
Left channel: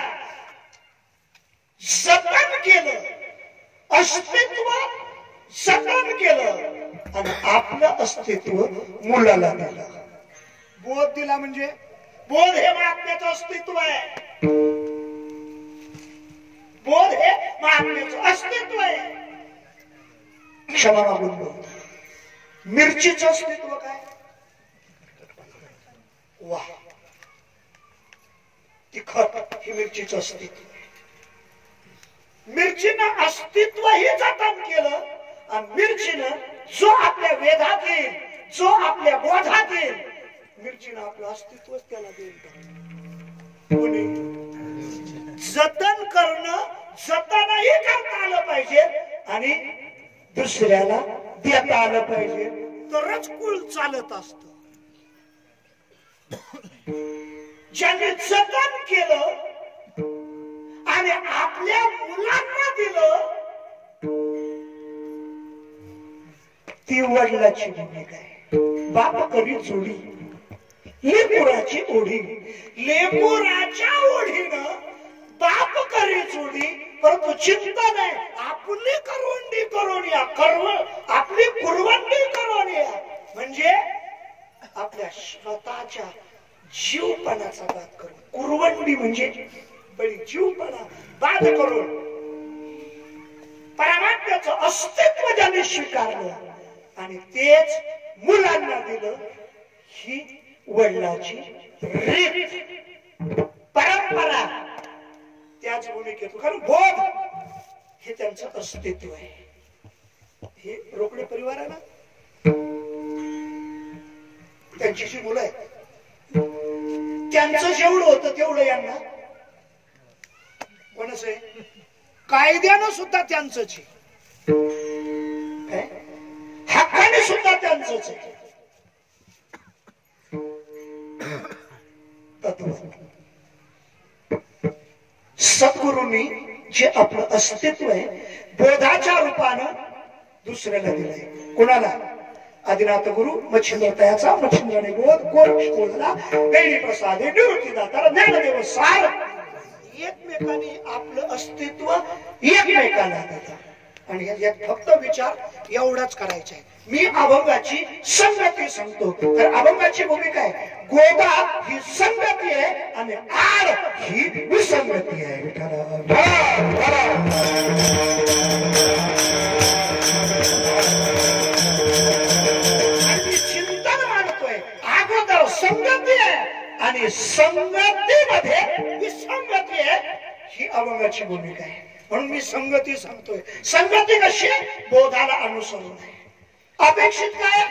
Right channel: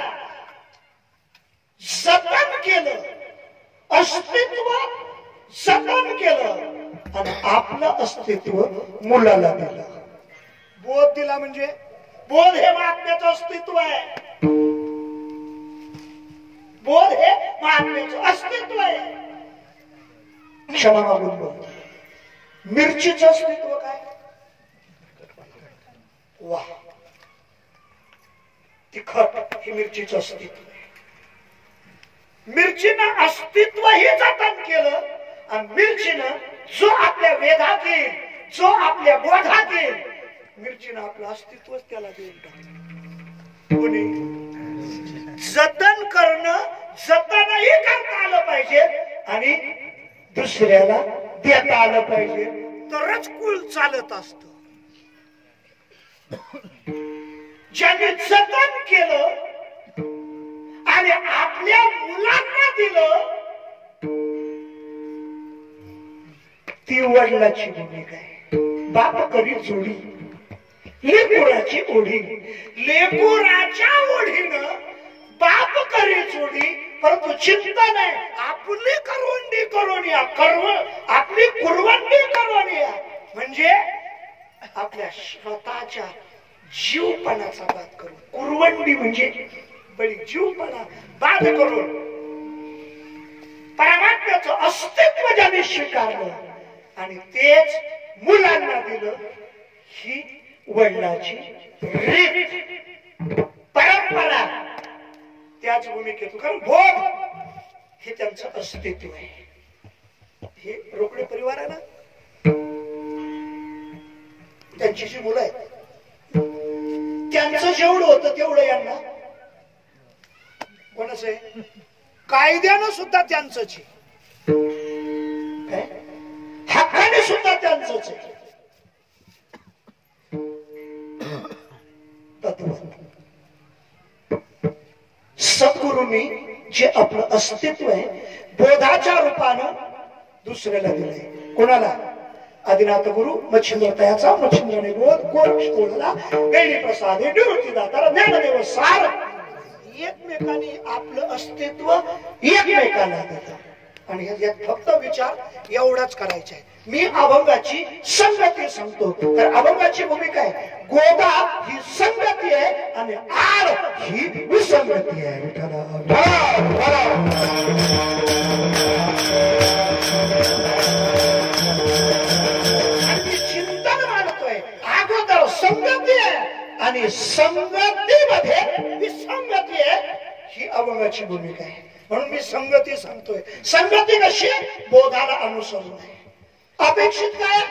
जतन केलं अस्तित्व जतन केलं आणि आपलं अस्तित्व मुलाला दिलं. बोध दिला म्हणजे बोध हे महात्म्याचं अस्तित्व आहे. बोध हे महात्म्याचं अस्तित्व आहे. क्षमा मागून बोध. मिरचीचं अस्तित्व काय वा तिखट ही मिरचीचं अस्तित्व आहे. मिरचीनं अस्तित्व हे जतन केलं आणि मिरचीनं जो आपल्या वेधात येईल जो आपल्या बोधात येईल मिरचीनं आपलं अस्तित्वच त्याला देऊन टाकलं. कोणी जतन करणं जतनही करता आलं पाहिजे आणि दुसऱ्याला देता आलं पाहिजे तरच कुळ चालत असत. ज्याने जतन केलं आणि आपल्या मुलांना दिलं ती वडिलाची भूमिका आहे. बाप करी जोडी लेकुराची ओढी. लेकुराच्या ओढीनं बाप करी जोडी. परंतु चिंता नाही आपली करवंडी करून या आपली कुरवंडी करून या म्हणजे आपल्या स्वतःच्या जीवपणाचा बात करून. कुरवंडी म्हणजे बळी जीवपणा बात करून परमात्म्याचं अस्तित्व ज्याने स्वीकारलं आणि तेच मुलांना दिलं ही वडिलाची रीत परंपरा. त्याच भूमिकेतून कारण बोध हे त्यांचं अस्तित्व आहे. हे रोकडे परिवार आहे ना त्यांची जी मुलं आहेत त्यांचं जेवढं होतं तेवढं यांना कोणाच आहे कायद्यानं सुद्धा त्यांचंच आहे. हक्काने सुद्धा त्यांचंच आहे. सद्गुरूंनी जे आपलं अस्तित्व आहे बोधाच्या रूपानं दुसऱ्याला दिलंय. कोणाला आदिनाथ गुरु मच्छिंद्र तयाचा मच्छिंद्रने बोध गोरक्ष बोधला गैरी प्रसाद निवृत्ती दाता ज्ञानदेव सार एकमेकांनी आपलं अस्तित्व एकमेकांना देतात. आणि यात फक्त विचार एवढाच करायचा आहे मी अभंगाची संगती सांगतो. तर अभंगाची भूमिका आहे गोदा ही संगती आहे आणि आड ही विसंगती आहे. चिंतन मांडतोय अगोदर संगती आहे आणि संगतीमध्ये विसंगती आहे. ही अभंगाची भूमिका आहे. म्हणून मी संगती सांगतोय. संगती कशी बोधाला अनुसरून आहे. अपेक्षित काय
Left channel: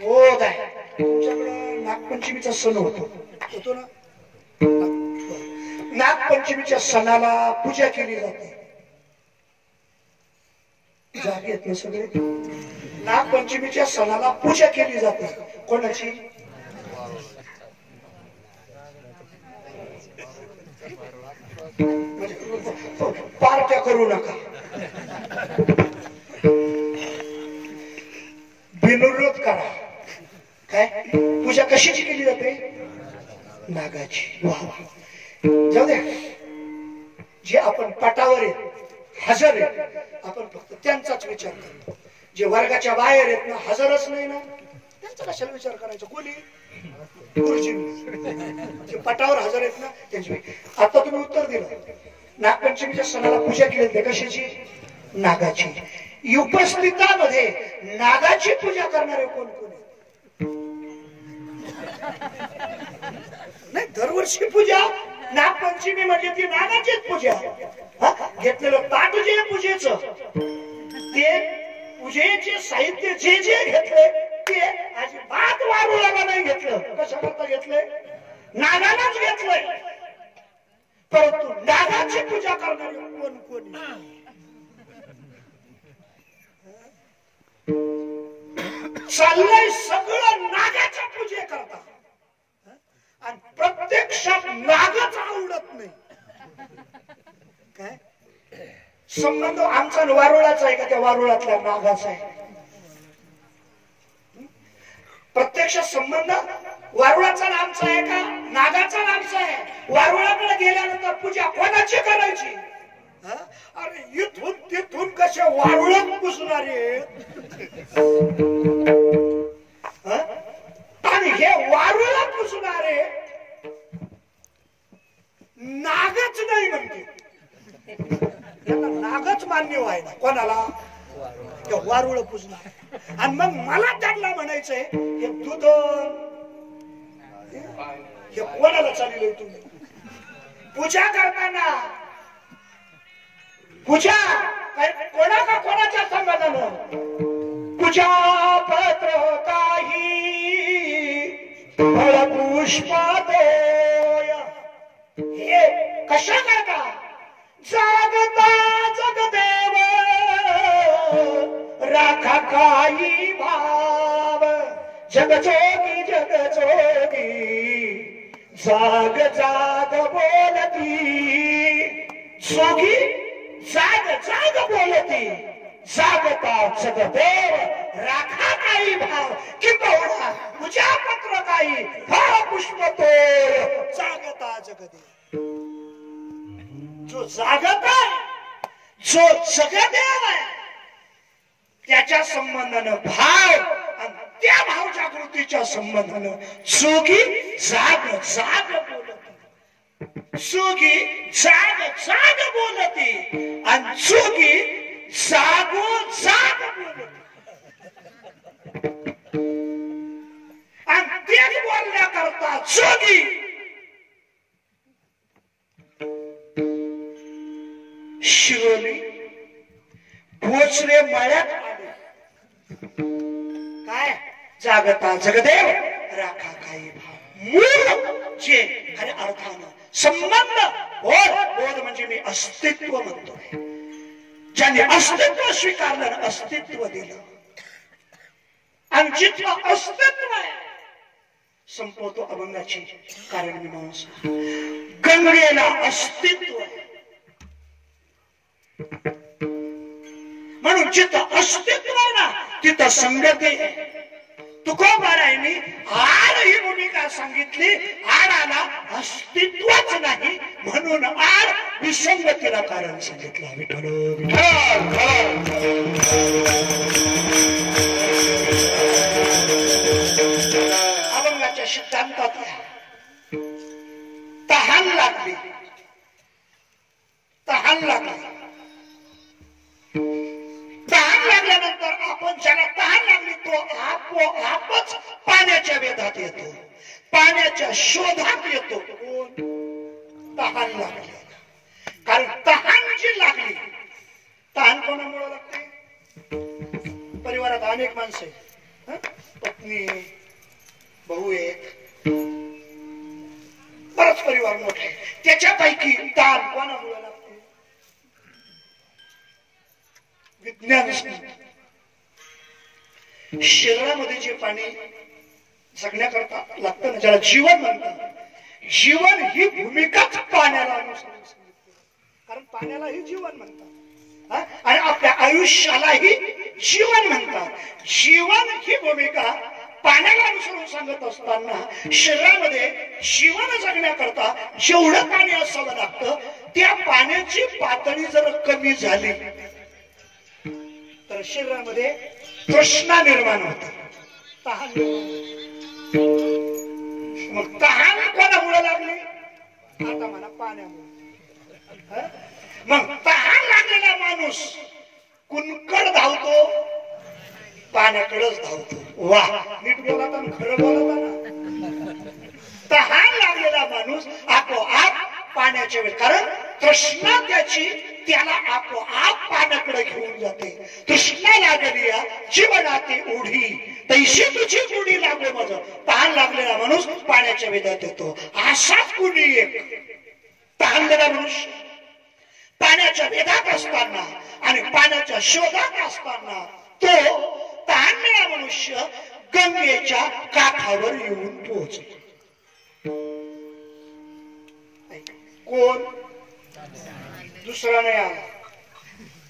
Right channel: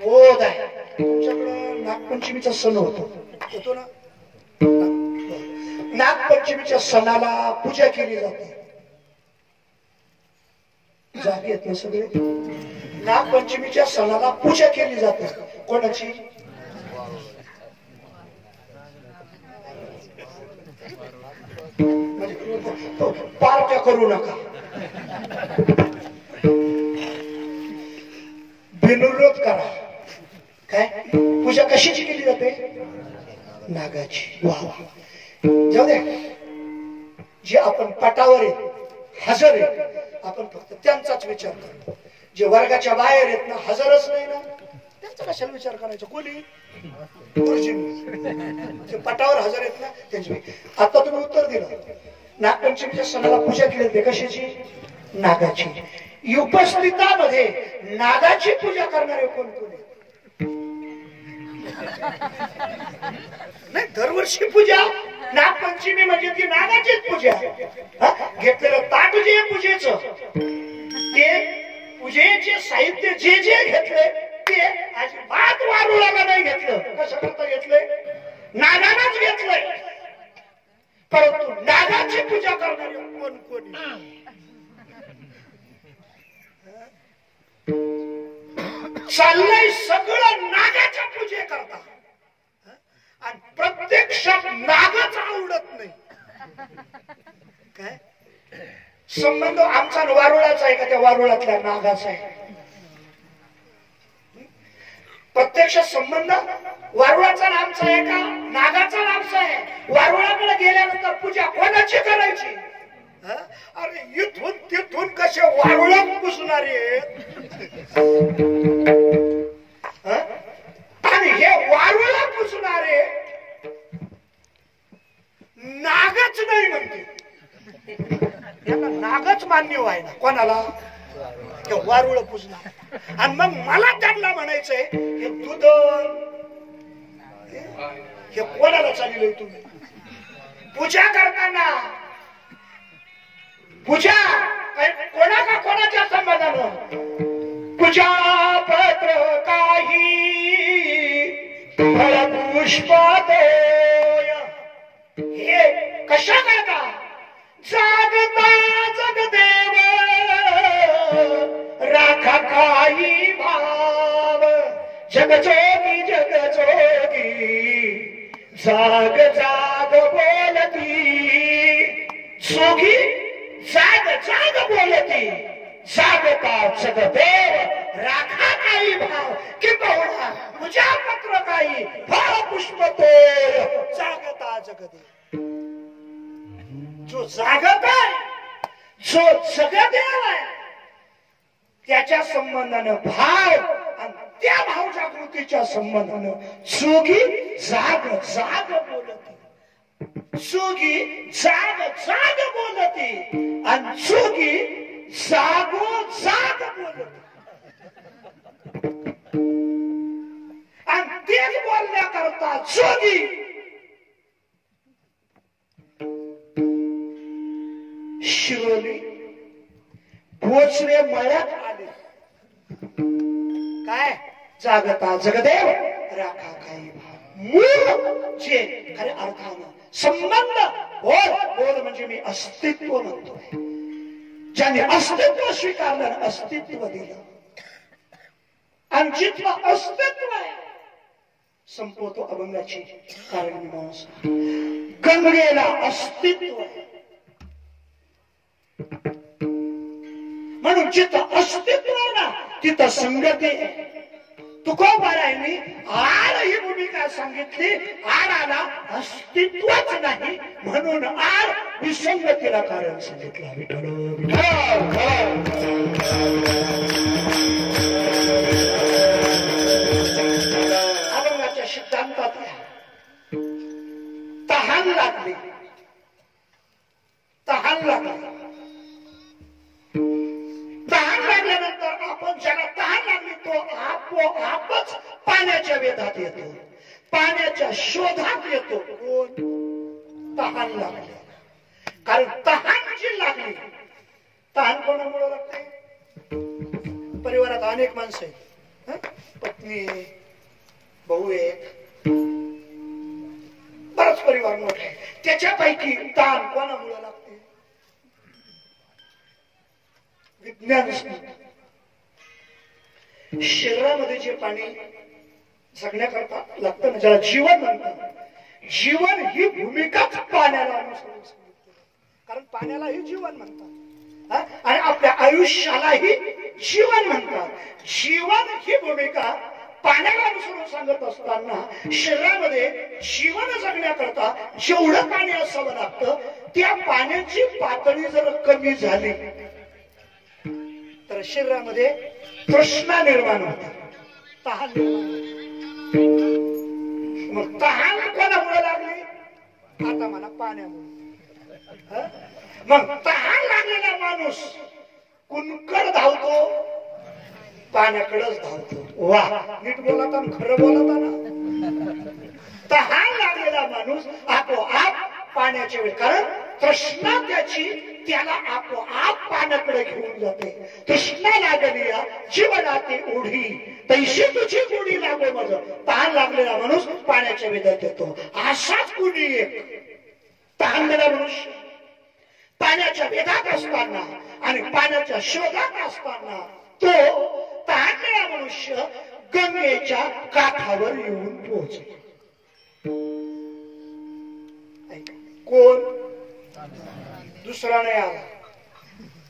बोध आहे. तुमच्याकडं नागपंचमीचा सण होतो ना. नागपंचमीच्या सणाला पूजा केली जाते. जागे आहेत ना सगळे. नागपंचमीच्या सणाला पूजा केली जाते. कोणाची? पार्ट्या करू नका. बिनविरोध करा. काय पूजा कशाची केली जाते? नागाची. वा जाऊ द्या. जे आपण पटावर आहेत हजर आहेत आपण फक्त त्यांचाच विचार करतो. जे वर्गाच्या बाहेर आहेत ना हजरच नाही ना त्यांचा कशाला विचार करायचा? कोणी जे पटावर हजर आहेत ना त्यांची. आता तुम्ही उत्तर दिलं. नागपंचमीच्या सणाला पूजा केली जाते. कशाची? नागाची. उपस्थितामध्ये नागाची पूजा करणारे कोण कोण? नाही दरवर्षी पूजा. नागपंचमी म्हणजे ती नागाचीच पूजा. घेतलेलं ताट जे पूजेचं ते पूजेचे साहित्य जे जे घेतले ते अजिबात वारुळाला नाही घेतलं. कशाकरता घेतलंय? नागालाच घेतलंय. परंतु नागाची पूजा करणारे कोण कोणी? चाललंय सगळं नागाच्या पूजे करता आणि प्रत्यक्षात नागच आवडत नाही. काय संबंध आमचा वारुळाचा आहे का त्या वारुळातल्या नागाचा आहे? प्रत्यक्ष संबंध वारुळाचा आमचा आहे का नागाचा आमचा आहे? वारुळाकडे गेल्यानंतर पूजा कोणाची करायची? अरे इथून तिथून कसे वारुळ पुसणारे आणि हे वारुळ पुसणारे नागच नाही म्हणते. यांना नागच मान्य व्हाय ना. कोणाला? वारुळ पुसणार. आणि मग मला त्यांना म्हणायचंय हे दूध हे कोणाला चाललंय? तुम्ही पूजा करताना पूजा कोणा का कोणाच्या संबंधानं पूजा पत्र काही फळ पुष्पात हे कशा करता? जागता जगदेव राखा काही भाव जगजोगी जगजोगी जाग जाग बोलती जोगी जाग जाग बोलती जागता जगदेव राखा काही भाव किंबहुना पूजा पत्र काही फळ पुष्प तोय जागता जगदेव. जो जागत आहे जो जगदेव आहे त्याच्या संबंधानं भाव आणि त्या भाव जागृतीच्या संबंधानं जोगी जाग जाग बोलती. जोगी जाग जाग बोलती आणि जोगी जागो जाग बोलती. आणि तेच बोलण्याकरता जोगी शिरोली भोसले मळ्यात आले. काय? जागता जगदेव राखा काही भाव. मूळ जे खऱ्या अर्थानं संबंध बोध बोध म्हणजे मी अस्तित्व म्हणतोय. ज्याने अस्तित्व स्वीकारलं अस्तित्व दिलं आणि जिथलं अस्तित्व आहे संपवतो अभंगाची कारण मीमांसा. गंगेला अस्तित्व आहे म्हणून जिथं अस्तित्व आहे ना तिथं संगती आहे. तुकोबारायांनी आड ही भूमिका सांगितली. आडाला अस्तित्वच नाही म्हणून आड विसंगतीला कारण सांगितलं. विठ्ठल तहान लागली. तहान लागल्यानंतर आपण ज्याला तहान लागली तो आपोआपच पाण्याच्या वेधात येतो, पाण्याच्या शोधात येतो. तहान लागली. कारण तहान जी लागली, तहान कोणामुळे लागते? परिवारात अनेक माणसं आहेत, पत्नी, भाऊ एक, बराच परिवार मोठा आहे. त्याच्यापैकी तहान कोणामुळे लागते? विज्ञान शरीरामध्ये जे पाणी जगण्याकरता लागतं ना, ज्याला जीवन म्हणतात, जीवन ही भूमिकाच पाण्याला अनुसरून सांगितली. कारण पाण्यालाही जीवन म्हणतात आणि आपल्या आयुष्यालाही जीवन म्हणतात. जीवन ही भूमिका पाण्याला अनुसरून सांगत असताना शरीरामध्ये जीवन जगण्याकरता जेवढं पाणी असावं लागतं, त्या पाण्याची पातळी जर कमी झाली तर शरीरामध्ये तृष्णा निर्माण होते, तहान निर्माण होते. मग तहान कोणामुळे लागली? आता म्हणा पाण्यामुळे. मग तहान लागलेला माणूस कुणकड धावतो? पाण्याकडेच धावतो. वा, नीट बोलता ना, खरं बोलता ना. तहान लागलेला माणूस आपोआप पाण्याच्या वेळ, कारण तृष्णा त्याला आपोआप पाण्याकडे घेऊन जाते. तृष्णा लागली जीवनाती ओढी, तैशी तुझी गोडी लागो माझ. तहान लागलेला माणूस पाण्याच्या वेधात येतो. असाच कुणी एक तहानलेला मनुष्य पाण्याच्या वेधात असताना आणि पाण्याच्या शोधात असताना तो तहानलेला मनुष्य गंगेच्या काठावर येऊन पोहोचतो. कोण? दुसरा नाही आला.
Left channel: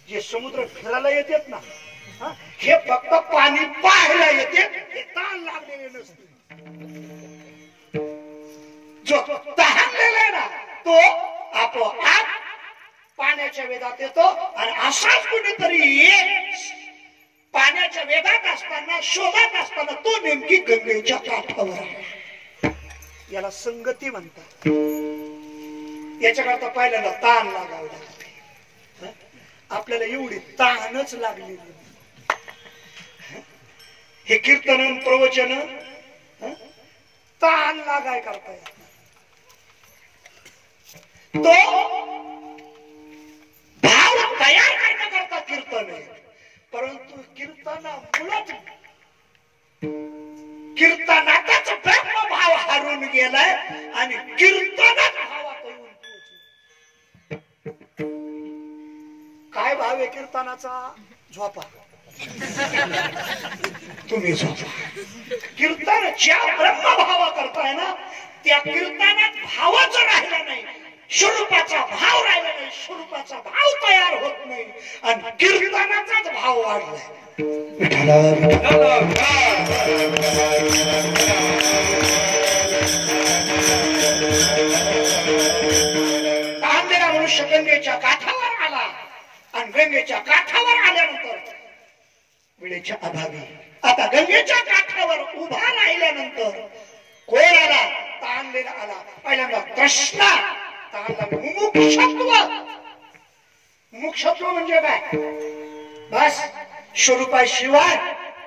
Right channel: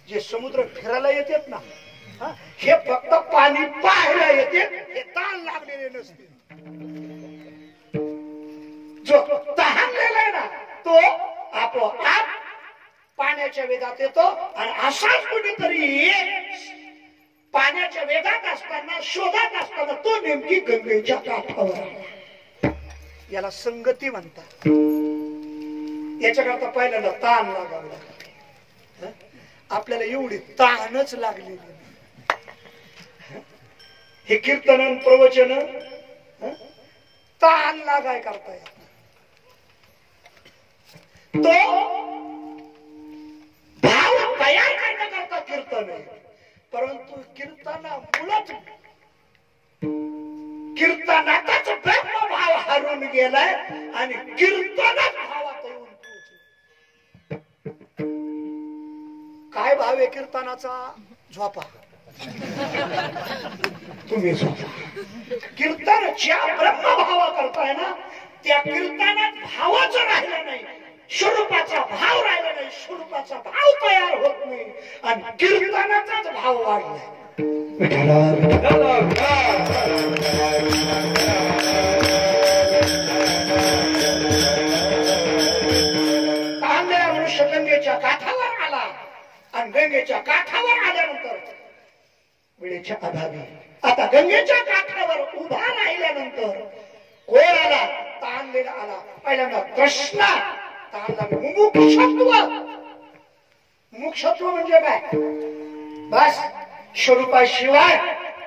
जे समुद्र फिरायला येतात ना, हे फक्त पाणी पाहायला येते, हे तहान लागलेले नसते. जो तहानलेला आहे ना, तो आपोआप पाण्याच्या वेधात येतो. आणि असाच कुठेतरी पाण्याच्या वेधात असताना, शोधात असताना तो नेमकी गंगेच्या काठावर आहे. याला संगती म्हणतात. याच्याकरता पहिल्यांदा ताण लागावं लागते. आपल्याला एवढी ताणच लागलेली नाही. हे कीर्तन प्रवचन ताण लागाय करता येत. तो भाव तयार करण्याकरता कीर्तन आहे. परंतु कीर्तनामुळेच कीर्तनातच ब्रह्मभाव हरून गेलाय आणि कीर्तनात भावात येऊन पोहोचले. काय भाव आहे कीर्तनाचा? झोपा तुम्ही झोपा. कीर्तन ज्या ब्रह्मभावा करताय ना, त्या कीर्तनात भावाच राहिला नाही, स्वरूपाचा भाव राहिला नाही, स्वरूपाचा भाव तयार होत नाही आणि कीर्तनाचाच भाव वाढलाय. तांबेला मनुष्य गंगेच्या काठावर आला आणि गंगेच्या काठावर आल्यानंतर वेळेच्या अभावी आता गंगेच्या काठावर उभा राहिल्यानंतर कोण आला? तांबेला आला. पहिल्यांदा कृष्णा तांबला मुमुक्षत्व. मुमुक्षत्व म्हणजे काय? बस स्वरूपाशिवाय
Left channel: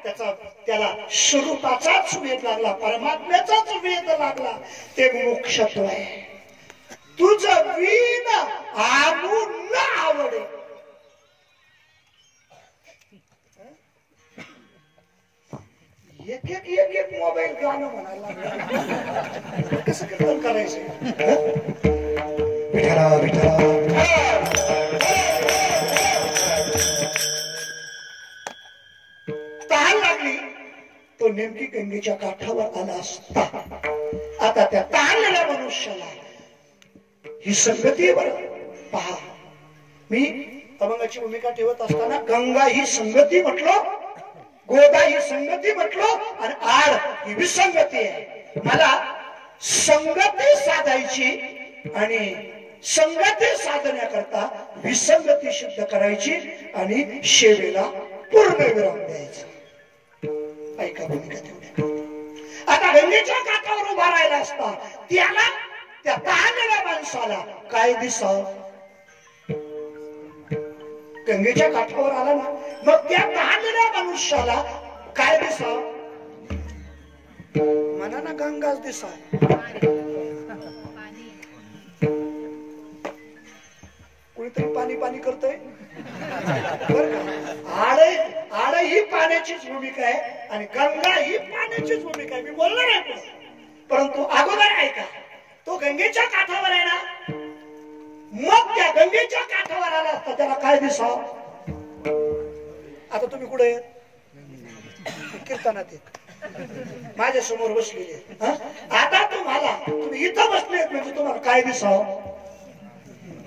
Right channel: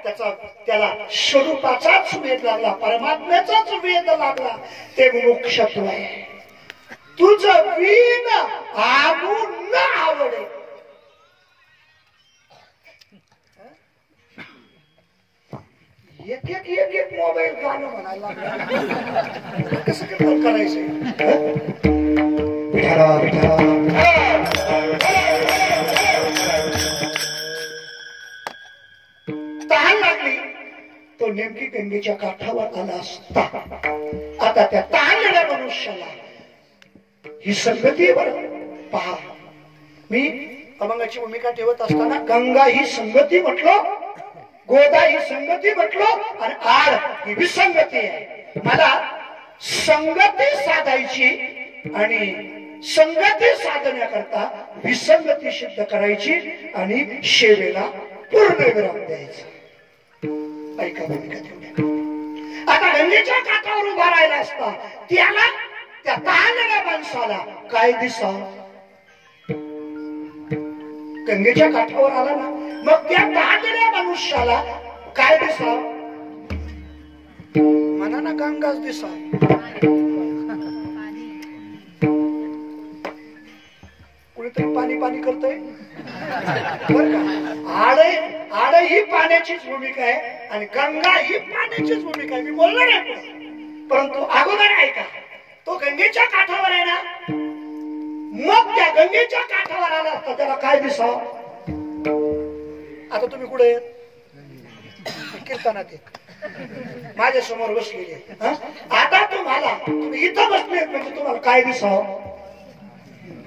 त्याला स्वरूपाचाच वेध लागला, परमात्म्याचाच वेध लागला, ते मुमुक्षत्व आहे. तुझं वीण आणू न आवडे. एक एक एक एक मोबाईल गाणं म्हणायला लागलं. कसं कीर्तन करायचं? तहान लागली तो नेमकी गंगेच्या काठावर आला असता. आता त्या तहानलेल्या मनुष्याला ही संगतीवर पहा. मी अभंगाची भूमिका ठेवत असताना गंगा ही संगती म्हटलं, गोदा ही संगती म्हटलं आणि आड ही विसंगती आहे. मला संगती साधायची आणि संगती साधण्याकरता विसंगती सिद्ध करायची आणि शेवेला पूर्ण विराम द्यायचा. ऐका भूमिका तेवढ्या. आता गंगेच्या काठावर उभा राहिला असता त्याला, त्या तहानलेल्या माणसाला काय दिसावं? गंगेच्या काठावर आला ना, मग त्या तहानलेल्या मनुष्याला काय दिसाव? म्हणा ना, गंगाच दिसाव. कुणीतरी पाणी पाणी करतोय बर का. आड ही पाण्याचीच भूमिका आहे आणि गंगा ही पाण्याचीच भूमिका आहे. मी बोलणार आहे परंतु अगोदर ऐका. तो गंगेच्या काठावर आहे ना, मग त्या गंगेच्या काठावर आला असता त्याला काय दिसाव? आता तुम्ही कुठे कीर्तनात माझ्या समोर बसलेले, आता तुम्ही इथं बसले म्हणजे तुम्हाला काय दिसाव?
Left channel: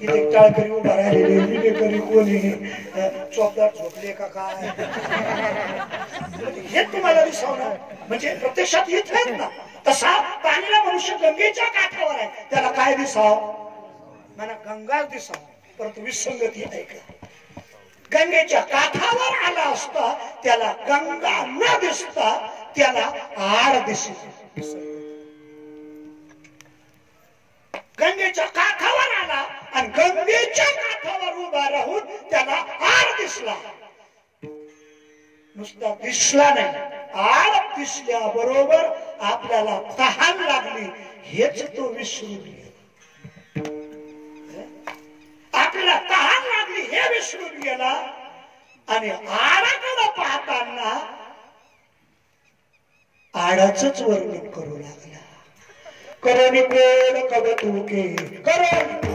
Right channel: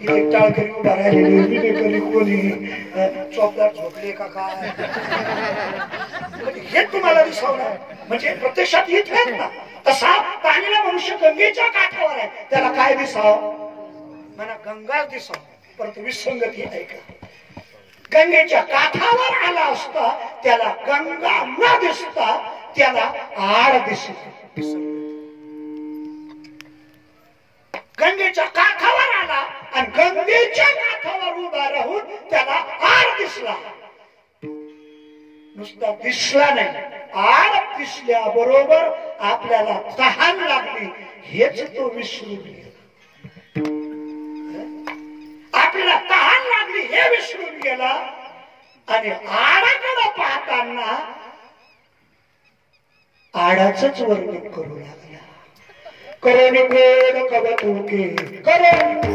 इथे टाळकरी उभा राहिलेली कोणी चौकदार झोपले का काय हे तुम्हाला दिसावणार. म्हणजे प्रत्यक्षात येत आहेत ना. तसा पाणीला मनुष्य गंगेच्या काठावर आहे, त्याला काय दिसाव? म्हणा गंगा दिसाव. परंतु विसंगती आहे का? गंगेच्या काठावर आला असता त्याला गंगा न दिसता त्याला आड दिसली. गंगेच्या काठावर आला आणि गंगेच्या काठावर उभा राहून त्याला आड दिसला. नुसता दिसला नाही, आड दिसल्याबरोबर आपल्याला तहान लागली हेच तो विसरून गेला. आपल्याला तहान लागली हे विसरून गेला आणि आडाकडे पाहताना आडाचंच वर्णन करू लागला. करोनी कोण कवतुके, करोनी कोण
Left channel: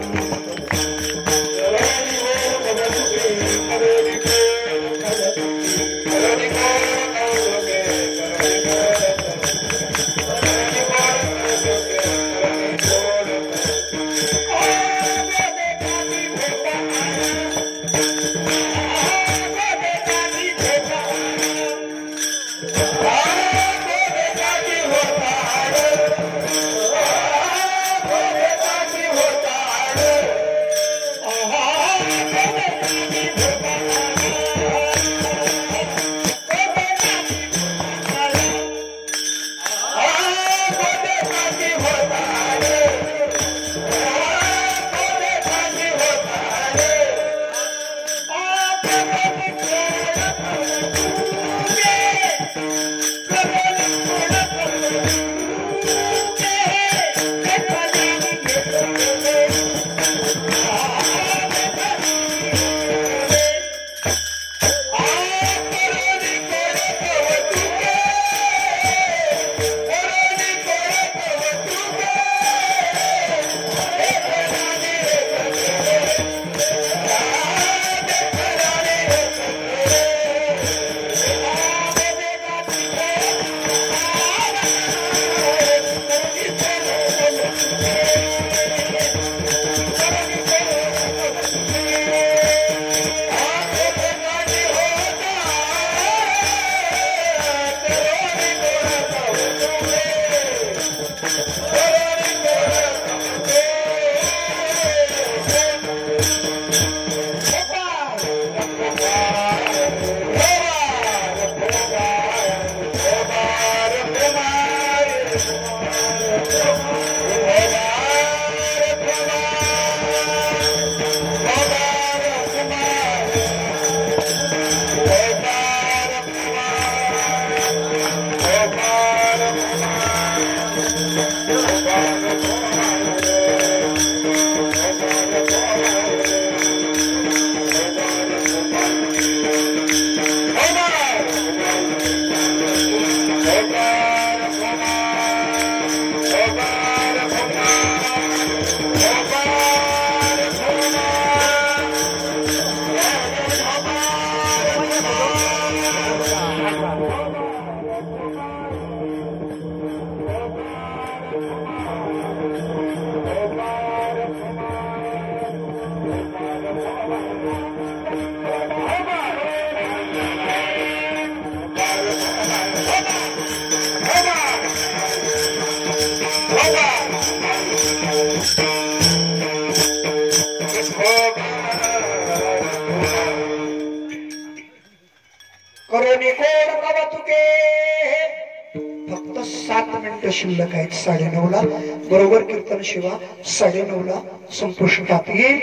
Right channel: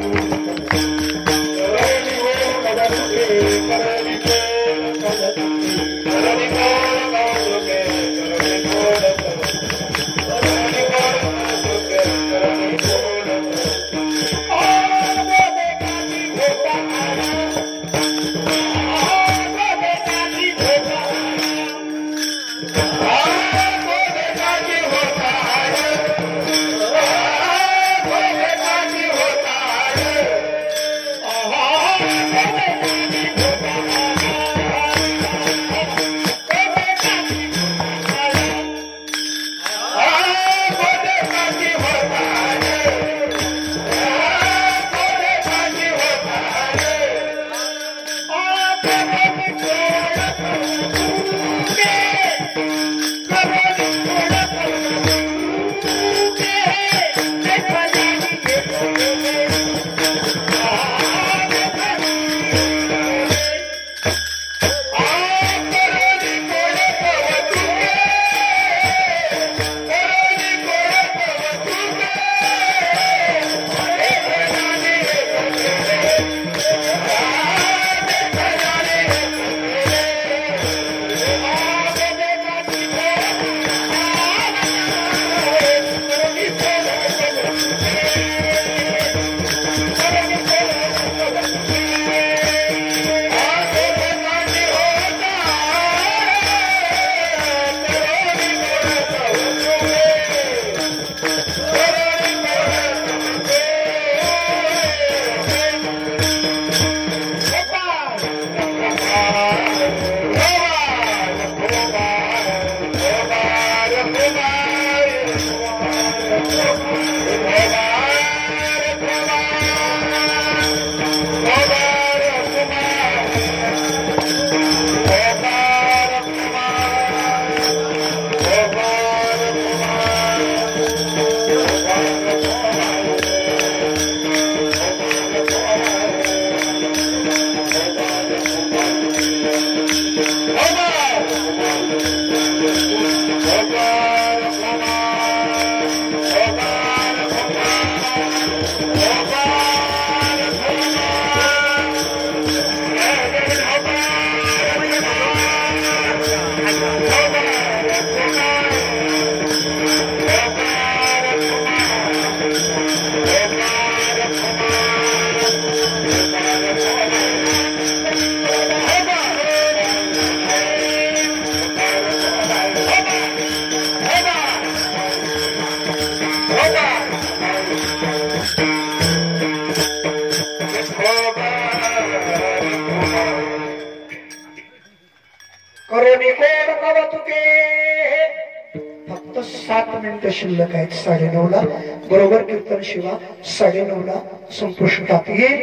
फक्त 7 मिनिटं शिल्लक आहेत. 9:30 बरोबर कीर्तन शिवा 9:30 संपुष्टात येईल.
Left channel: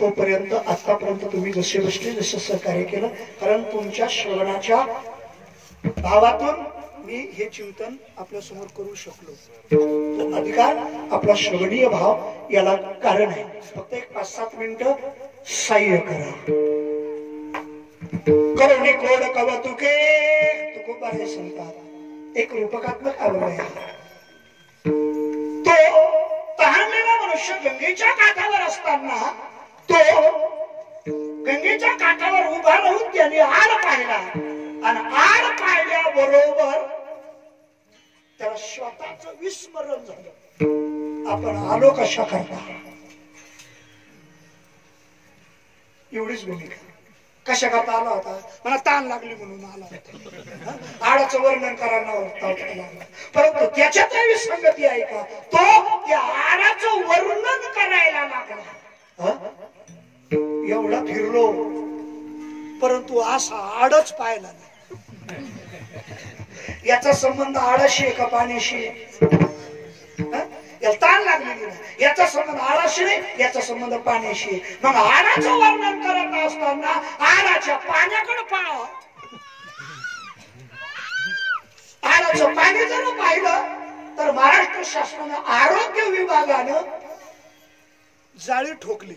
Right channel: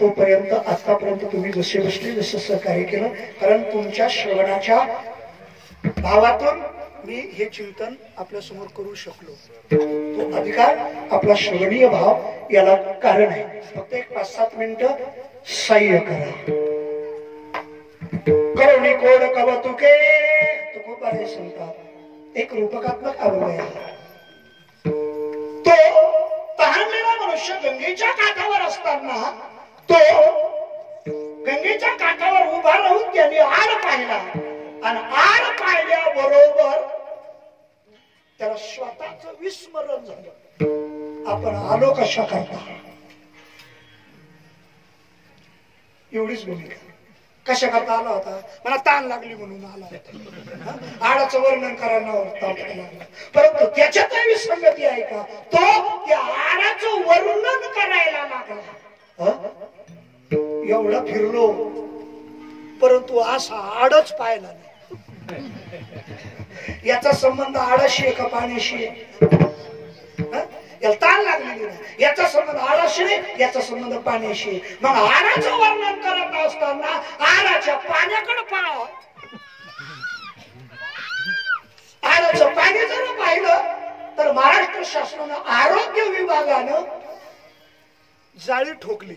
तोपर्यंत आतापर्यंत तुम्ही जसे बसले जसं सहकार्य केलं, कारण तुमच्या श्रवणाच्या भावातून मी हे चिंतन आपल्या समोर करू शकलो. तो अधिकार आपला श्रवणीय भाव याला कारण आहे. फक्त एक 5-7 मिनिटं सहाय्य करा. करुणी कोड कवतुके खूप बरे सांगतात. एक रूपकात्मक अवयव आहे. तो तहानलेला मनुष्य गंगेच्या काठावर असताना तो गंगेच्या काठावर उभा राहून त्याने आड पाहिला आणि आड पाहिल्याबरोबर त्याला स्वतःच विस्मरण झालं. आपण आलो कशा करता, एवढीच भूमिका. कशा करता आला होता? मला ताण लागली म्हणून आला होता. आडाचं वर्णन करायला लागला, परंतु त्याच्यात विसंगती आहे का? तो त्या आडाचं वर्णन करायला लागला. एवढा फिरलो परंतु असा आडच पाहिला नाही. याचा संबंध आडाशी आहे का पाण्याशी? याला ताण लागलेली नाही. याचा संबंध आडाशी नाही, याचा संबंध पाण्याशी. मग आडाचं वर्णन करत असताना आडाच्या पाण्याकडे पाहावं. आडाचं पाणी जर पाहिलं तर महाराष्ट्र शासनानं आरोग्य विभागानं जाळी ठोकली.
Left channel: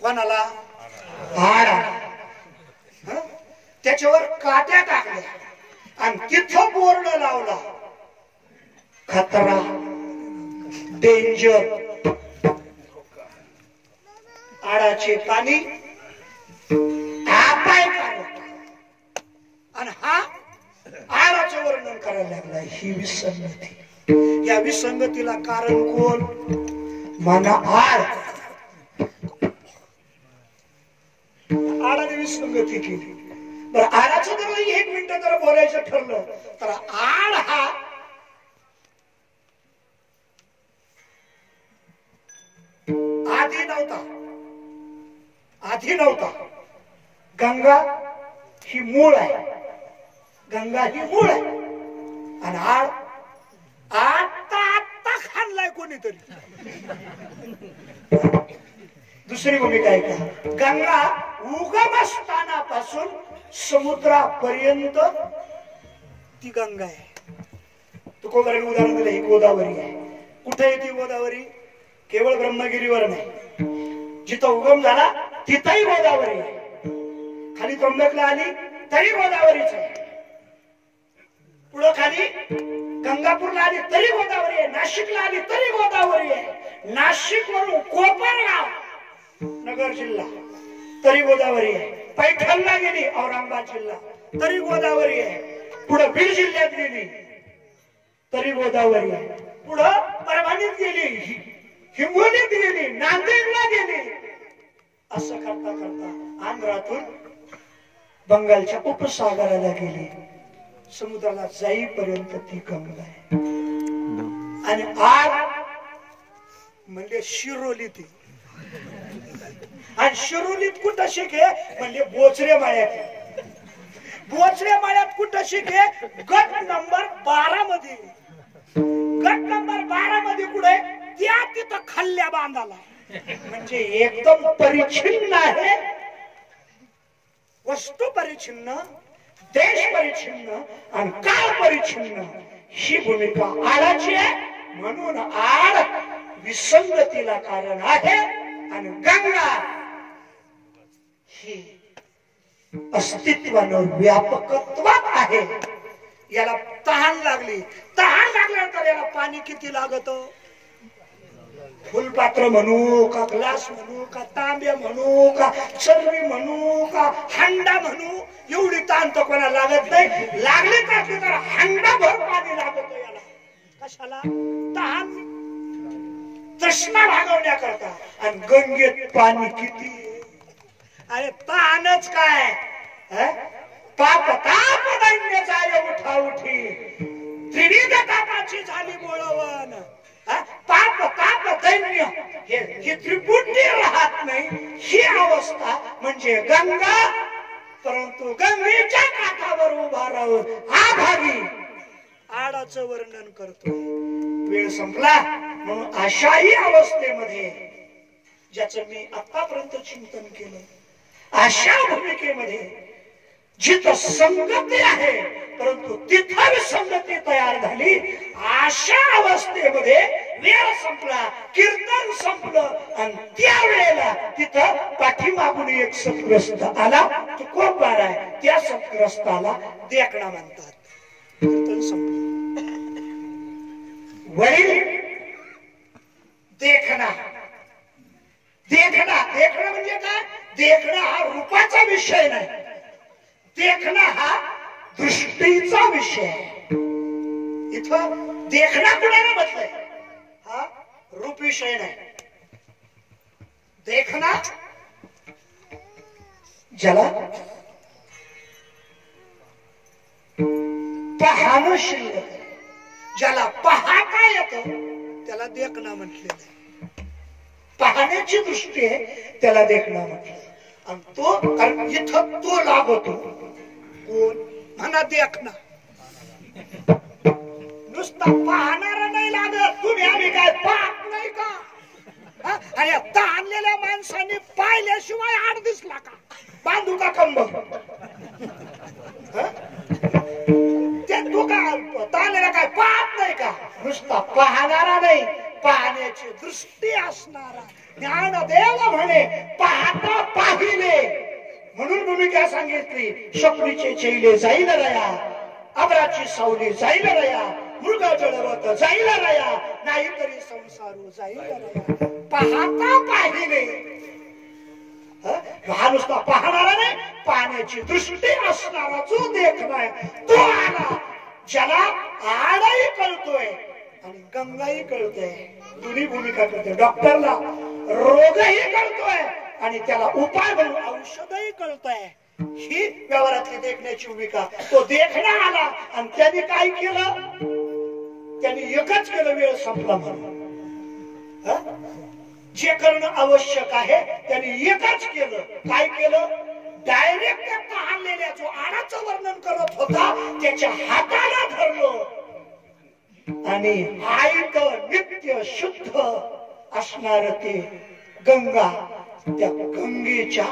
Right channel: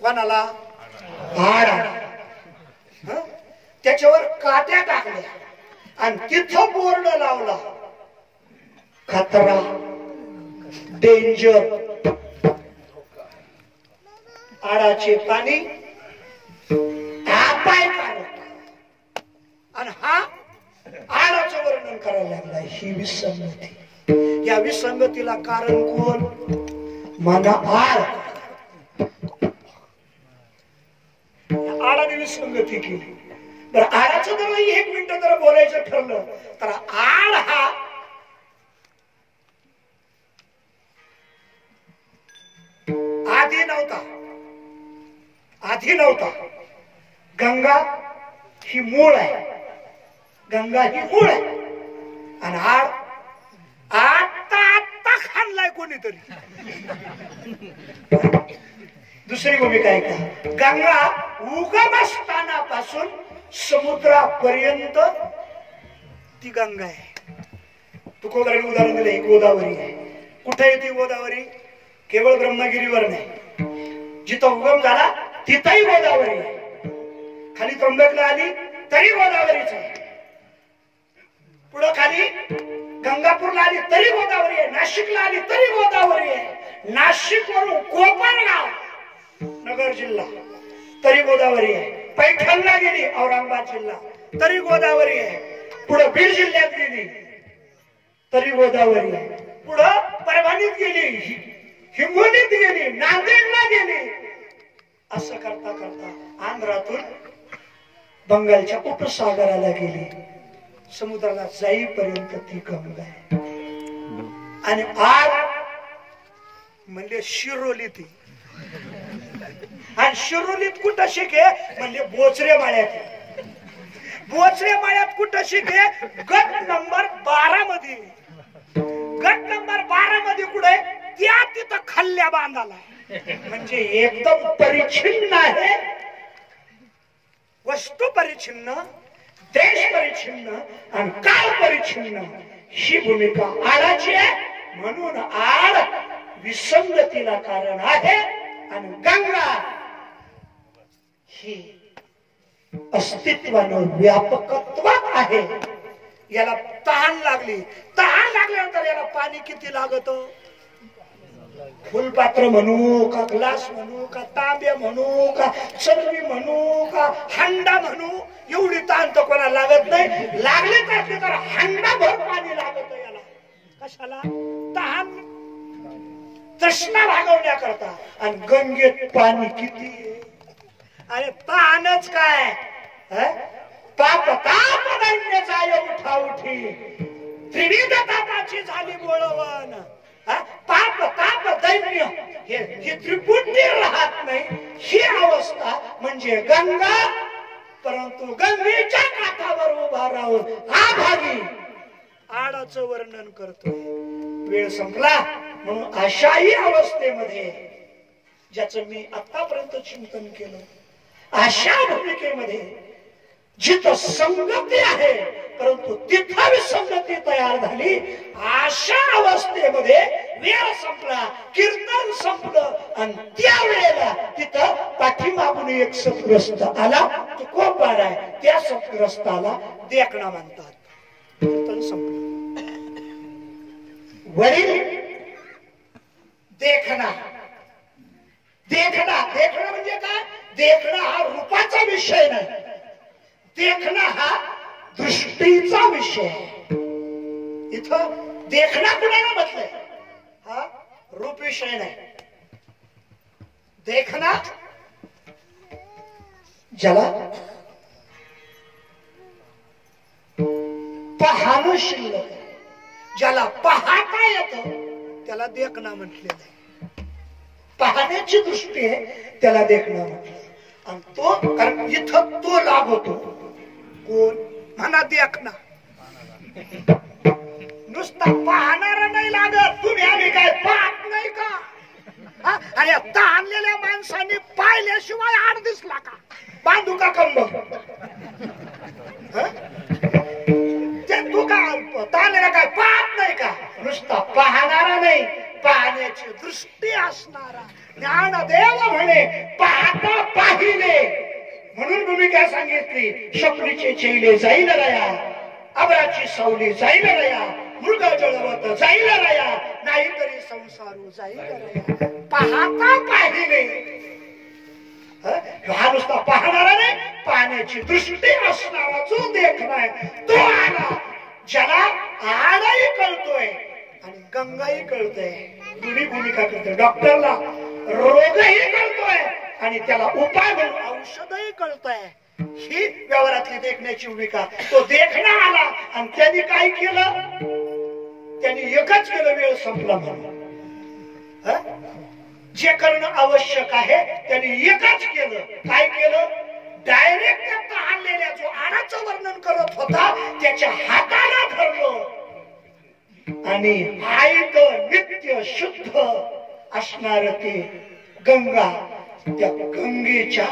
कोणाला? आडा. त्याच्यावर काट्या टाकल्या आणि तिथं बोर्ड लावला, खतरा, डेंजर. आडाचे पाणी पाय काढत आणि हा आडाचं वर्णन करायला लागला. ही विसंगती. या विसंगतीला कारण कोण? मना आड. आडाने विसंगती केली. बरं, आडाचं जर 1 मिनिट जर बोलायचं ठरलं तर आड हा आधी नव्हता. गंगा ही मूळ आहे. गंगा ही मूळ आहे आणि आड आता खाणलाय कोणीतरी. दुसरी भूमिका आहे का? गंगा उगमस्थानापासून समुद्रापर्यंत ती गंगा आहे. तुकोबाराने उदाहरण दिलं, ही गोदावरी आहे. कुठे येते गोदावरी? केवळ ब्रह्मगिरीवर नाही, जिथं उगम झाला तिथंही गोदावरी आहे. खाली त्र्यंबकला आली तरी गोदावरीच आहे. पुढं खाली गंगापूरला आली तरी गोदावरी आहे. नाशिकला आली तरी गोदावरी आहे. नाशिक वरून कोपरगाव नगर जिल्हा तरी गोदावरी आहे. पैठणला गेली औरंगाबाद जिल्हा तरी गोदावरी आहे. पुढं बीड जिल्ह्यात गेली तरी गोदावरी आहे. पुढं परभणीत गेली, हिंगोलीत गेली, नांदेडला गेली. असं करता करता आंध्रातून बंगालच्या उपसागराला गेली. समुद्राला जाईपर्यंत ती गंगा आहे. आणि आड म्हणजे शिरोली ती. आणि शिरोलीत कुठं शिके? म्हणजे बोचरे माळ्यात. बोचरे माळ्यात कुठं शिके? गट नंबर 12 मध्ये. गट नंबर 12 मध्ये कुठे? त्या तिथं खाल्ल्या बांधाला. म्हणजे एकदम परिच्छिन्न आहे. वस्तू परिच्छिन्न, देश परिच्छिन्न आणि काळ परिच्छिन्न. ही भूमिका आडाची आहे. म्हणून आड विसंगतीला कारण आहे आणि गंगा ही अस्तित्वानं व्यापकत्वात आहे. याला तहान लागली. तहान लागल्यानंतर याला पाणी किती लागत? फुलपात्र म्हणू का, ग्लास म्हणू का, तांबे म्हणू का, चरवी म्हणू का, हंडा म्हणू, एवढी ताण तर कोणाला लागत नाही. लागले तर हंडा भर पाणी लागत याला. कशाला? तहान, तृष्णा भागवण्याकरता. आणि गंगेत पाणी किती? अरे तहानच काय, पाप ताप दैन्य जाय उठा उठी, त्रिविध तापाची झाली बोळवण. पाप ताप दैन्य हे त्रिपुटी राहत नाही. ही अवस्था म्हणजे गंगा. परंतु गंगेच्या काठावर उभा राहून हा भागी आडाचं वर्णन करतोय. वेळ संपला म्हणून अशाही अवस्थेमध्ये ज्याचं मी आतापर्यंत चिंतन केलं, अशा भूमिकेमध्ये जिथं संगती आहे परंतु तिथं विसंगती तयार झाली, अशा अवस्थेमध्ये वेळ संपला, कीर्तन संपलं आणि त्यावेळेला तिथं पाठीमागून एक सत्ग्रस्त आला, तो कोपवार आहे, त्या सत्ग्रस्ताला देखणा म्हणतात. कीर्तन संपलं. वडील देखणा, देखणा देखणं म्हणजे काय? देखणं हा रूपाचा विषय नाही, देखणं हा दृष्टीचा विषय आहे. इथं देखणा कुणाला म्हटलंय? हा रूप विषय नाही. देखणा ज्याला पाहणं शिल्लक आहे, ज्याला पाहता येतं त्याला देखणा म्हटलेलं आहे. पाहण्याची दृष्टी आहे त्याला देखणा म्हटलं. आणि तो कारण इथं तो लाभ होतो. कोण म्हणा? देखणा. नुसता पाहणारा नाही लागत. तुम्ही आम्ही काय पाहत नाही का? आणि आता आणलेल्या माणसाने पाहिल्याशिवाय आड दिसला का? बांधू का कंबर? तू काय ताणलेला काय पाहत नाही का? नुसता पाहणारा नाही, पाहण्याची दृष्टी असणारा. ज्ञानदेव म्हणे पाहता पाहिले. म्हणून भूमिका सांगितली, स्वप्नीचे चेले जाईल रया, अबराची सावली जाईल रया, मृग जळवत जाईल रया, नाहीतरी संसारू जाईल रया. पाहता पाहिले. हा नुसता पाहणारा नाही, पाहण्याची दृष्टी असणारा जो देखणार तो आला, ज्याला आडाही कळतोय आणि गंगाही कळतोय. दोन्ही भूमिका करतोय. डॉक्टरला रोगही कळतोय आणि त्याला उपाय म्हणून औषधही कळतोय. ही व्यवहारातली देखण्याची भूमिका. तो देखणा आला आणि त्यांनी काय केलं? त्यांनी एकच केलं, वेळ संपला म्हणून. जे करणं आवश्यक आहे त्यांनी एकच केलं. काय केलं? डायरेक्ट त्या आणलेल्या जो आडाचं वर्णन करत होता त्याच्या हाताला धरलं आणि आईत नित्य शुद्ध असणार ते गंगा, त्या गंगेच्या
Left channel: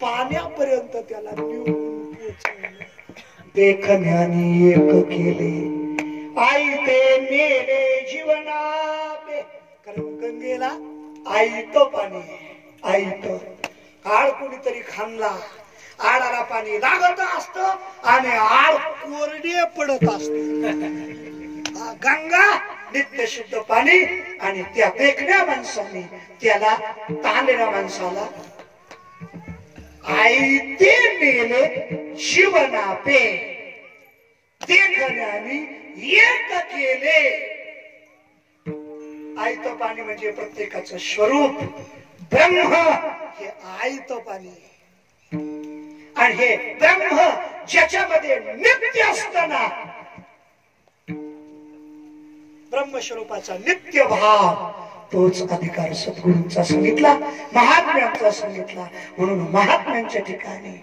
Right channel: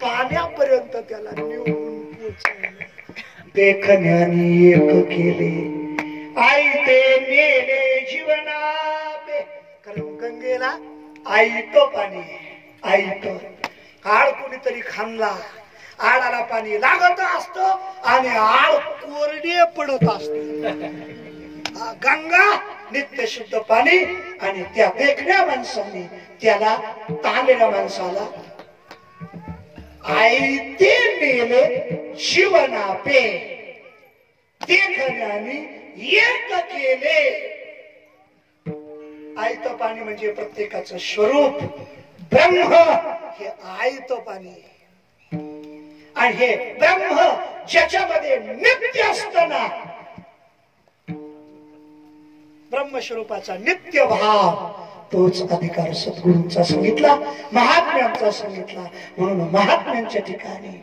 पाण्यापर्यंत त्याला नेऊन पोचवलं. देखण्याने एक केले, आई ते नेले जीवना. कारण गंगेला आईत पाणी, आईत. आड कोणीतरी खाल्ला, आडाला पाणी लागत असत आणि आड कोरडे पडत असत. गंगा नित्य शुद्ध पाणी आणि त्या देखण्या माणसाने त्याला, ताणलेल्या माणसाला आई ते नेले जीवना पे, देखण्याने एक केले. आयत पाणी म्हणजे प्रत्येकाचं स्वरूप ब्रह्म, हे आयत पाणी. आणि हे ब्रह्म ज्याच्यामध्ये नित्य असताना ब्रह्मस्वरूपाचा नित्य भाव, तोच अधिकार सद्गुरूंचा सांगितला, महात्म्यांचा सांगितला. म्हणून महात्म्यांच्या ठिकाणी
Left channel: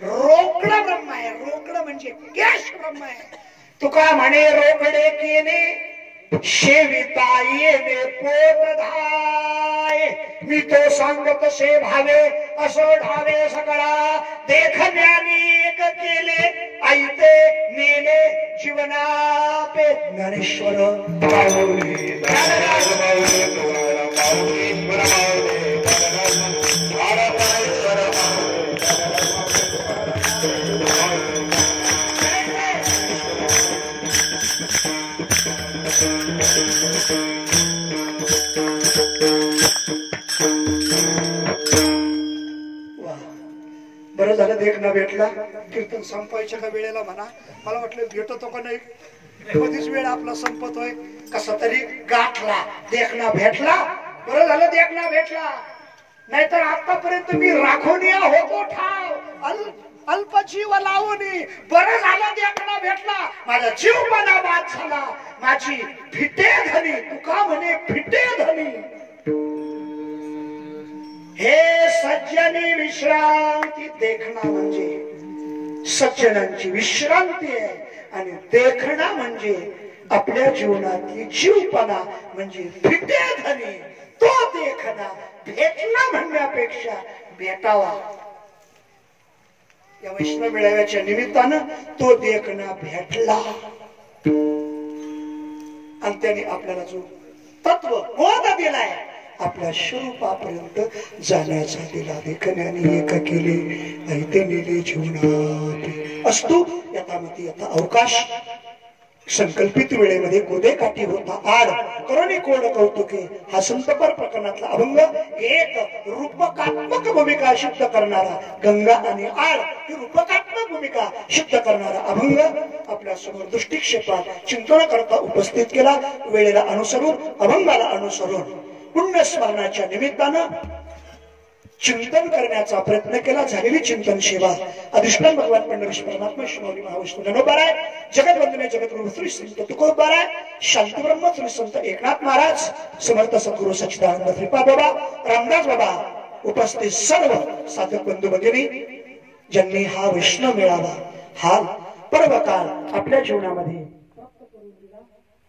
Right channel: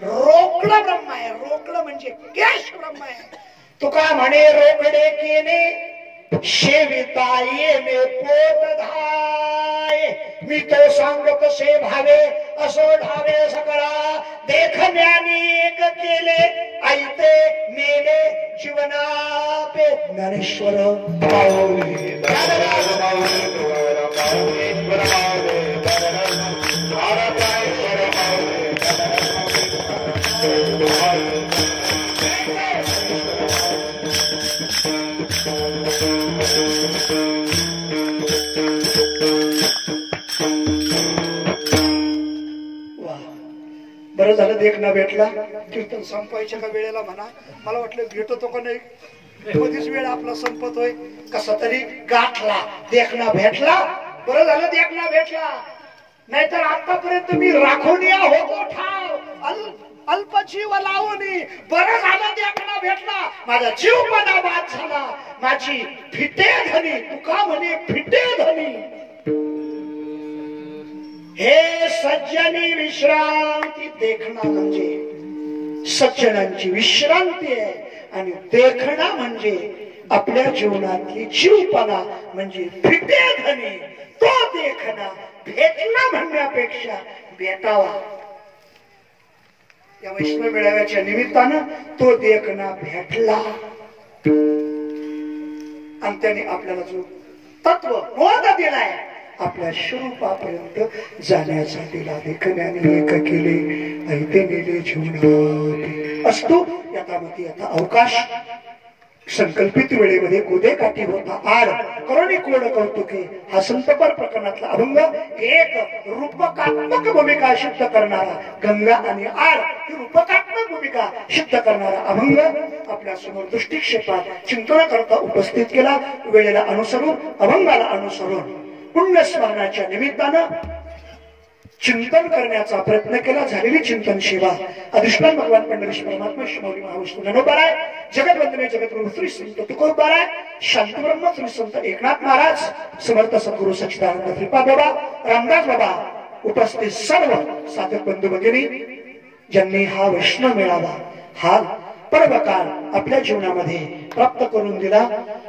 रोकडं ब्रह्म आहे. रोकडं म्हणजे कॅश ब्रह्म आहे. तुका म्हणे रोकडे केले शेविता येणे पोट धाय, मी तो सांगत से भावे असो ढावे सकळा. देखण्याने एक केले, आईते नेले जीवना पे. ज्ञानेश्वर बरं झालं देखणा भेटला. कीर्तन संपायच्या का वेळेला म्हणा, मला वाटलं भेटतो का नाही, कधीच वेळ आपला संपतोय. कसा तरी गाठला, देखणा भेटला. बरं झालं देखणा भेटला, नाहीतर आतापर्यंत मी राखोनिया होतो ठाव, अल्पजीव लावणी. बरं झालं देखणा भेटला, माझा जीवपणा बाद झाला, माझी फिटे धनी. तुका म्हणे फिटे धनी. हे सज्जनी विश्रांती. देखणा म्हणजे सज्जनांची विश्रांती आहे आणि देखणा म्हणजे आपल्या जीवनातली जीवपणा म्हणजे फिटे धनी. तो देखना, भेटला म्हणण्यापेक्षा भेटावा. या वैष्णव मेळाव्याच्या निमित्तानं तो देखना भेटला आणि त्याने आपल्याला जो तत्व बोध दिलाय आपल्या स्वरूपापर्यंत जाण्याचा दिला. देखण्याने एक केले ऐते नेले जीवनात असतो यथामती यथा अवकाश. संकल्पित वेळेमध्ये गोदे काठी होता आड करोनी कोड कौतुके हा संतपर प्रकरणातला अभंग एक रूपकात्मक भूमिका सिद्ध करणारा, गंगा आणि आड ही रूपकात्मक भूमिका सिद्ध करणारा अभंग आपल्या समोर दृष्टिक्षेपात चिंतन करता उपस्थित केला. वेळेला अनुसरून अभंगाला अनुसरून पुण्य स्मरणाच्या निमित्तानं चिंतन करण्याचा प्रयत्न केला. झालेली चिंतन सेवा अधिष्ठान भगवान पंढरीश परमात्मा श्री महाविष्णू नमोबाराय. जगतवंदने जगद्गुरु श्री संत तुकोबाराय. शांतब्रह्म श्री संत एकनाथ महाराज, समर्थ सद्गुरु सच्चिदानंद श्रीपाद बाबा, रामदास बाबा, उपस्थित सर्व साधक बंधू भगिनी ज्यांनी हा वैष्णव मेळावा हा पर्वकाळ आपल्या जीवनामध्ये प्राप्त करून दिला.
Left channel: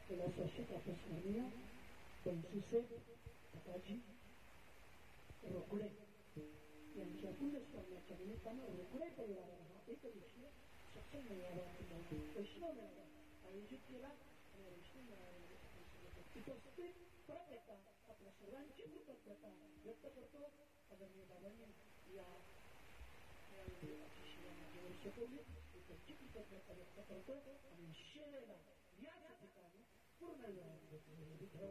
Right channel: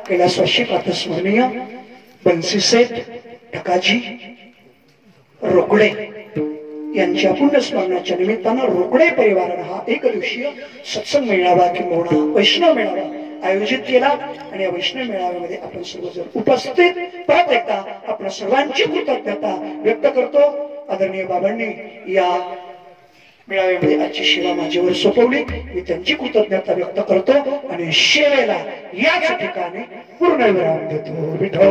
कैलासवासी प्रातस्मरणीय बंसी सेठ ढकाजी रोकडे यांच्या पुण्यस्मरणाच्या निमित्तानं रोकडे परिवारानं हा एक दिवसीय सत्संग मेळावा किंवा वैष्णव मेळावा आयोजित केला. आणि या वैष्णव मेळाव्यामध्ये आपण सर्वजण उपस्थित परत एकदा आपण सर्वांची कृतज्ञता व्यक्त करतो. आदरणीय बाबांनी या मेळाव्यामध्ये आजची सेवा माझ्यावर सोपवली, मी त्यांची कृतज्ञता व्यक्त करतो आणि सेवेला याच ठिकाणी पूर्ण विराम देतो. विठ्ठल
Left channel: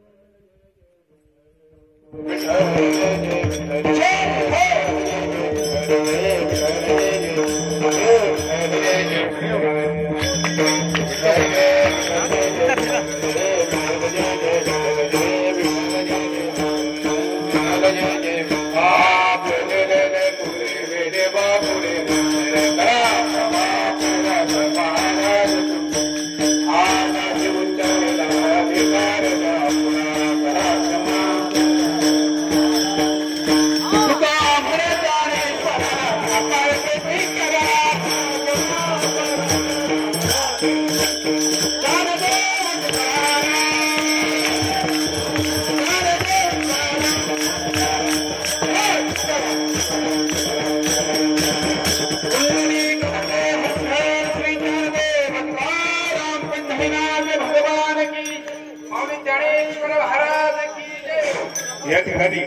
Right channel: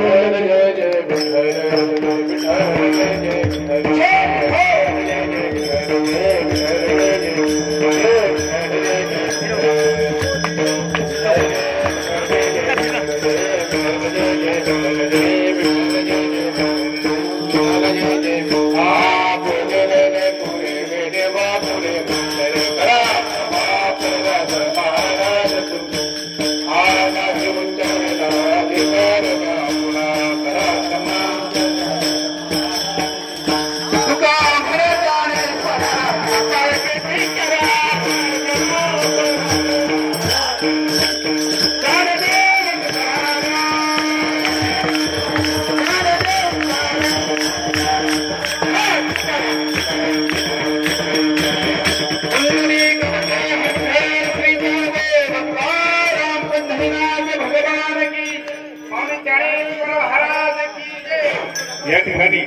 या ठिकाणी